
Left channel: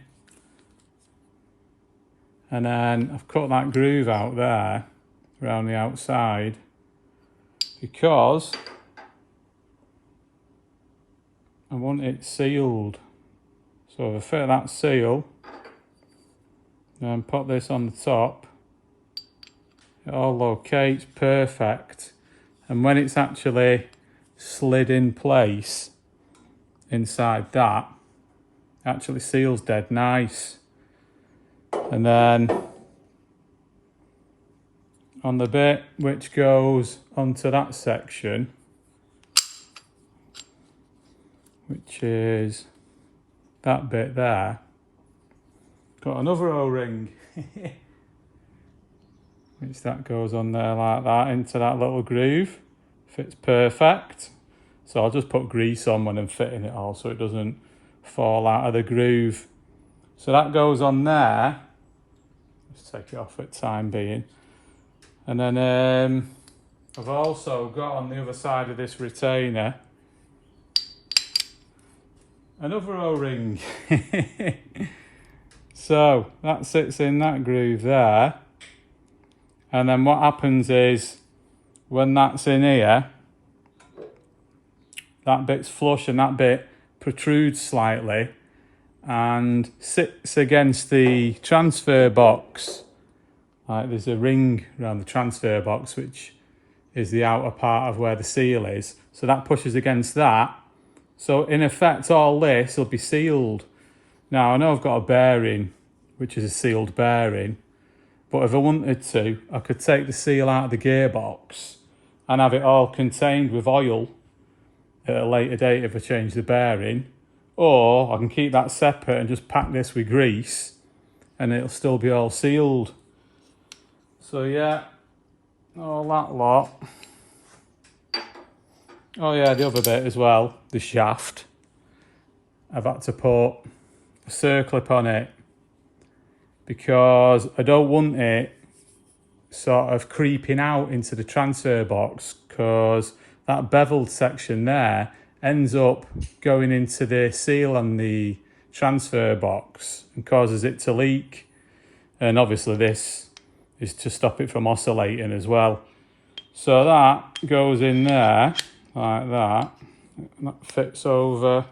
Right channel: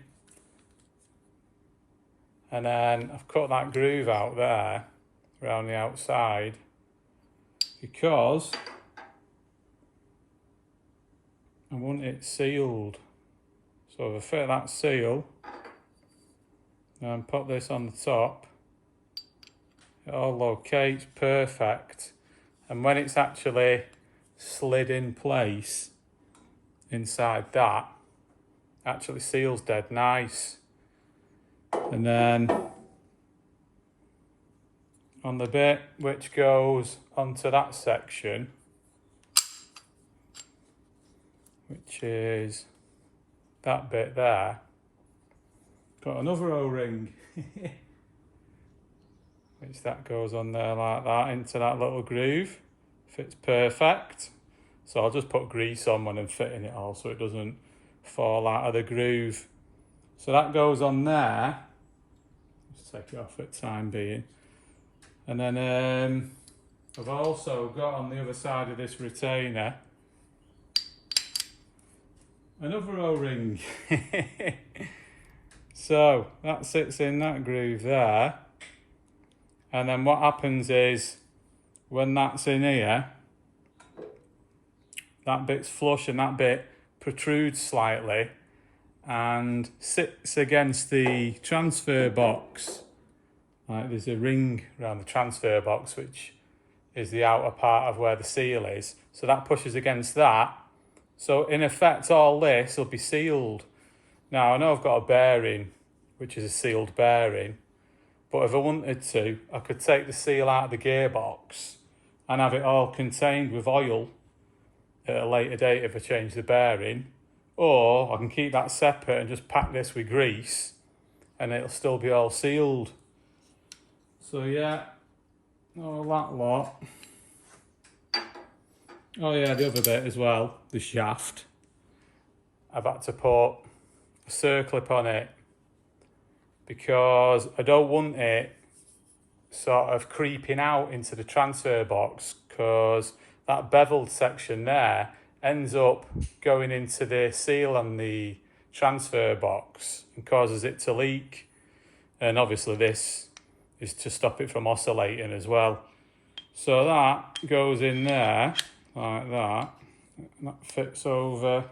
And then I've cut that groove out there around the outside because I want it sealed. So if I fit that seal and put this on the top, it all locates perfect. And when it's actually slid in place inside that, it actually seals dead nice. And then on the bit which goes onto that section, which is that bit there. Got another O-ring, which that goes on there like that into that little groove. Fits perfect. So I'll just put grease on when I'm fitting it all so it doesn't fall out of the groove. So that goes on there. Just take it off for the time being. And then I've also got on the other side of this retainer another O-ring. So that sits in that groove there. And then what happens is when that's in here, that bit's flush and that bit protrudes slightly and sits against the transfer box. Like there's a ring around the transfer box, which is the outer part of where the seal is. So that pushes against that. So in effect, all this will be sealed. Now I know I've got a bearing, which is a sealed bearing, but if I wanted to, I could take the seal out of the gearbox and have it all contained with oil at a later date if I change the bearing. Or I can keep that separate and just pack this with grease and it'll still be all sealed. So yeah, all that lot. Oh yeah, the other bit as well, the shaft. I've had to put a circlip on it because I don't want it sort of creeping out into the transfer box, because that beveled section there ends up going into the seal on the transfer box and causes it to leak. And obviously this is to stop it from oscillating as well. So that goes in there like that. That fits over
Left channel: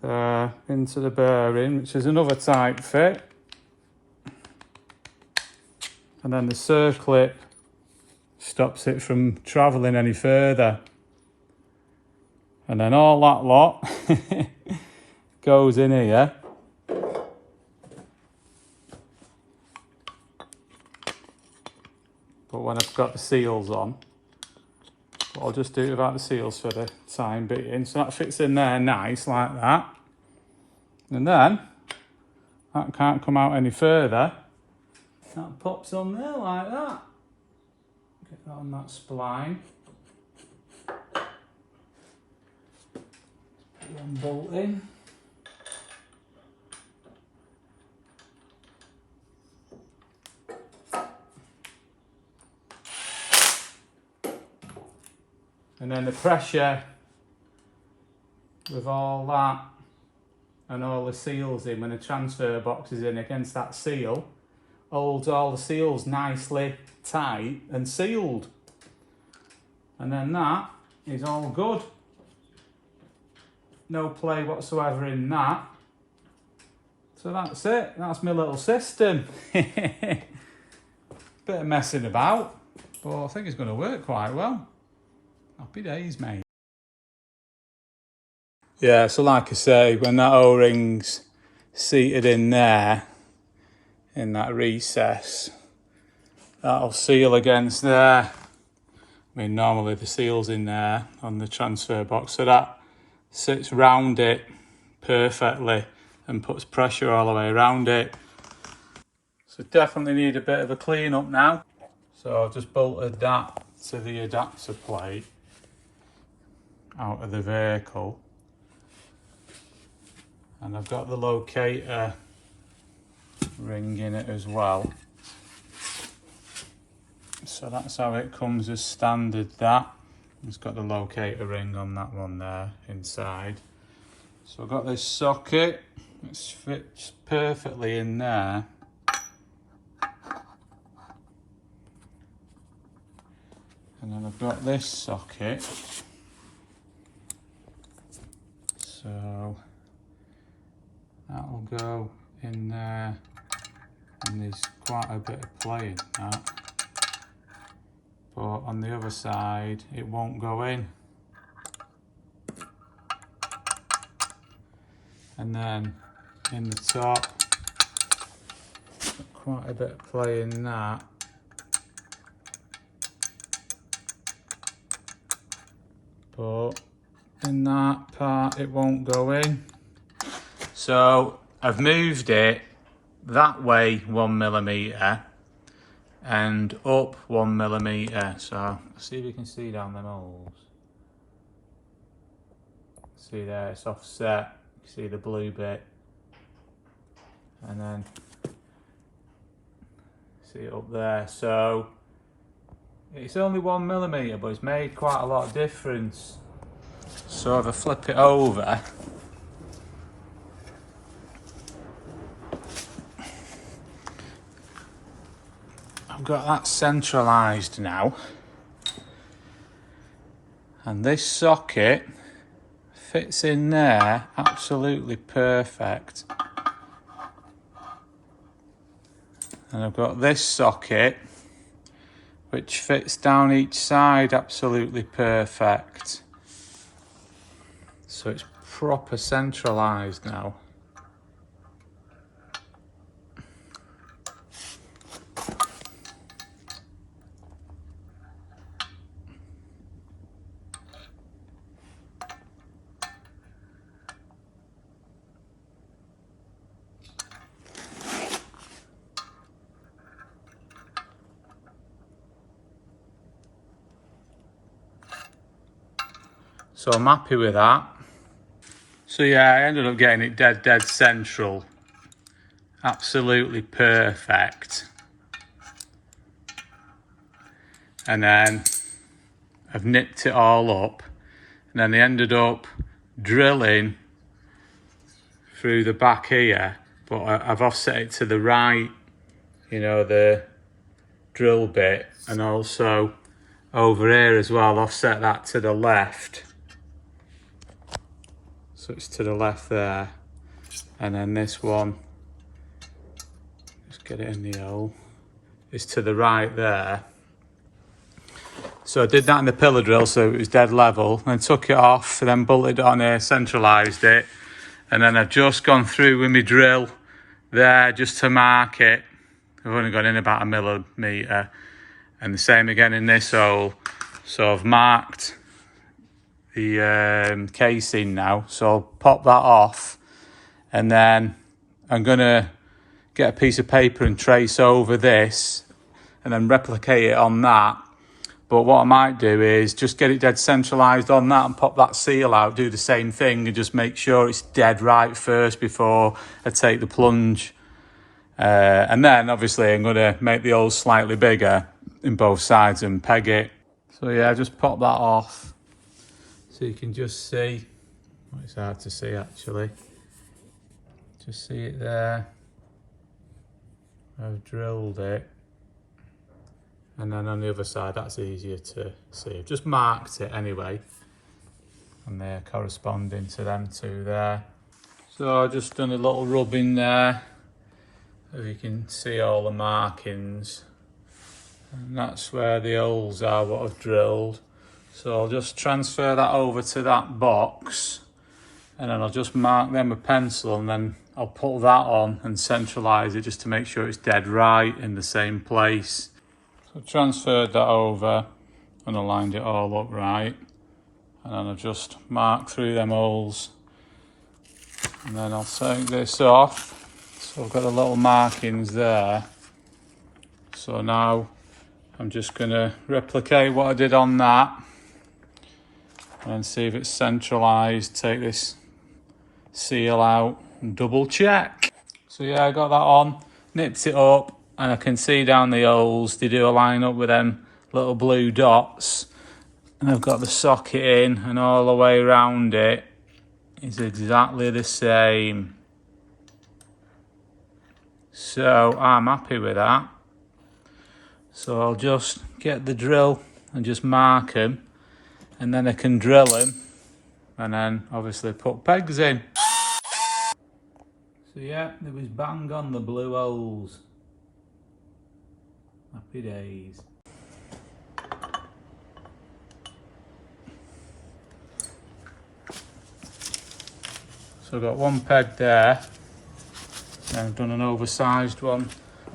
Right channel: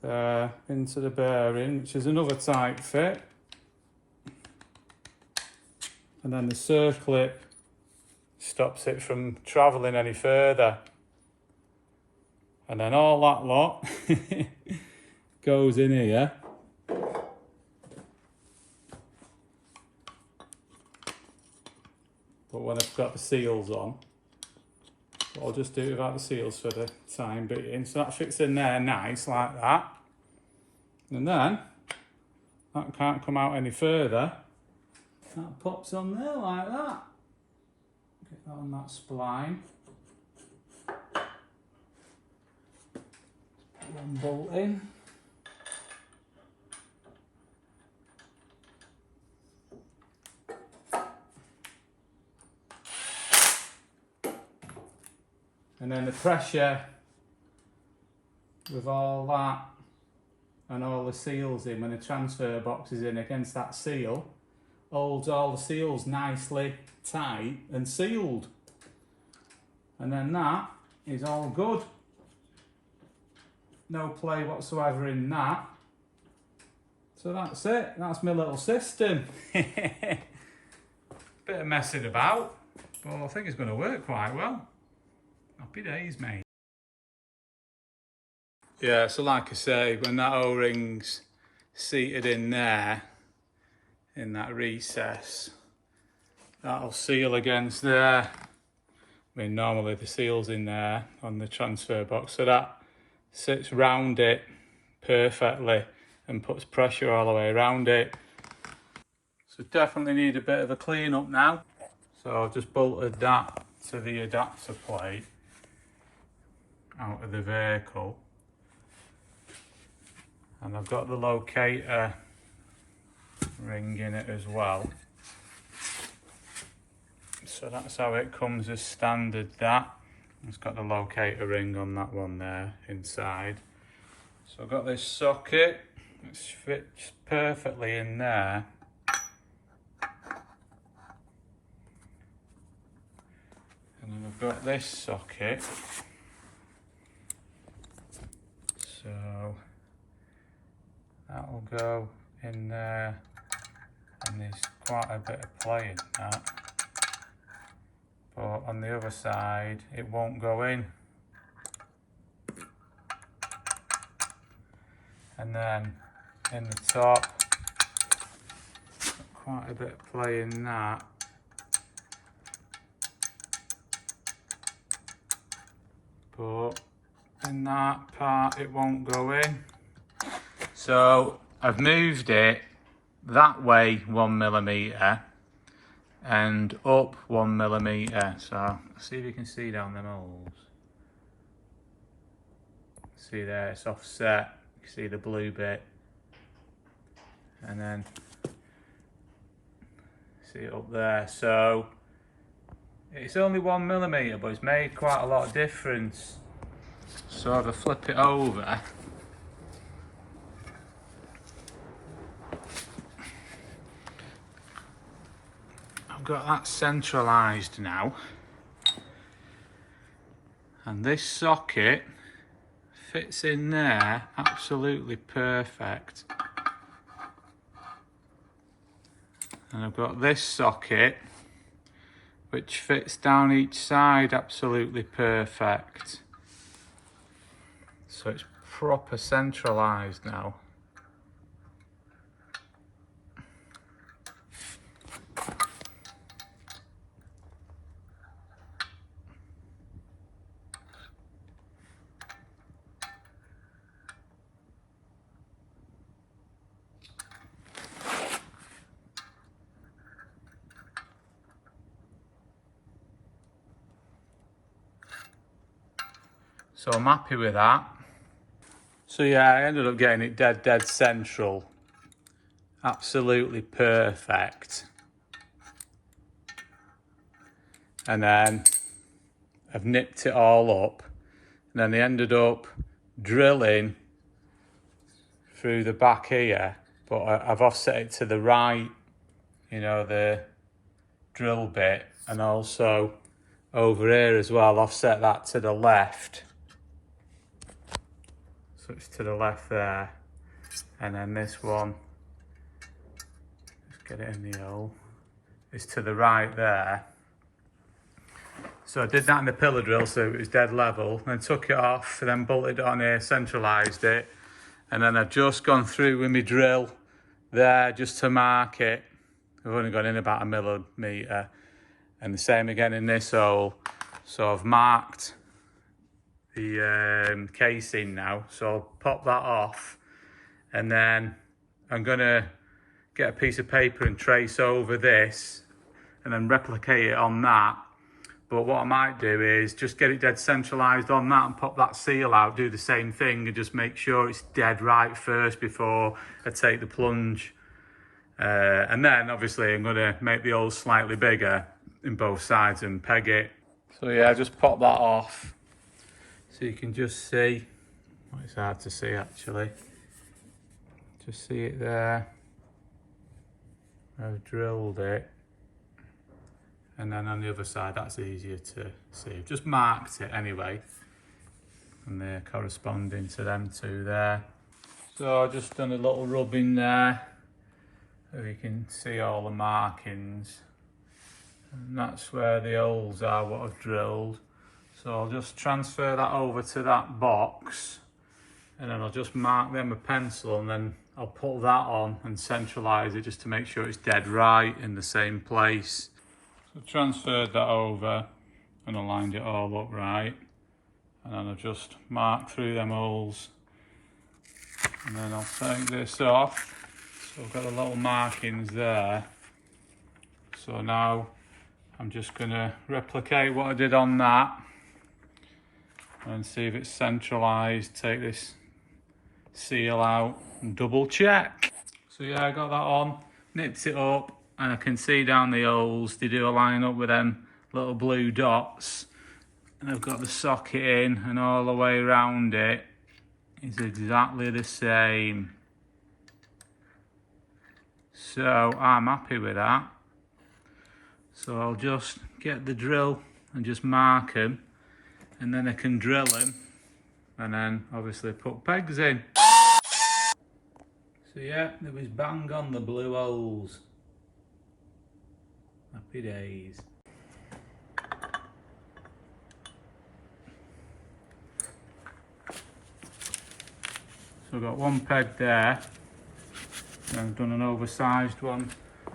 there into the bearing, which is another tight fit. And then the circlip stops it from travelling any further. And then all that lot goes in here. But when I've got the seals on, I'll just do it without the seals for the time being. So that fits in there nice like that. And then that can't come out any further. That pops on there like that. Get that on that spline. Put one bolt in. And then the pressure with all that and all the seals in, when the transfer box is in against that seal, holds all the seals nicely tight and sealed. And then that is all good. No play whatsoever in that. So that's it. That's my little system. Bit of messing about, but I think it's going to work quite well. Happy days, mate. Yeah, so like I say, when that O-ring's seated in there, in that recess, that'll seal against there. I mean, normally the seal's in there on the transfer box, so that sits round it perfectly and puts pressure all the way around it. So definitely need a bit of a clean up now. So I've just bolted that to the adapter plate out of the vehicle. And I've got the locator ring in it as well. So that's how it comes as standard, that. It's got the locator ring on that one there inside. So I've got this socket, which fits perfectly in there. And then I've got this socket. So that'll go in there, and there's quite a bit of play in that. But on the other side, it won't go in. And then in the top, got quite a bit of play in that. But in that part it won't go in. So I've moved it that way 1mm and up 1mm. So see if you can see down them holes. See there, it's offset. You can see the blue bit. And then see it up there. So it's only 1mm, but it's made quite a lot of difference. So if I flip it over, I've got that centralised now. And this socket fits in there absolutely perfect. And I've got this socket which fits down each side absolutely perfect. So it's proper centralised now. So I'm happy with that. So yeah, I ended up getting it dead central. Absolutely perfect. And then I've nipped it all up. And then they ended up drilling through the back here. But I've offset it to the right, you know, the drill bit. And also over here as well, offset that to the left. So it's to the left there, and then this one, just get it in the hole, is to the right there. So I did that in the pillar drill so it was dead level, then took it off, then bolted it on here, centralised it, and then I've just gone through with my drill there just to mark it. I've only gone in about 1mm, and the same again in this hole. So I've marked the casing now, so I'll pop that off, and then I'm gonna get a piece of paper and trace over this and then replicate it on that. But what I might do is just get it dead centralised on that and pop that seal out, do the same thing and just make sure it's dead right first before I take the plunge. And then obviously I'm gonna make the holes slightly bigger in both sides and peg it. So yeah, just pop that off. So you can just see, well, it's hard to see actually, just see it there. I've drilled it, and then on the other side that's easier to see. I've just marked it anyway, and they're corresponding to them two there. So I've just done a little rubbing there, so you can see all the markings, and that's where the holes are what I've drilled. So I'll just transfer that over to that box, and then I'll just mark them with pencil, and then I'll put that on and centralise it just to make sure it's dead right in the same place. So I've transferred that over and aligned it all up right, and then I'll just mark through them holes, and then I'll take this off. So I've got the little markings there. So now I'm just going to replicate what I did on that and see if it's centralised. Take this seal out and double check. So yeah, I got that on, nipped it up, and I can see down the holes, they do line up with them little blue dots. And I've got the socket in, and all the way around it is exactly the same. So I'm happy with that. So I'll just get the drill and just mark them, and then I can drill them, and then obviously put pegs in. So yeah, there was bang on the blue holes. Happy days. So I've got one peg there, and I've done an oversized one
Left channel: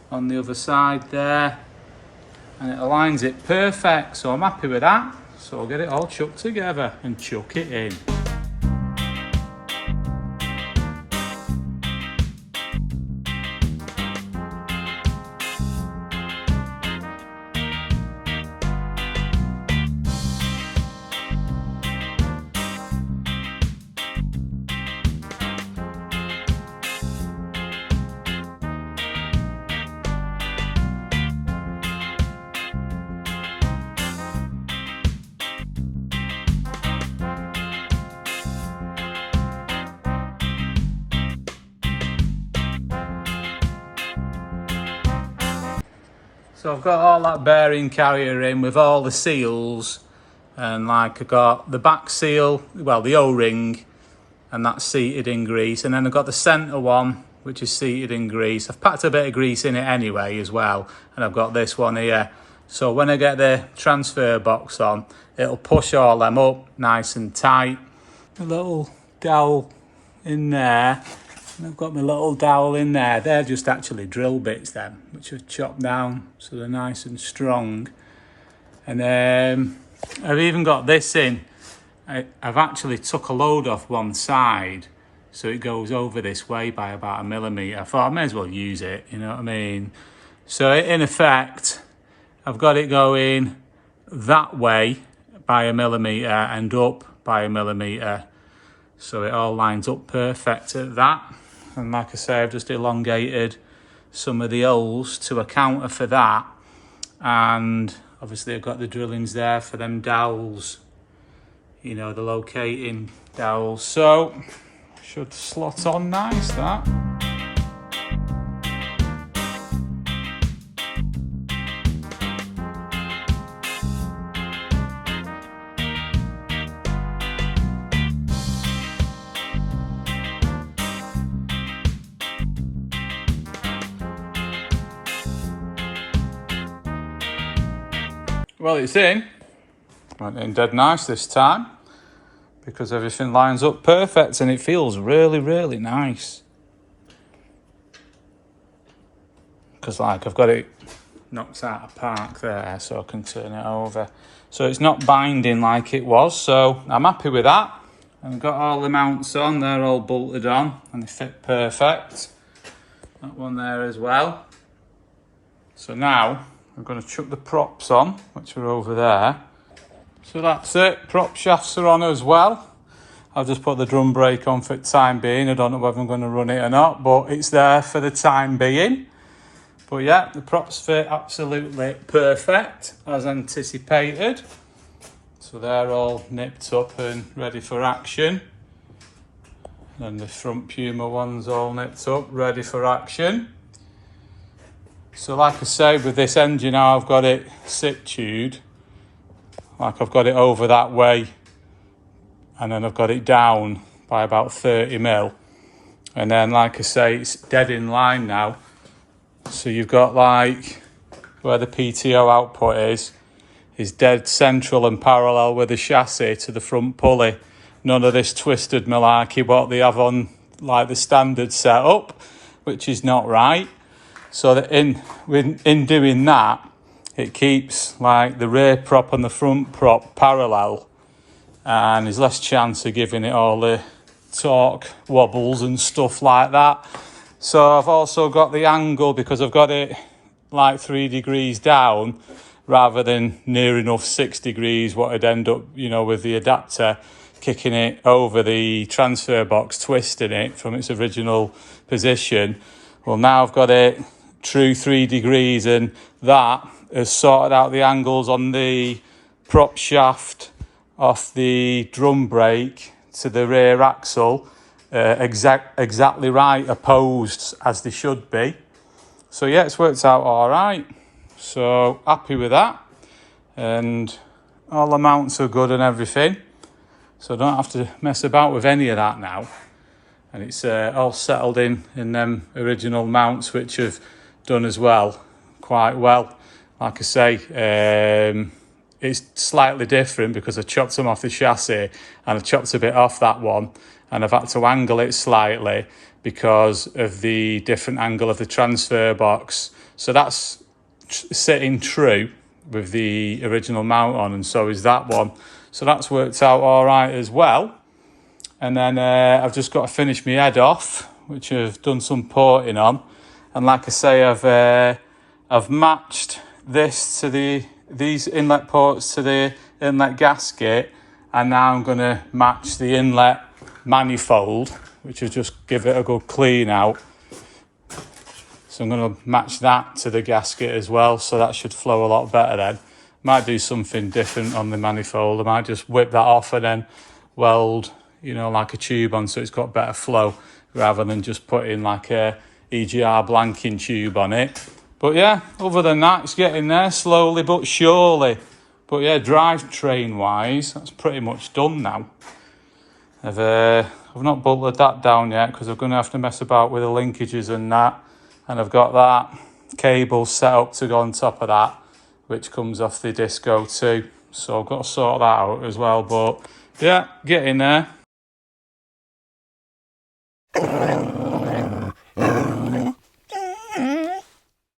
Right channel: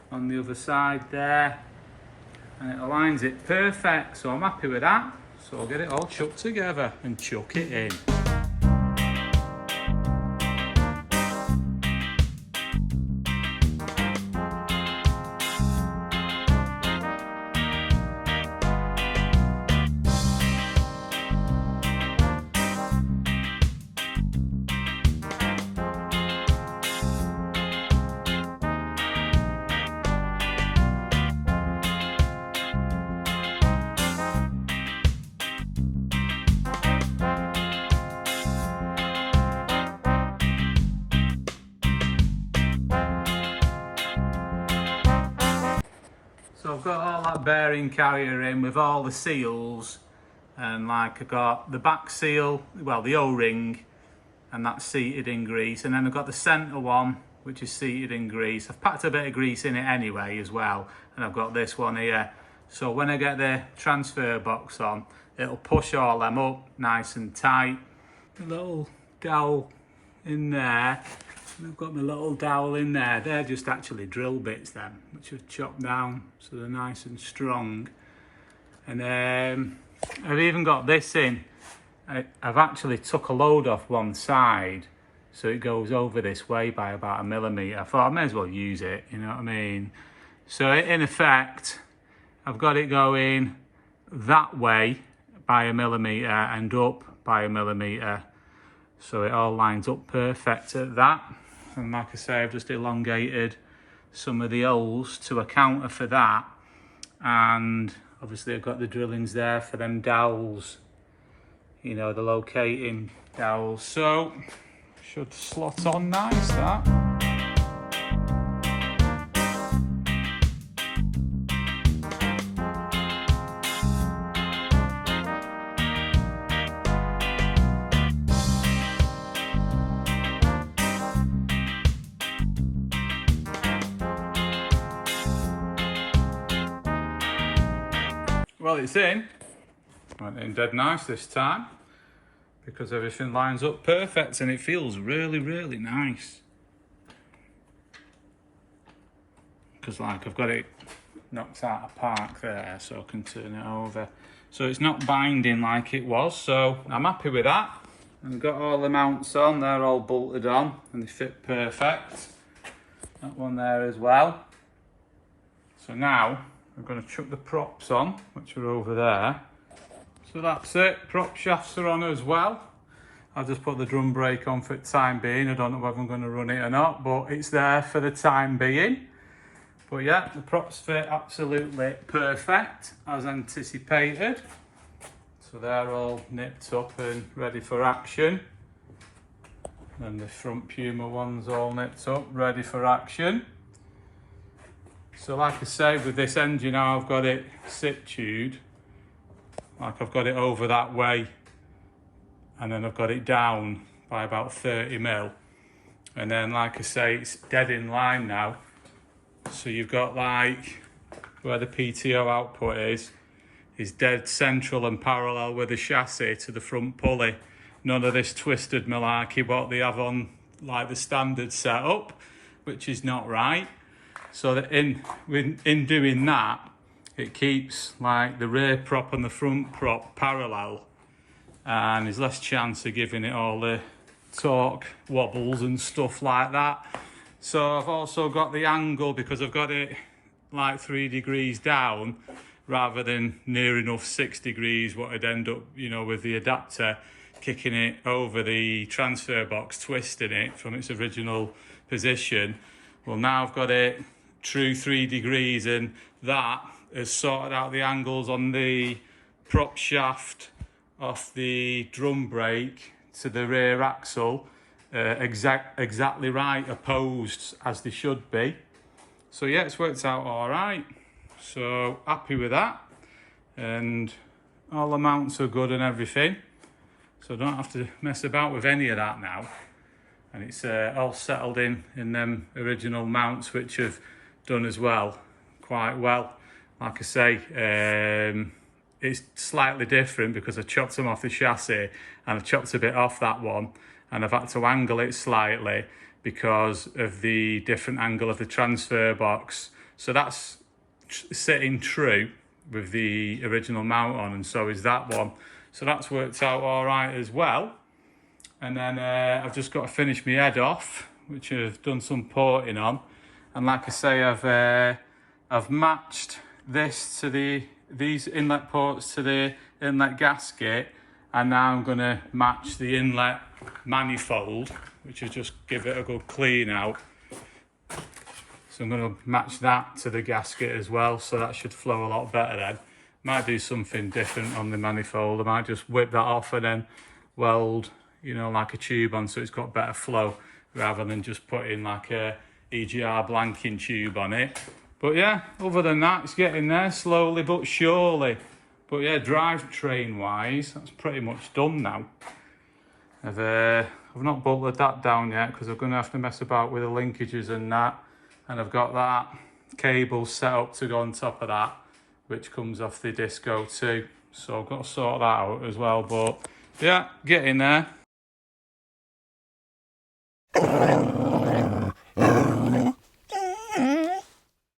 on the other side there, and it aligns it perfect, so I'm happy with that. So I'll get it all chucked together and chuck it in. So I've got all that bearing carrier in with all the seals, and like I got the back seal, well the O-ring, and that's seated in grease, and then I've got the centre one which is seated in grease. I've packed a bit of grease in it anyway as well, and I've got this one here. So when I get the transfer box on, it'll push all them up nice and tight. A little dowel in there, and I've got my little dowel in there. They're just actually drill bits then, which I've chopped down so they're nice and strong. And I've even got this in. I've actually took a load off one side, so it goes over this way by about 1 millimetre. I thought I may as well use it, you know what I mean? So in effect, I've got it going that way by 1 millimetre and up by 1 millimetre. So it all lines up perfect at that. And like I say, I've just elongated some of the holes to account for that. And obviously I've got the drillings there for them dowels, you know, the locating dowels. So should slot on nice, that. Well, it's in. Went in dead nice this time because everything lines up perfect and it feels really, really nice. Because like I've got it knocked out of park there, so I can turn it over. So it's not binding like it was, so I'm happy with that. I've got all the mounts on, they're all bolted on and they fit perfect. That one there as well. So now I'm going to chuck the props on, which are over there. So that's it, prop shafts are on as well. I've just put the drum brake on for the time being. I don't know whether I'm going to run it or not, but it's there for the time being. But yeah, the props fit absolutely perfect, as anticipated. So they're all nipped up and ready for action. And the front Puma one's all nipped up, ready for action. So like I say, with this engine now, I've got it situed. Like I've got it over that way, and then I've got it down by about 30 mil. And then like I say, it's dead in line now. So you've got like where the PTO output is dead central and parallel with the chassis to the front pulley. None of this twisted malarkey what they have on like the standard setup, which is not right. So that in doing that, it keeps like the rear prop and the front prop parallel, and there's less chance of giving it all the torque wobbles and stuff like that. So I've also got the angle, because I've got it like 3 degrees down rather than near enough 6 degrees, what I'd end up, you know, with the adapter kicking it over the transfer box, twisting it from its original position. Well, now I've got it true 3 degrees, and that has sorted out the angles on the prop shaft off the drum brake to the rear axle exactly right, opposed as they should be. So yeah, it's worked out all right. So happy with that, and all the mounts are good and everything. So I don't have to mess about with any of that now. And it's all settled in them original mounts, which have done as well, quite well. Like I say, it's slightly different because I chopped them off the chassis and I chopped a bit off that one, and I've had to angle it slightly because of the different angle of the transfer box. So that's sitting true with the original mount on, and so is that one. So that's worked out all right as well. And then I've just got to finish my head off, which I've done some porting on. And like I say, I've matched this to these inlet ports to the inlet gasket, and now I'm going to match the inlet manifold, which will just give it a good clean out. So I'm going to match that to the gasket as well, so that should flow a lot better then. Might do something different on the manifold. I might just whip that off and then weld, you know, like a tube on, so it's got better flow, rather than just putting like a EGR blanking tube on it. But yeah, other than that, it's getting there slowly but surely. But yeah, drivetrain wise, that's pretty much done now. I've not bolted that down yet because I'm going to have to mess about with the linkages and that. And I've got that cable set up to go on top of that, which comes off the disco too. So I've got to sort that out as well. But yeah, getting there.